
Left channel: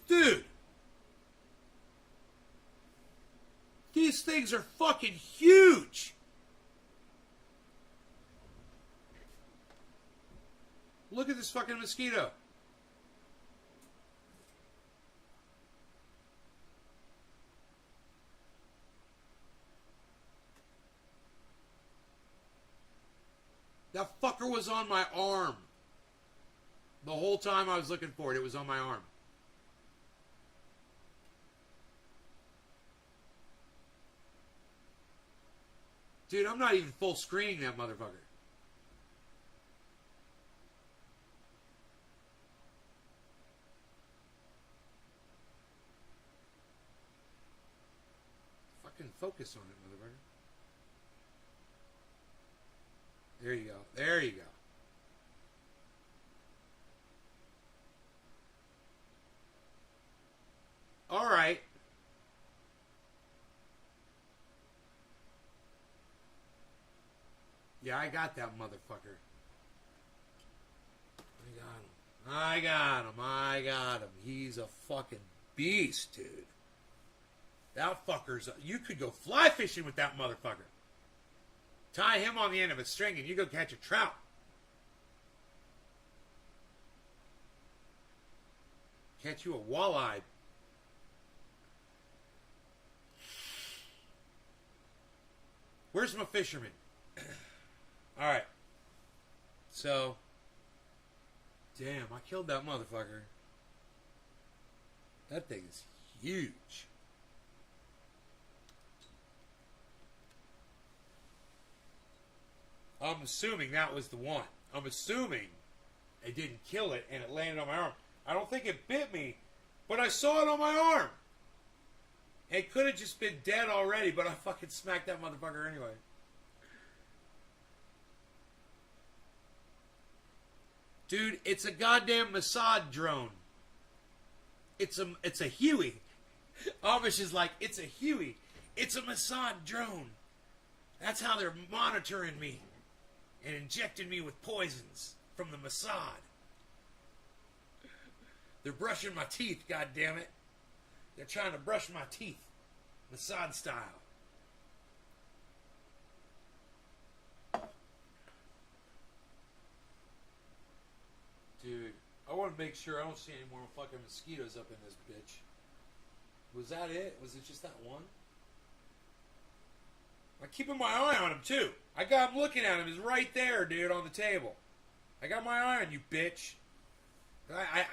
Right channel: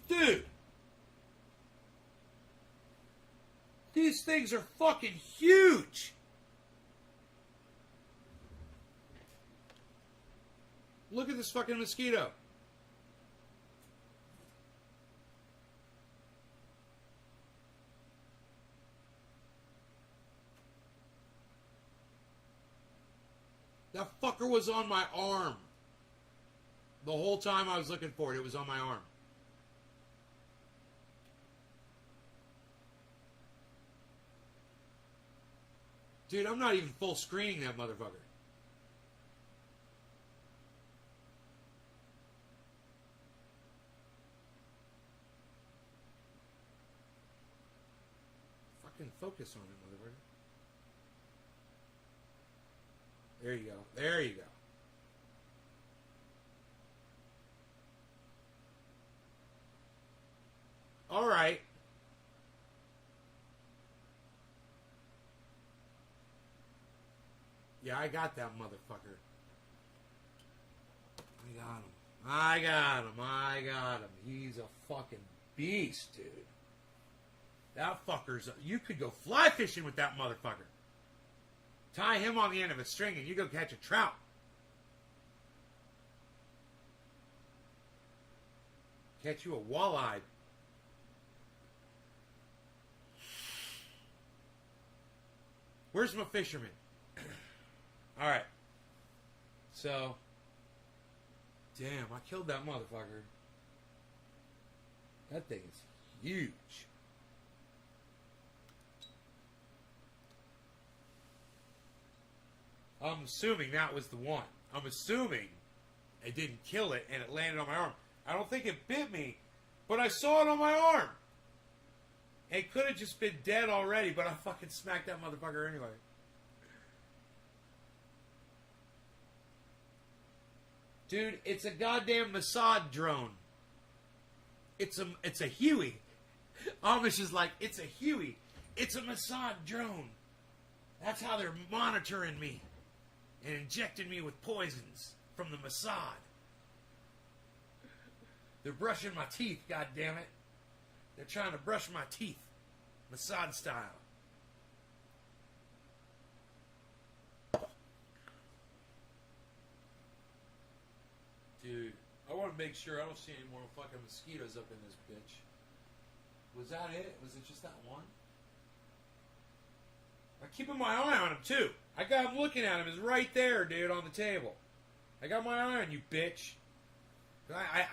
Dude! These things are fucking huge! Look at this fucking mosquito. That fucker was on my arm. The whole time I was looking for it, it was on my arm. Dude, I'm not even full screening that motherfucker. Fucking focus on it, motherfucker. There you go. There you go. All right. Yeah, I got that motherfucker. I got him. He's a fucking beast, dude. That fucker's... You could go fly fishing with that motherfucker. Tie him on the end of a string and you go catch a trout. Catch you a walleye. Where's my fisherman? Alright. So. Damn, I killed that motherfucker. That thing is huge. I'm assuming that was the one. I'm assuming it didn't kill it and it landed on my arm. I don't think it bit me, but I saw it on my arm. It could have just been dead already, but I fucking smacked that motherfucker anyway. Dude, it's a goddamn Mossad drone. It's a Huey. Amish is like, it's a Huey. It's a Mossad drone. That's how they're monitoring me and injecting me with poisons from the Mossad. They're brushing my teeth, goddammit. They're trying to brush my teeth. Mossad style. Dude, I want to make sure I don't see any more fucking mosquitoes up in this bitch. Was that it? Was it just that one? I'm keeping my eye on him, too. I got him looking at him. He's right there, dude, on the table. I got my eye on you, bitch.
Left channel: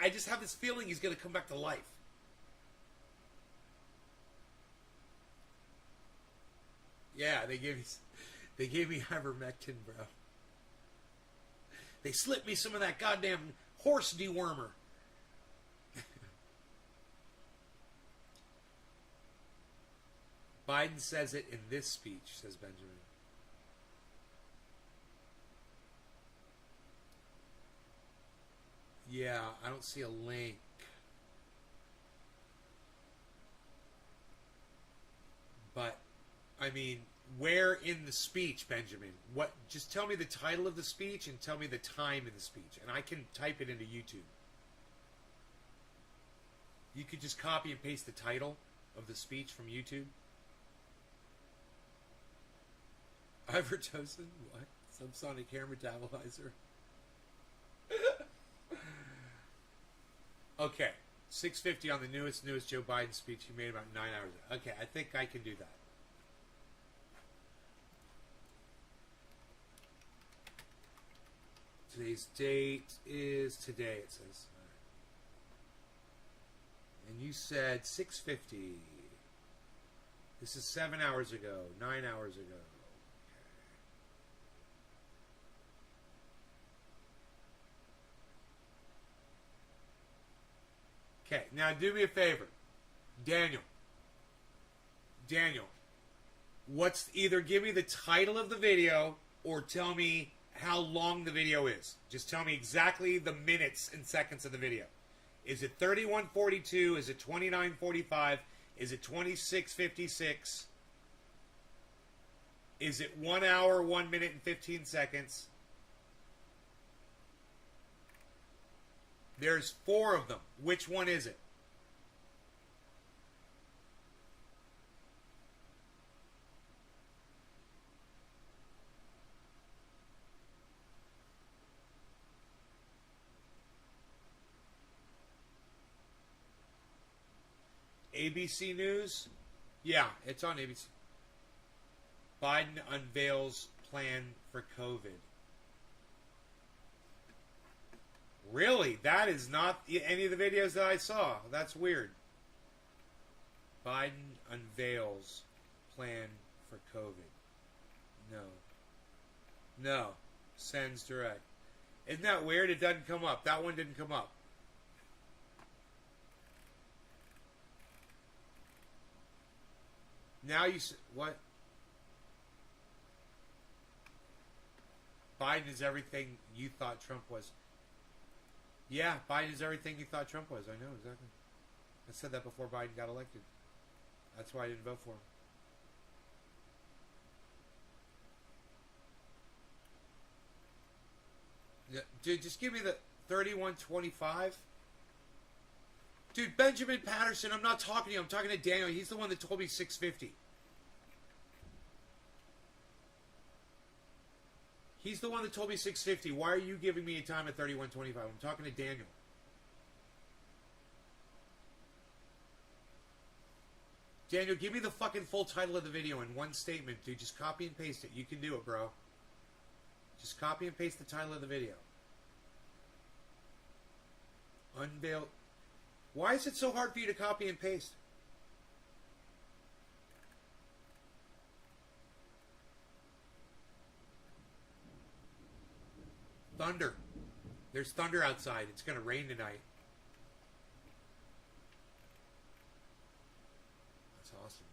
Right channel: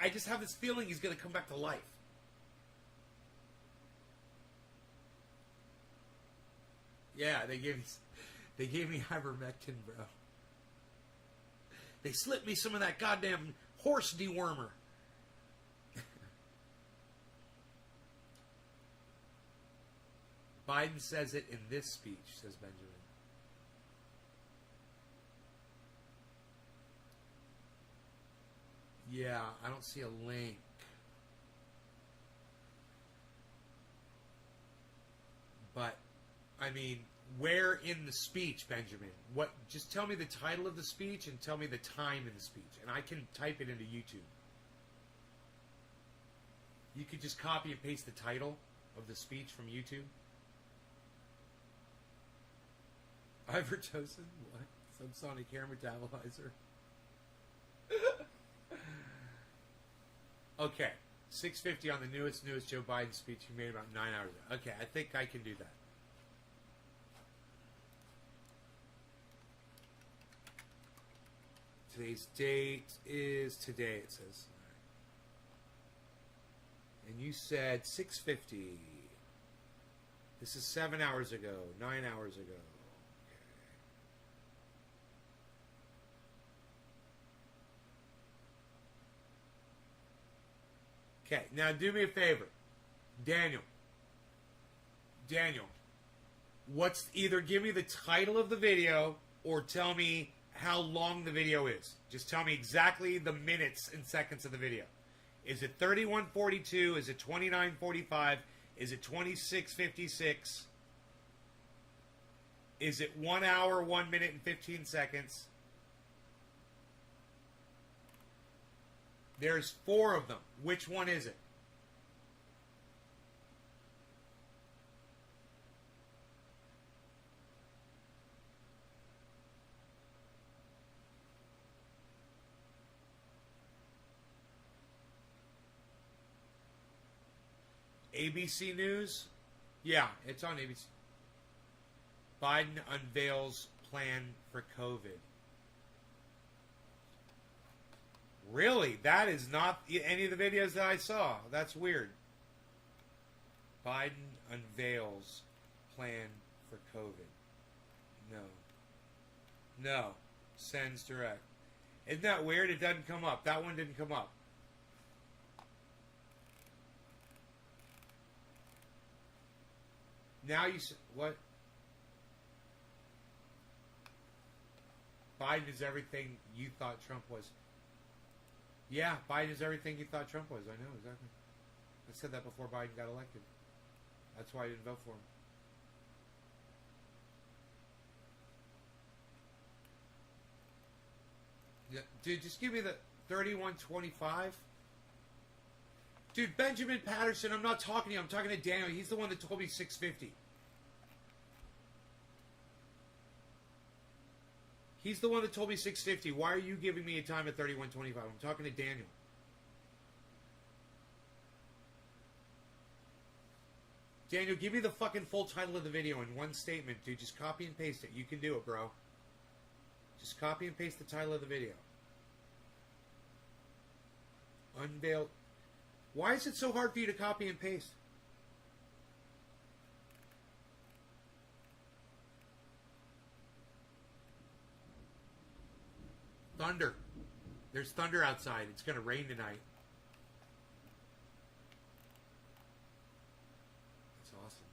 I just have this feeling he's going to come back to life. Yeah, they gave me ivermectin, bro. They slipped me some of that goddamn horse dewormer. Biden says it in this speech, says Benjamin. Yeah, I don't see a link. But, I mean, where in the speech, Benjamin? What? Just tell me the title of the speech and tell me the time in the speech, and I can type it into YouTube. You could just copy and paste the title of the speech from YouTube. Ivermectin? What? Subsonic hair metabolizer? Okay. 6:50 on the newest Joe Biden speech he made about 9 hours ago. Okay, I think I can do that. Today's date is today, it says. And you said 6:50. This is 7 hours ago, 9 hours ago. Okay, now do me a favor. Daniel, what's either give me the title of the video or tell me how long the video is. Just tell me exactly the minutes and seconds of the video. Is it 31:42? Is it 29:45? Is it 26:56? Is it 1 hour, 1 minute, and 15 seconds? There's 4 of them. Which one is it? ABC News? Yeah, it's on ABC. Biden unveils plan for COVID. Really? That is not any of the videos that I saw. That's weird. Biden unveils plan for COVID. No. Sends direct. Isn't that weird? It doesn't come up. That one didn't come up. Now you... What? Biden is everything you thought Trump was. Yeah, Biden is everything you thought Trump was. I know, exactly. I said that before Biden got elected. That's why I didn't vote for him. Yeah, dude, just give me the 31:25. Dude, Benjamin Patterson, I'm not talking to you. I'm talking to Daniel. He's the one that told me 6:50. He's the one that told me 6:50. Why are you giving me a time at 31:25? I'm talking to Daniel. Daniel, give me the fucking full title of the video in one statement, dude. Just copy and paste it. You can do it, bro. Just copy and paste the title of the video. Unveil. Why is it so hard for you to copy and paste? thunder. There's thunder outside. It's going to rain tonight. That's awesome.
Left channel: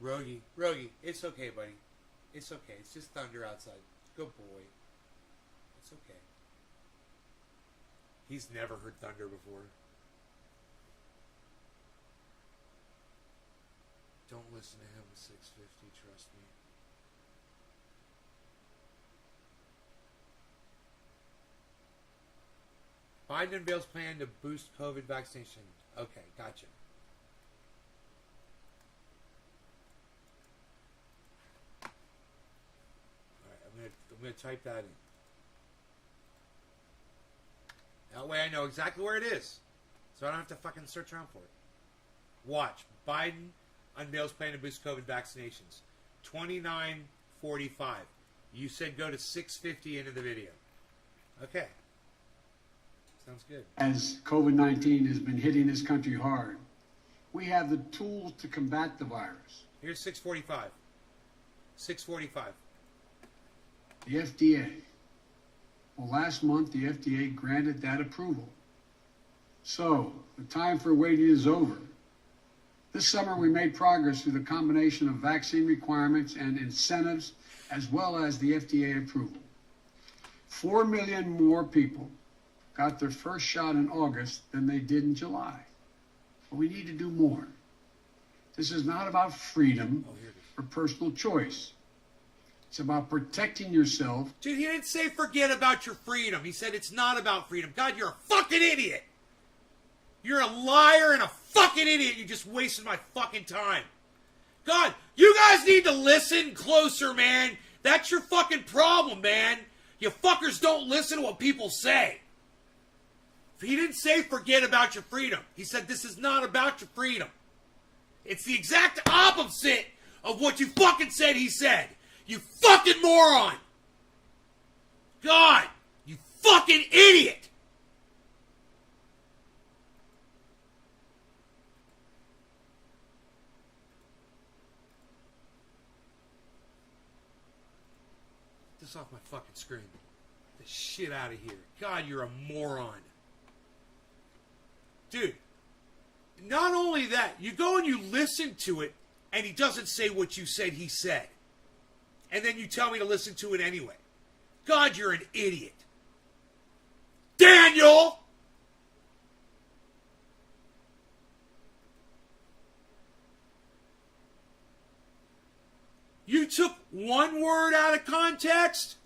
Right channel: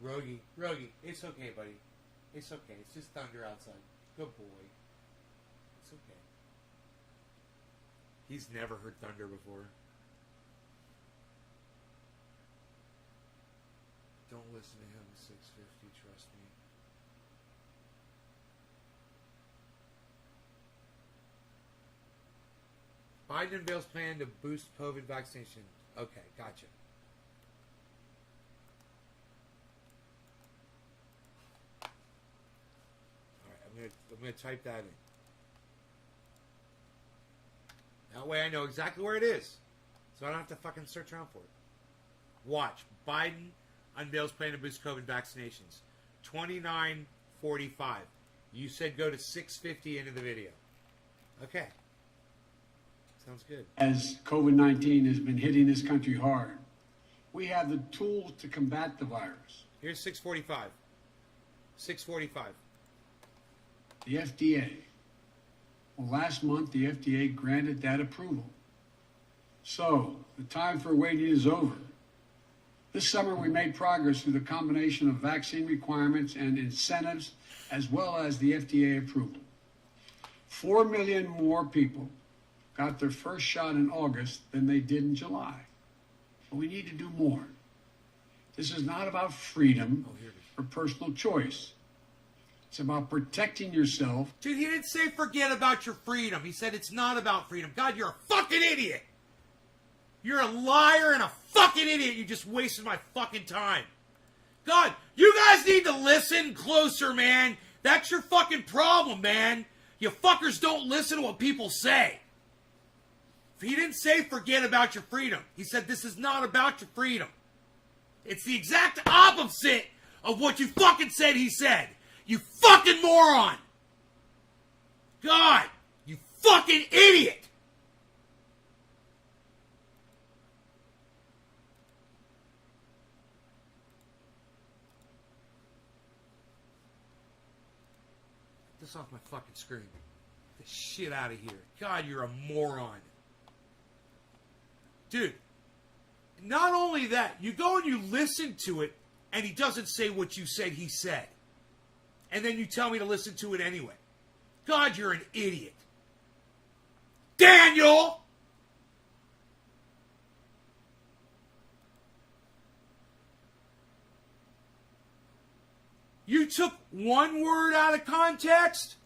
Rogie, it's okay, buddy. It's okay. It's just thunder outside. Good boy. It's okay. He's never heard thunder before. Don't listen to him, 650, trust me. Biden unveils plan to boost COVID vaccination. Okay, gotcha. Alright, I'm gonna type that in. That way I know exactly where it is. So I don't have to fucking search around for it. Watch. Biden unveils plan to boost COVID vaccinations. 29:45. You said go to 6:50 into the video. Okay. Sounds good. As COVID-19 has been hitting this country hard, we have the tools to combat the virus. Here's 6:45. 6:45. The FDA. Well, last month, the FDA granted that approval. So, the time for waiting is over. This summer, we made progress through the combination of vaccine requirements and incentives, as well as the FDA approval. 4 million more people got their first shot in August than they did in July. But we need to do more. This is not about freedom or personal choice. It's about protecting yourself. Dude, he didn't say forget about your freedom. He said it's not about freedom. God, you're a fucking idiot. You're a liar and a fucking idiot. You just wasted my fucking time. God, you guys need to listen closer, man. That's your fucking problem, man. You fuckers don't listen to what people say. He didn't say forget about your freedom. He said this is not about your freedom. It's the exact opposite of what you fucking said he said. You fucking moron. God, you fucking idiot. Get this off my fucking screen. Get the shit out of here. God, you're a moron. Dude, not only that, you go and you listen to it, and he doesn't say what you said he said. And then you tell me to listen to it anyway. God, you're an idiot. Daniel! You took one word out of context?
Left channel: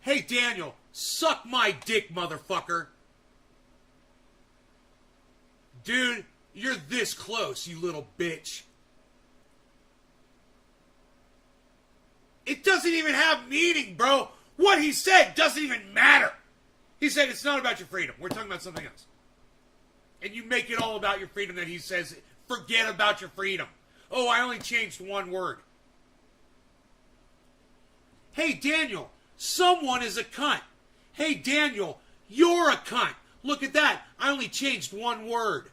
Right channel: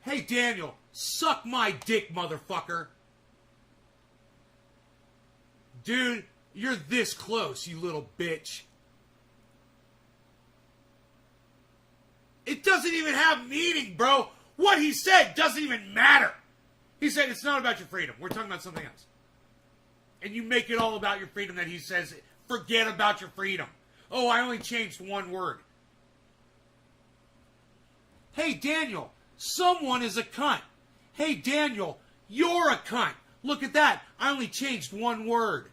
Hey, Daniel, suck my dick, motherfucker. Dude, you're this close, you little bitch. It doesn't even have meaning, bro. What he said doesn't even matter. He said it's not about your freedom. We're talking about something else. And you make it all about your freedom that he says, forget about your freedom. Oh, I only changed one word. Hey, Daniel, someone is a cunt. Hey, Daniel, you're a cunt. Look at that. I only changed one word.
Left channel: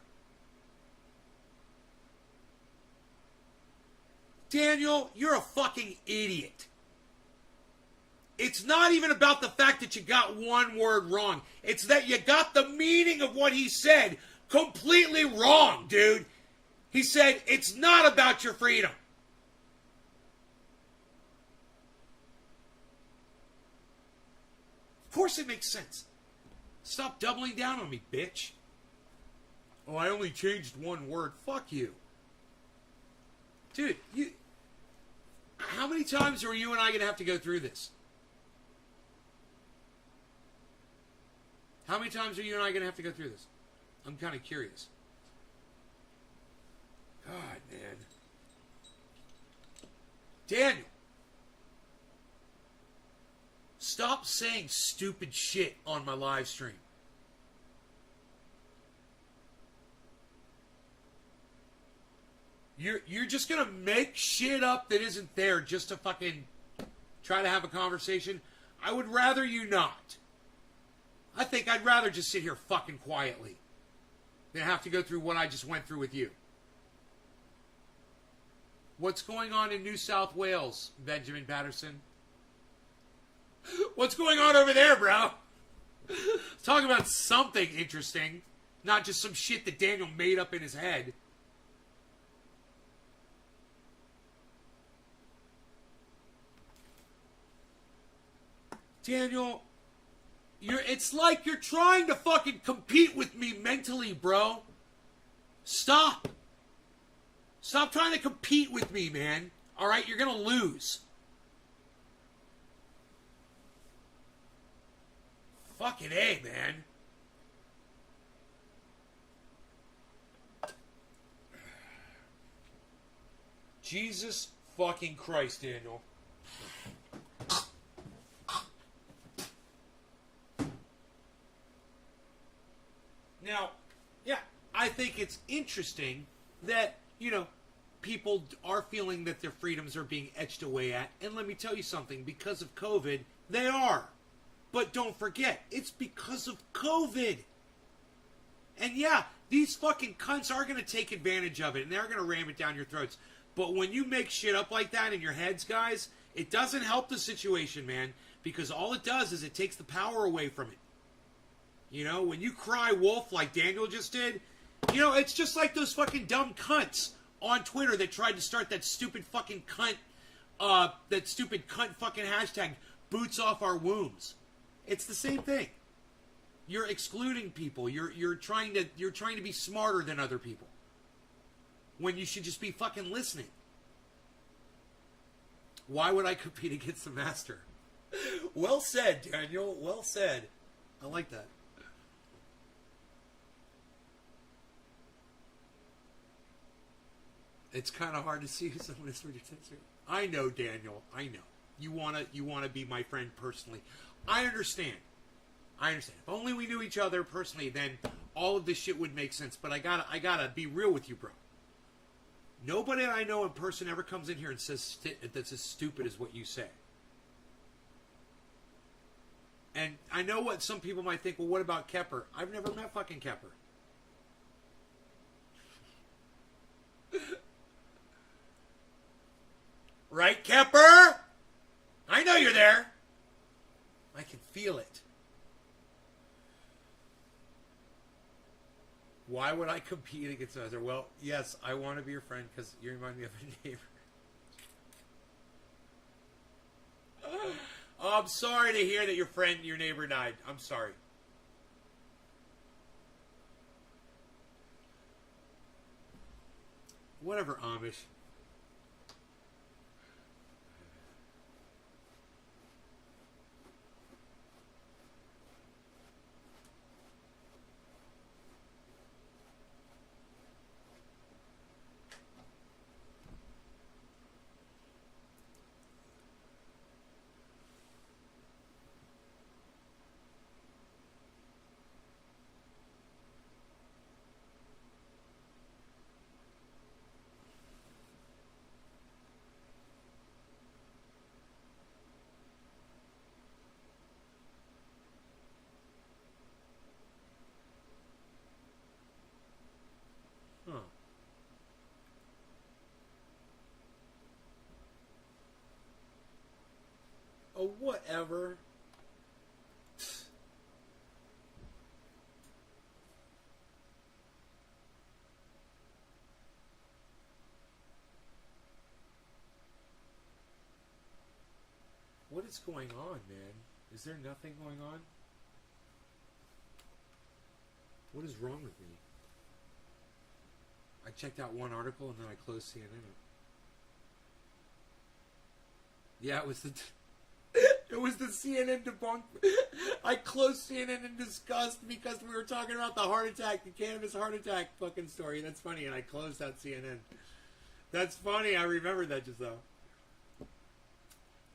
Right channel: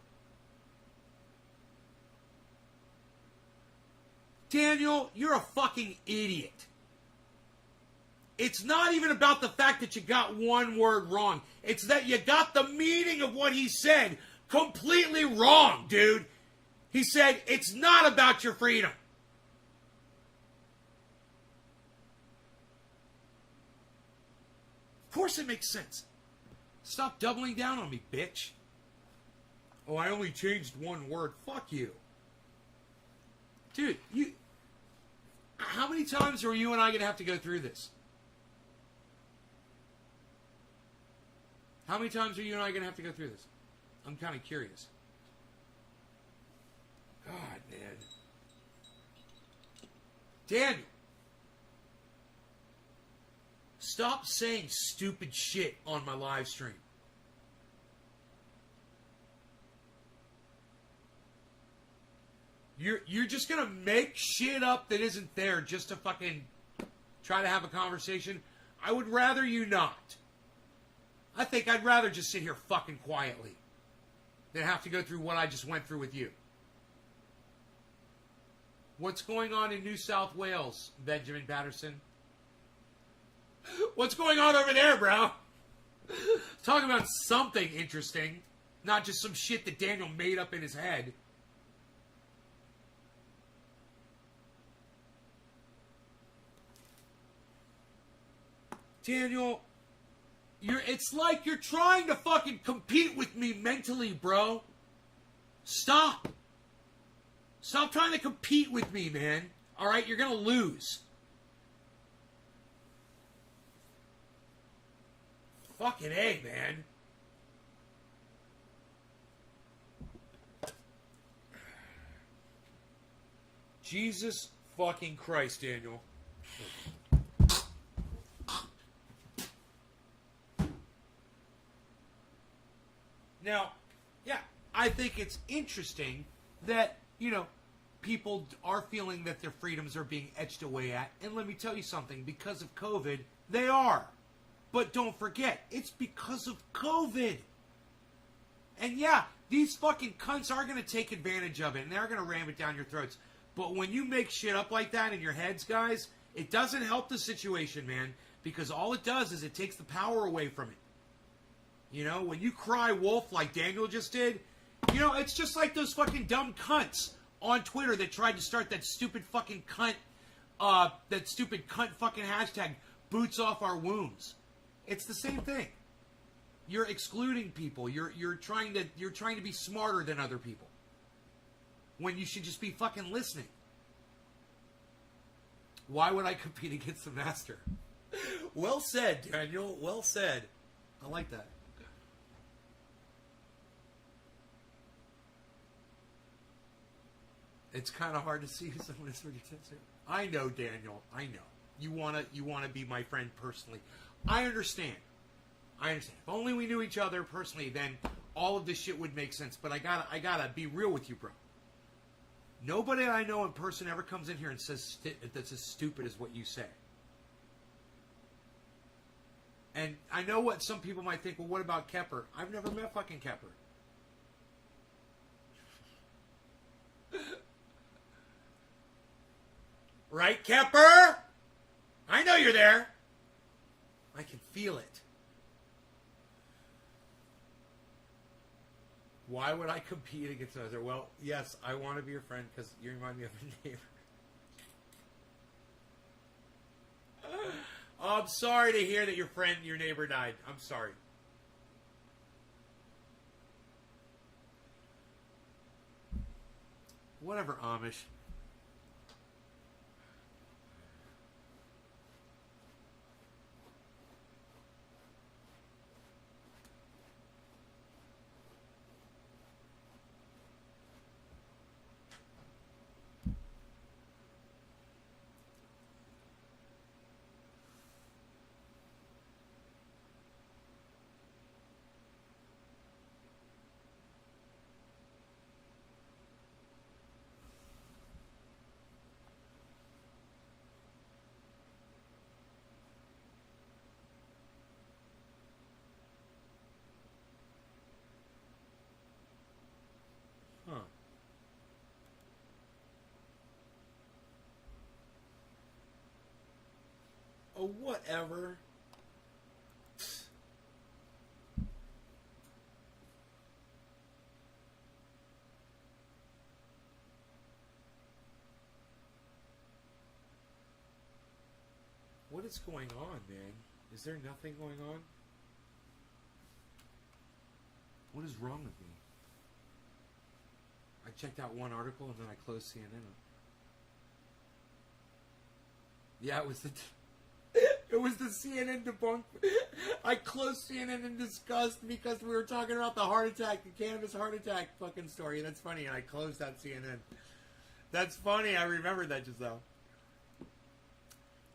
Daniel, you're a fucking idiot. It's not even about the fact that you got one word wrong. It's that you got the meaning of what he said completely wrong, dude. He said, it's not about your freedom. Of course it makes sense. Stop doubling down on me, bitch. Oh, I only changed one word. Fuck you. Dude, how many times are you and I going to have to go through this? How many times are you and I going to have to go through this? I'm kind of curious. God, man. Daniel. Stop saying stupid shit on my live stream. You're just going to make shit up that isn't there just to fucking try to have a conversation? I would rather you not. I think I'd rather just sit here fucking quietly than have to go through what I just went through with you. What's going on in New South Wales, Benjamin Patterson? What's going on over there, bro? Talk about something interesting, not just some shit that Daniel made up in his head. Daniel, it's like you're trying to fucking compete with me mentally, bro. Stop. Stop trying to compete with me, man. All right, you're going to lose. Fucking A, man. Jesus fucking Christ, Daniel. Now, yeah, I think it's interesting that, you know, people are feeling that their freedoms are being etched away at. And let me tell you something, because of COVID, they are. But don't forget, it's because of COVID. And yeah, these fucking cunts are going to take advantage of it, and they're going to ram it down your throats. But when you make shit up like that in your heads, guys, it doesn't help the situation, man. Because all it does is it takes the power away from it. You know, when you cry wolf like Daniel just did, you know, it's just like those fucking dumb cunts on Twitter that tried to start that stupid fucking cunt fucking hashtag, boots off our wombs. It's the same thing. You're excluding people. You're trying to be smarter than other people. When you should just be fucking listening. Why would I compete against the master? Well said, Daniel. Well said. I like that. It's kind of hard to see who someone is for defensive. I know, Daniel. I know. You wanna be my friend personally. I understand. If only we knew each other personally, then all of this shit would make sense. But I gotta be real with you, bro. Nobody I know in person ever comes in here and says that's as stupid as what you say. And I know what some people might think. Well, what about Kepper? I've never met fucking Kepper. Right, Kepper? I know you're there. I can feel it. Why would I compete against others? Well, yes, I want to be your friend because you remind me of a neighbor. Oh, I'm sorry to hear that your neighbor died. I'm sorry. Whatever, Amish. Huh. Oh, whatever. What is going on, man? Is there nothing going on? What is wrong with me? I checked out one article and then I closed CNN. Yeah, it was the CNN debunk. I closed CNN in disgust because we were talking about the heart attack, the cannabis heart attack fucking story. That's funny, and I closed out CNN. That's funny. I remembered that just now.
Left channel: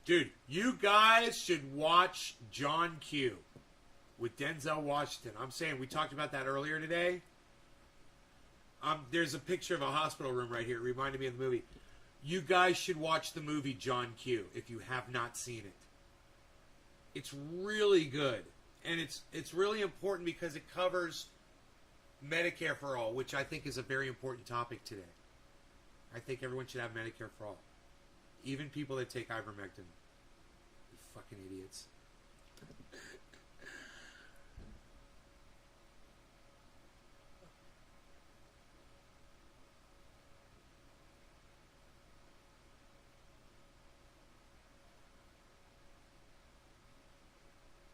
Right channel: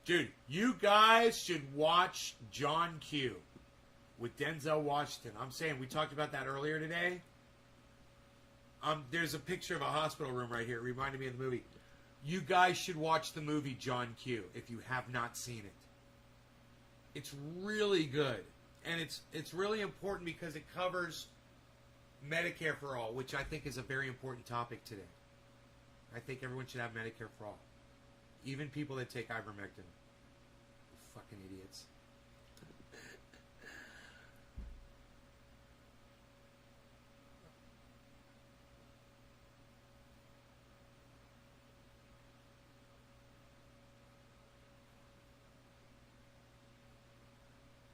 Dude, you guys should watch John Q with Denzel Washington. I'm saying, we talked about that earlier today. There's a picture of a hospital room right here. It reminded me of the movie. You guys should watch the movie John Q if you have not seen it. It's really good. And it's really important because it covers Medicare for all, which I think is a very important topic today. I think everyone should have Medicare for all. Even people that take ivermectin. You fucking idiots.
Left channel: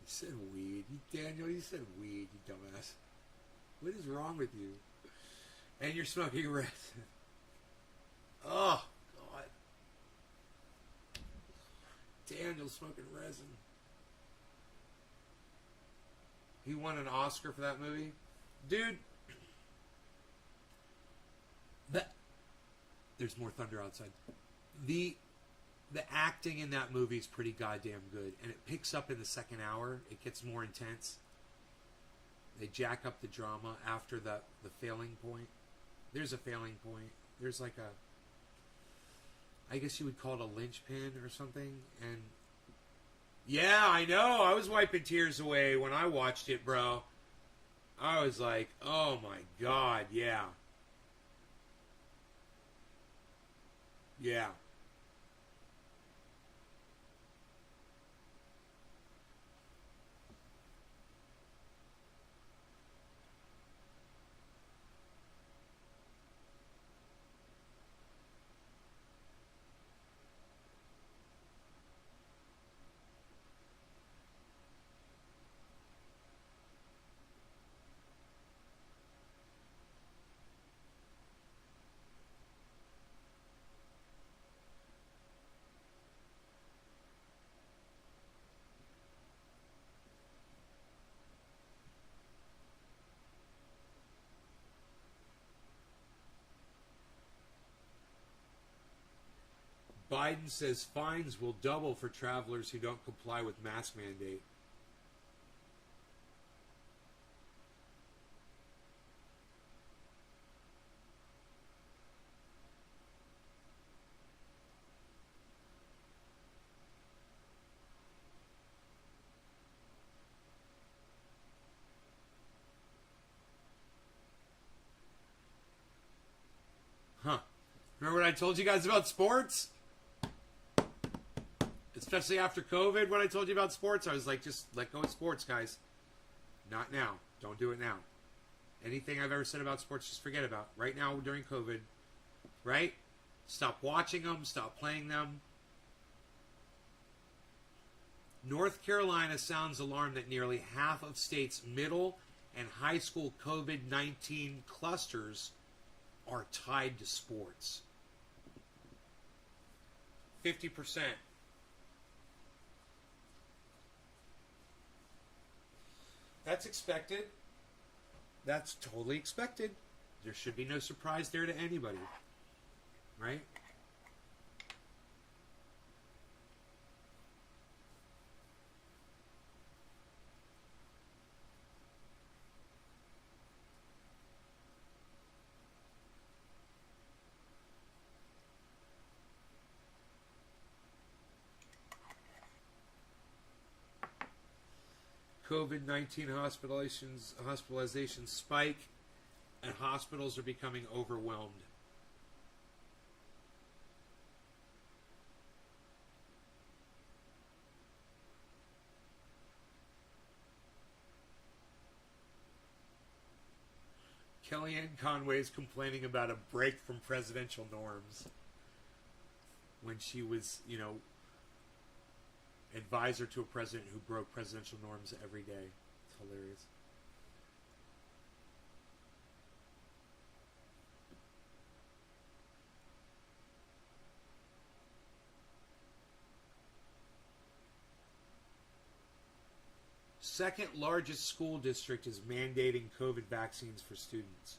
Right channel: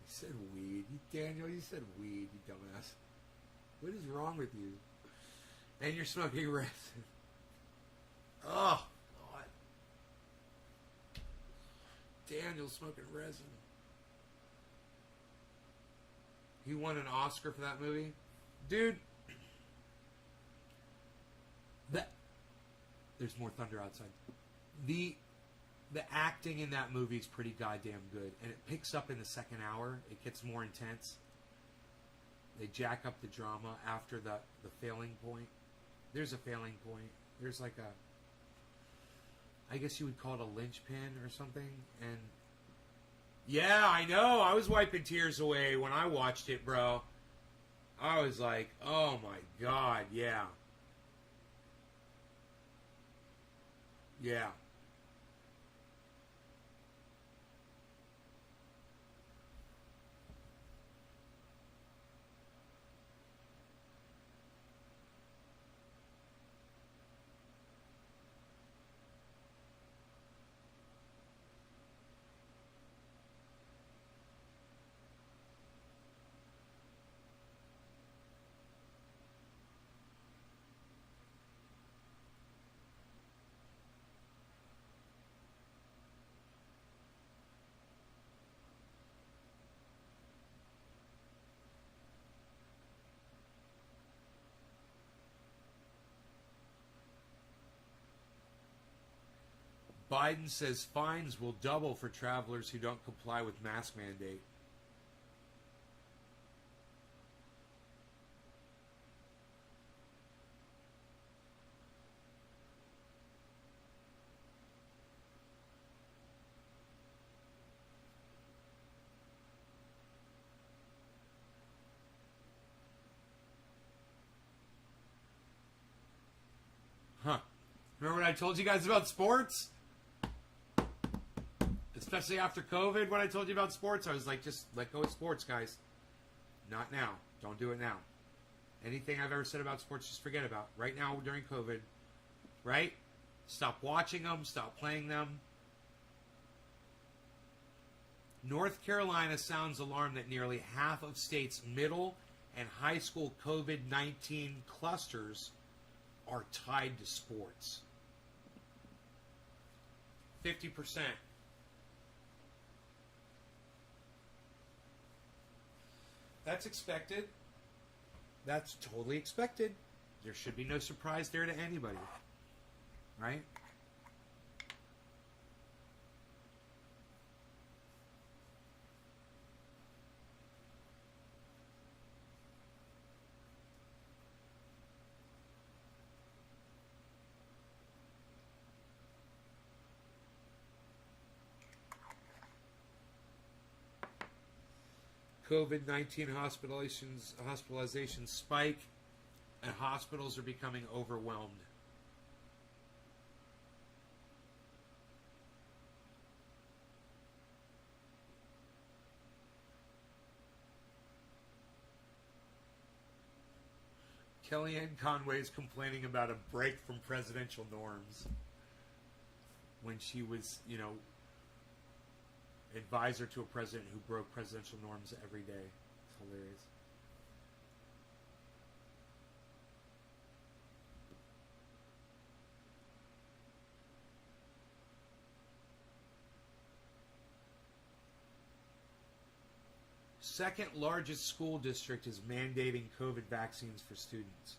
You said weed. Daniel, you said weed, you dumbass. What is wrong with you? And you're smoking resin. Oh, God. Daniel smoking resin. He won an Oscar for that movie? Dude. There's more thunder outside. The acting in that movie is pretty goddamn good. And it picks up in the second hour. It gets more intense. They jack up the drama after the failing point. There's a failing point. There's like a... I guess you would call it a linchpin or something. And... yeah, I know. I was wiping tears away when I watched it, bro. I was like, oh my God, yeah. Yeah. Biden says fines will double for travelers who don't comply with mask mandate. Huh. Remember what I told you guys about sports? Especially after COVID, when I told you about sports, I was like, just let go of sports, guys. Not now. Don't do it now. Anything I've ever said about sports, just forget about. Right now, during COVID, right? Stop watching them. Stop playing them. North Carolina sounds alarm that nearly half of states' middle and high school COVID-19 clusters are tied to sports. 50%. That's expected. That's totally expected. There should be no surprise there to anybody. Right? COVID-19 hospitalizations spike, and hospitals are becoming overwhelmed. Kellyanne Conway is complaining about a break from presidential norms when she was, advisor to a president who broke presidential norms every day. It's hilarious. Second largest school district is mandating COVID vaccines for students.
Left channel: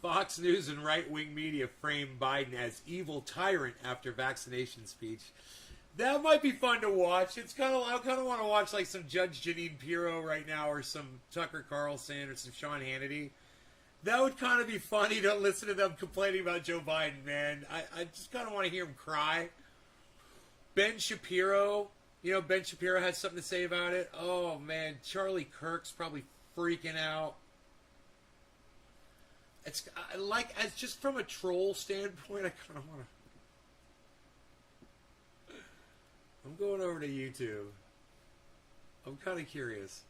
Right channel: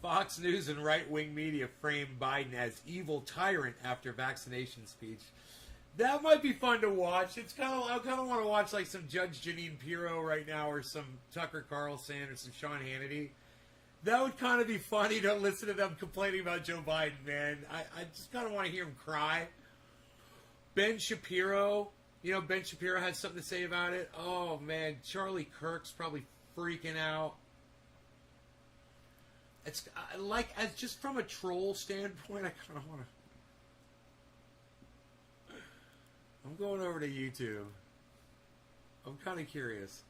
Fox News and right-wing media frame Biden as evil tyrant after vaccination speech. That might be fun to watch. I kind of want to watch like some Judge Jeanine Pirro right now, or some Tucker Carlson, or some Sean Hannity. That would kind of be funny to listen to them complaining about Joe Biden, man. I just kind of want to hear him cry. Ben Shapiro, Ben Shapiro had something to say about it. Oh, man, Charlie Kirk's probably freaking out. It's like, as just from a troll standpoint, I kind of want to... I'm going over to YouTube. I'm kind of curious.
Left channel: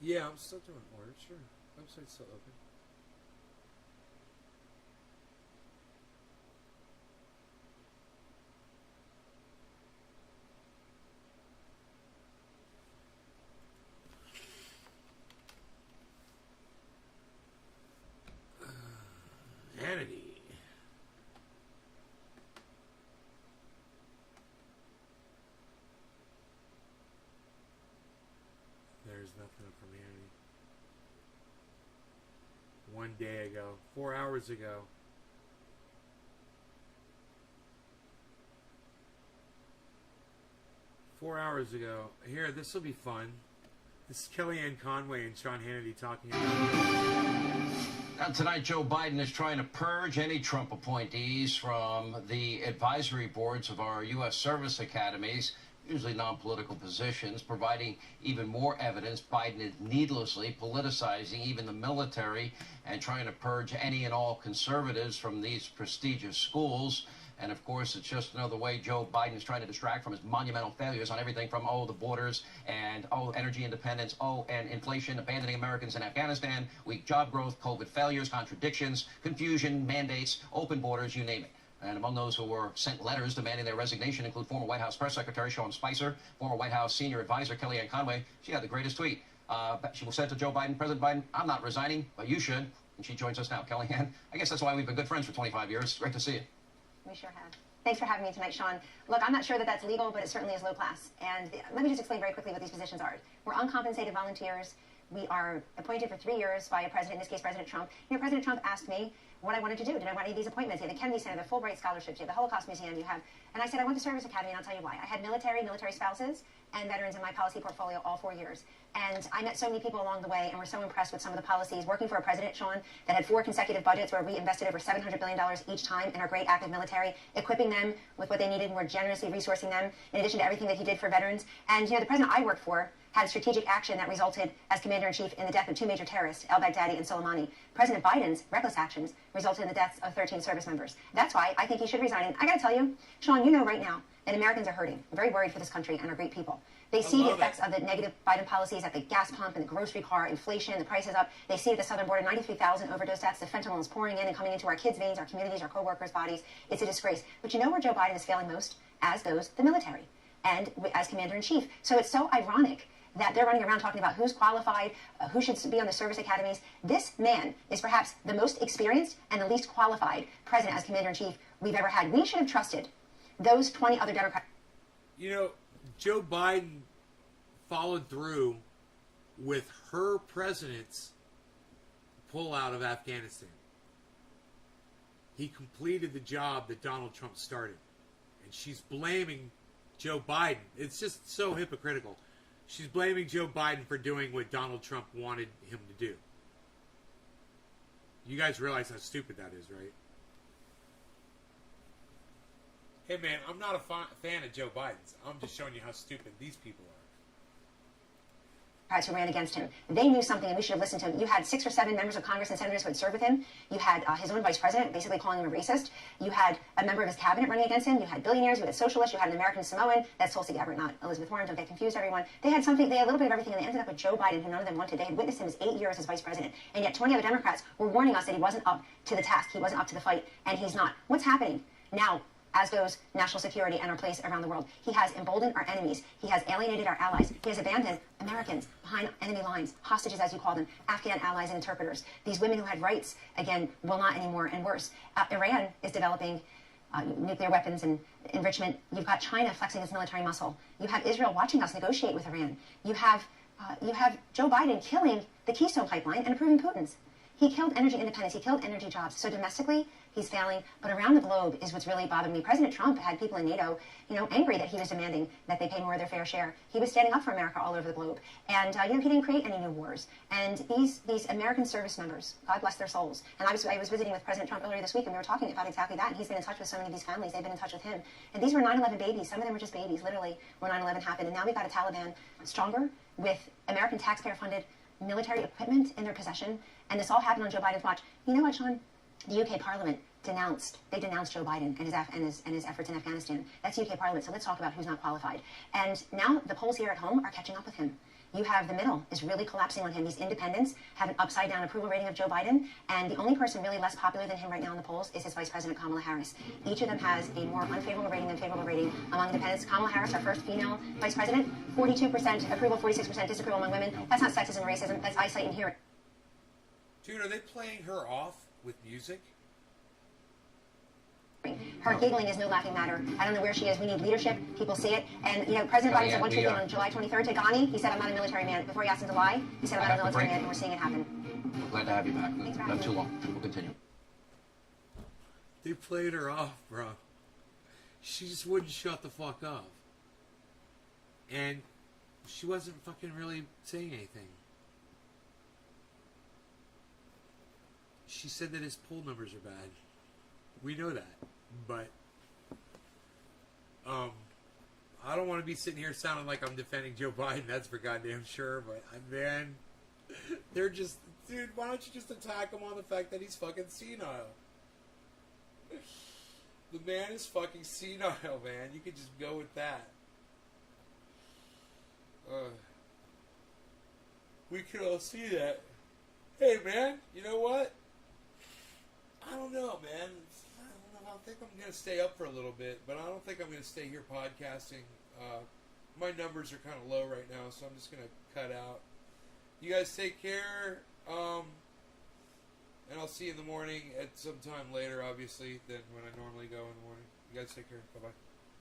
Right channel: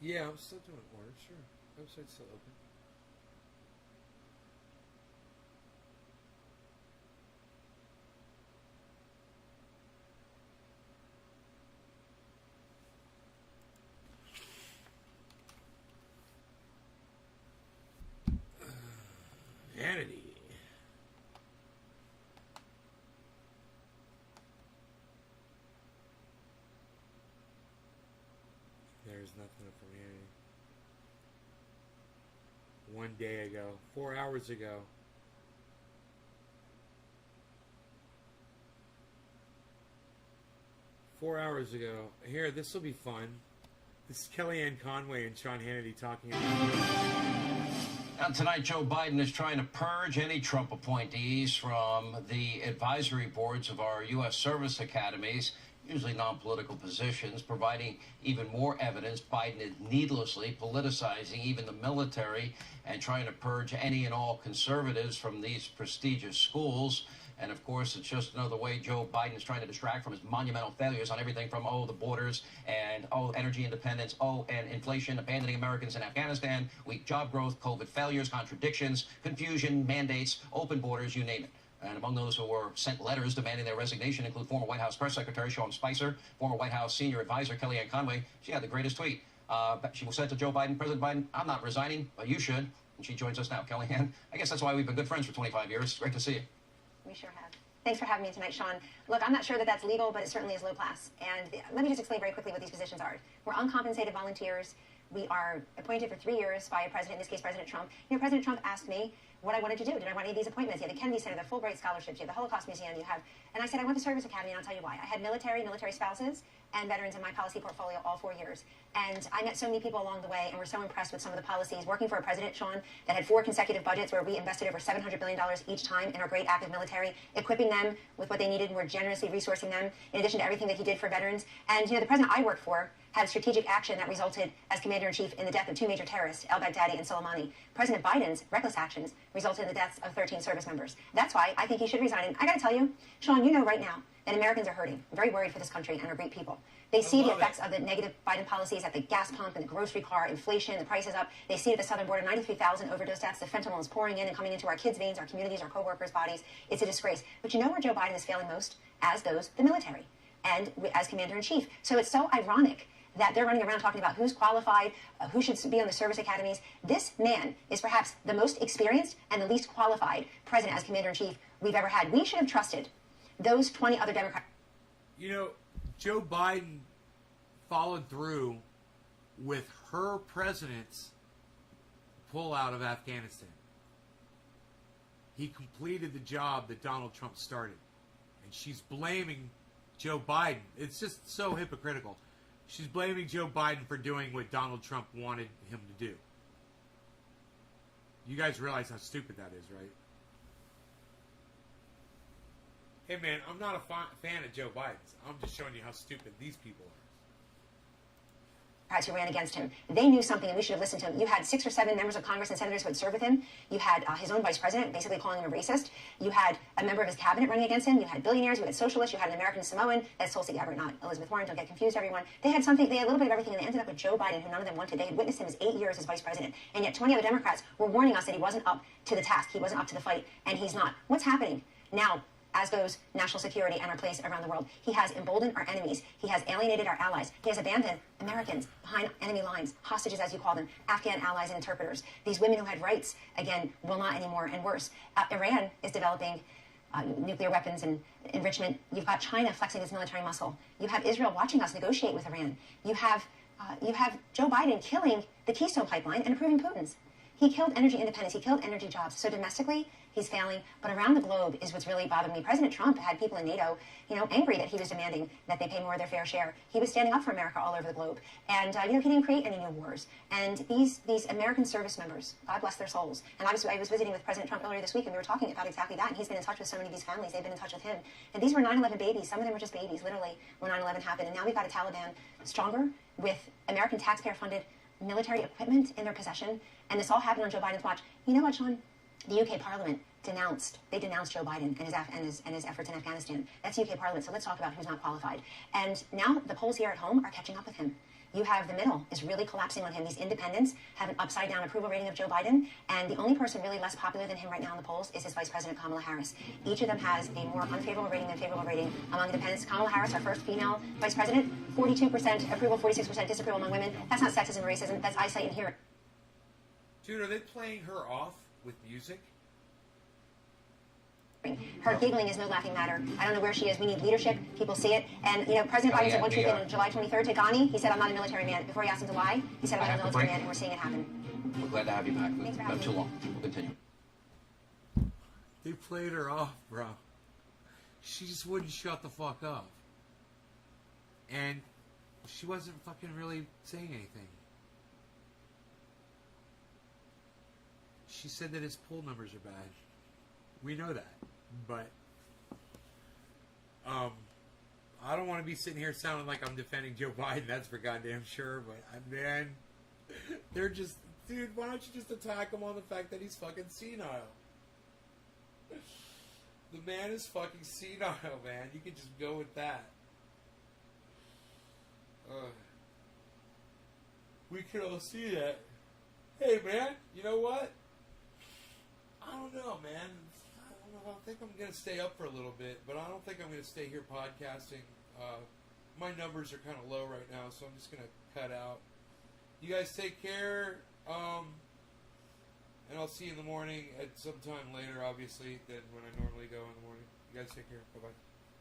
Yeah, I'm still doing orders, sure. Website's still open. Vanity. There's nothing up from Vanity. 1 day ago. 4 hours ago. Here, this will be fun. This is Kellyanne Conway and Sean Hannity talking about... Now, tonight, Joe Biden is trying to purge any Trump appointees from the advisory boards of our U.S. service academies, usually non-political positions, providing even more evidence Biden is needlessly politicizing even the military and trying to purge any and all conservatives from these prestigious schools. And, of course, it's just another way Joe Biden is trying to distract from his monumental failures on everything from, the borders and, energy independence, and inflation, abandoning Americans in Afghanistan, weak job growth, COVID failures, contradictions, confusion, mandates, open borders, you name it. And among those who were sent letters demanding their resignation include former White House Press Secretary Sean Spicer, former White House Senior Advisor Kellyanne Conway. She had the greatest tweet. She was sent to Joe Biden, President Biden, "I'm not resigning, but you should." And she joins us now. Kellyanne, I guess that's why we've been good friends for 25 years. Great to see you. We sure have. Thanks for having me tonight, Sean. Look, I'm not sure that that's legal, but it certainly is low class. And let me just explain very quickly what these positions are. We're uncompensated volunteers. We are appointed for 3 years by a president, in this case, President Trump. President Trump asked me what I wanted to do. Did I want any of these appointments? You have the Kennedy Center, the Fulbright Scholarships, you have the Holocaust Museum, and I said, I want the Service Academy, and I'll tell you why. I had military spouses, and veterans in my policy portfolio all 4 years. And I met so many people along the way and were so impressed with some of the policies. Working for a president, Sean, that had 4 consecutive budgets where we invested over $700 billion each time in our great active military, equipping them with what they needed, more generously resourcing them, in addition to everything that he did for veterans. And, the president I worked for had strategic action that resulted as commander-in-chief in the death of 2 major terrorists, al-Baghdadi and Soleimani. President Biden's reckless actions resulted in the deaths of 13 service members. That's why I think he should resign. And I got to tell you, Sean, right now that Americans are hurting. I'm very worried for this country and our great people. They see the effects of the negative Biden policies at the gas pump and the grocery car, inflation, the prices up. They see at the southern border 93,000 overdose deaths. The fentanyl is pouring in and coming into our kids' veins, our communities, our co-workers' bodies. It's a disgrace. But where Joe Biden is failing most? As does the military and as commander-in-chief. So it's so ironic that they're running around talking about who's qualified, who should be on the service academies. This man is perhaps the most experienced and the least qualified president as commander-in-chief we've ever had. We should have trusted those 20 other Democrats. Joe Biden followed through with her president's pullout of Afghanistan. He completed the job that Donald Trump started. And she's blaming Joe Biden. It's just so hypocritical. She's blaming Joe Biden for doing what Donald Trump wanted him to do. You guys realize how stupid that is, right? Hey, man, I'm not a fan of Joe Biden's. I'm just showing you how stupid these people are. Who ran against him. They knew something, and we should have listened to him. You had 6 or 7 members of Congress and senators who had served with him. You had his own vice president basically calling him a racist. You had a member of his cabinet running against him. You had billionaires. You had socialists. You had an American Samoan. That's Tulsi Gabbard, not Elizabeth Warren. Don't get confused, everyone. They had something. They had a little bit of everything, and they ended up with Joe Biden, who none of them wanted. They had witnessed him as 8 years as vice president, and yet 20 other Democrats were warning us that he wasn't up to the task. He wasn't up to the fight, and he's not. What's happening now? As goes national security and our place around the world. He has emboldened our enemies. He has alienated our allies. He has abandoned Americans behind enemy lines, hostages as you call them, Afghan allies and interpreters. These women who had rights, again, will not anymore, and worse. Iran is developing nuclear weapons and enrichment. You've got China flexing its military muscle. You have Israel watching us negotiate with Iran. You have Joe Biden killing the Keystone Pipeline and approving Putin's. He killed energy independence. He killed energy jobs. So domestically, he's failing. But around the globe is what's really bothering me. President Trump had people in NATO, angry that he was demanding that they pay more of their fair share. He was standing up for America all over the globe. And, he didn't create any new wars. And these American service members, God bless their souls. And I was visiting with President Trump earlier this week, and we were talking about exactly that. And he's been in touch with so many of these families. They've been in touch with him. And these were 9/11 babies. Some of them were just babies, literally, when 9/11 happened. And now we've got a Taliban stronger with American taxpayer-funded military equipment in their possession, and this all happened on Joe Biden's watch. You know what, Sean? The UK Parliament denounced Joe Biden and his efforts in Afghanistan. That's UK Parliament, so let's talk about who's not qualified. And now the polls here at home are catching up with him. You have the middle is really collapsing on him. These independents have an upside-down approval rating of Joe Biden, and the only person really less popular than him right now in the polls is his Vice President Kamala Harris. Each of them has a more unfavorable rating than favorable rating among independents. Kamala Harris, our first female Vice President, 42% approval, 46% disapproval among women. That's not sexism and racism. That's eyesight and hearing. Dude, are they playing her off with music? Her giggling is no laughing matter. I don't know where she is. We need leadership. People see it. And, President Biden said one tweet on July 23rd to Ghani, he said, I'm not a military man. Before he asked him to lie, he said, I'm not a military man, and we're seeing it happen. We're glad to have you back. Thanks for having Not too me. long. We'll continue. They played her off, bro. She just wouldn't shut the fuck up. And she wasn't fucking really saying anything. She said that his poll numbers are bad. We know that. But I don't want to be sitting here sounding like I'm defending Joe Biden. That's for goddamn sure. But man, they're just, dude. Why don't you just attack him on the fact that he's fucking senile? The man is fucking senile, man. You could just go with that. We could all see that. Hey, man. You know what? I don't know, man. I think I'm going to stay up for a little bit, but I don't think I'm going to stay here podcasting. My numbers are kind of low right now, so I'm just going to cut out. You guys take care, and I'll see you in the morning at some time later, obviously, than when I normally go in the morning. You guys take care. Bye-bye.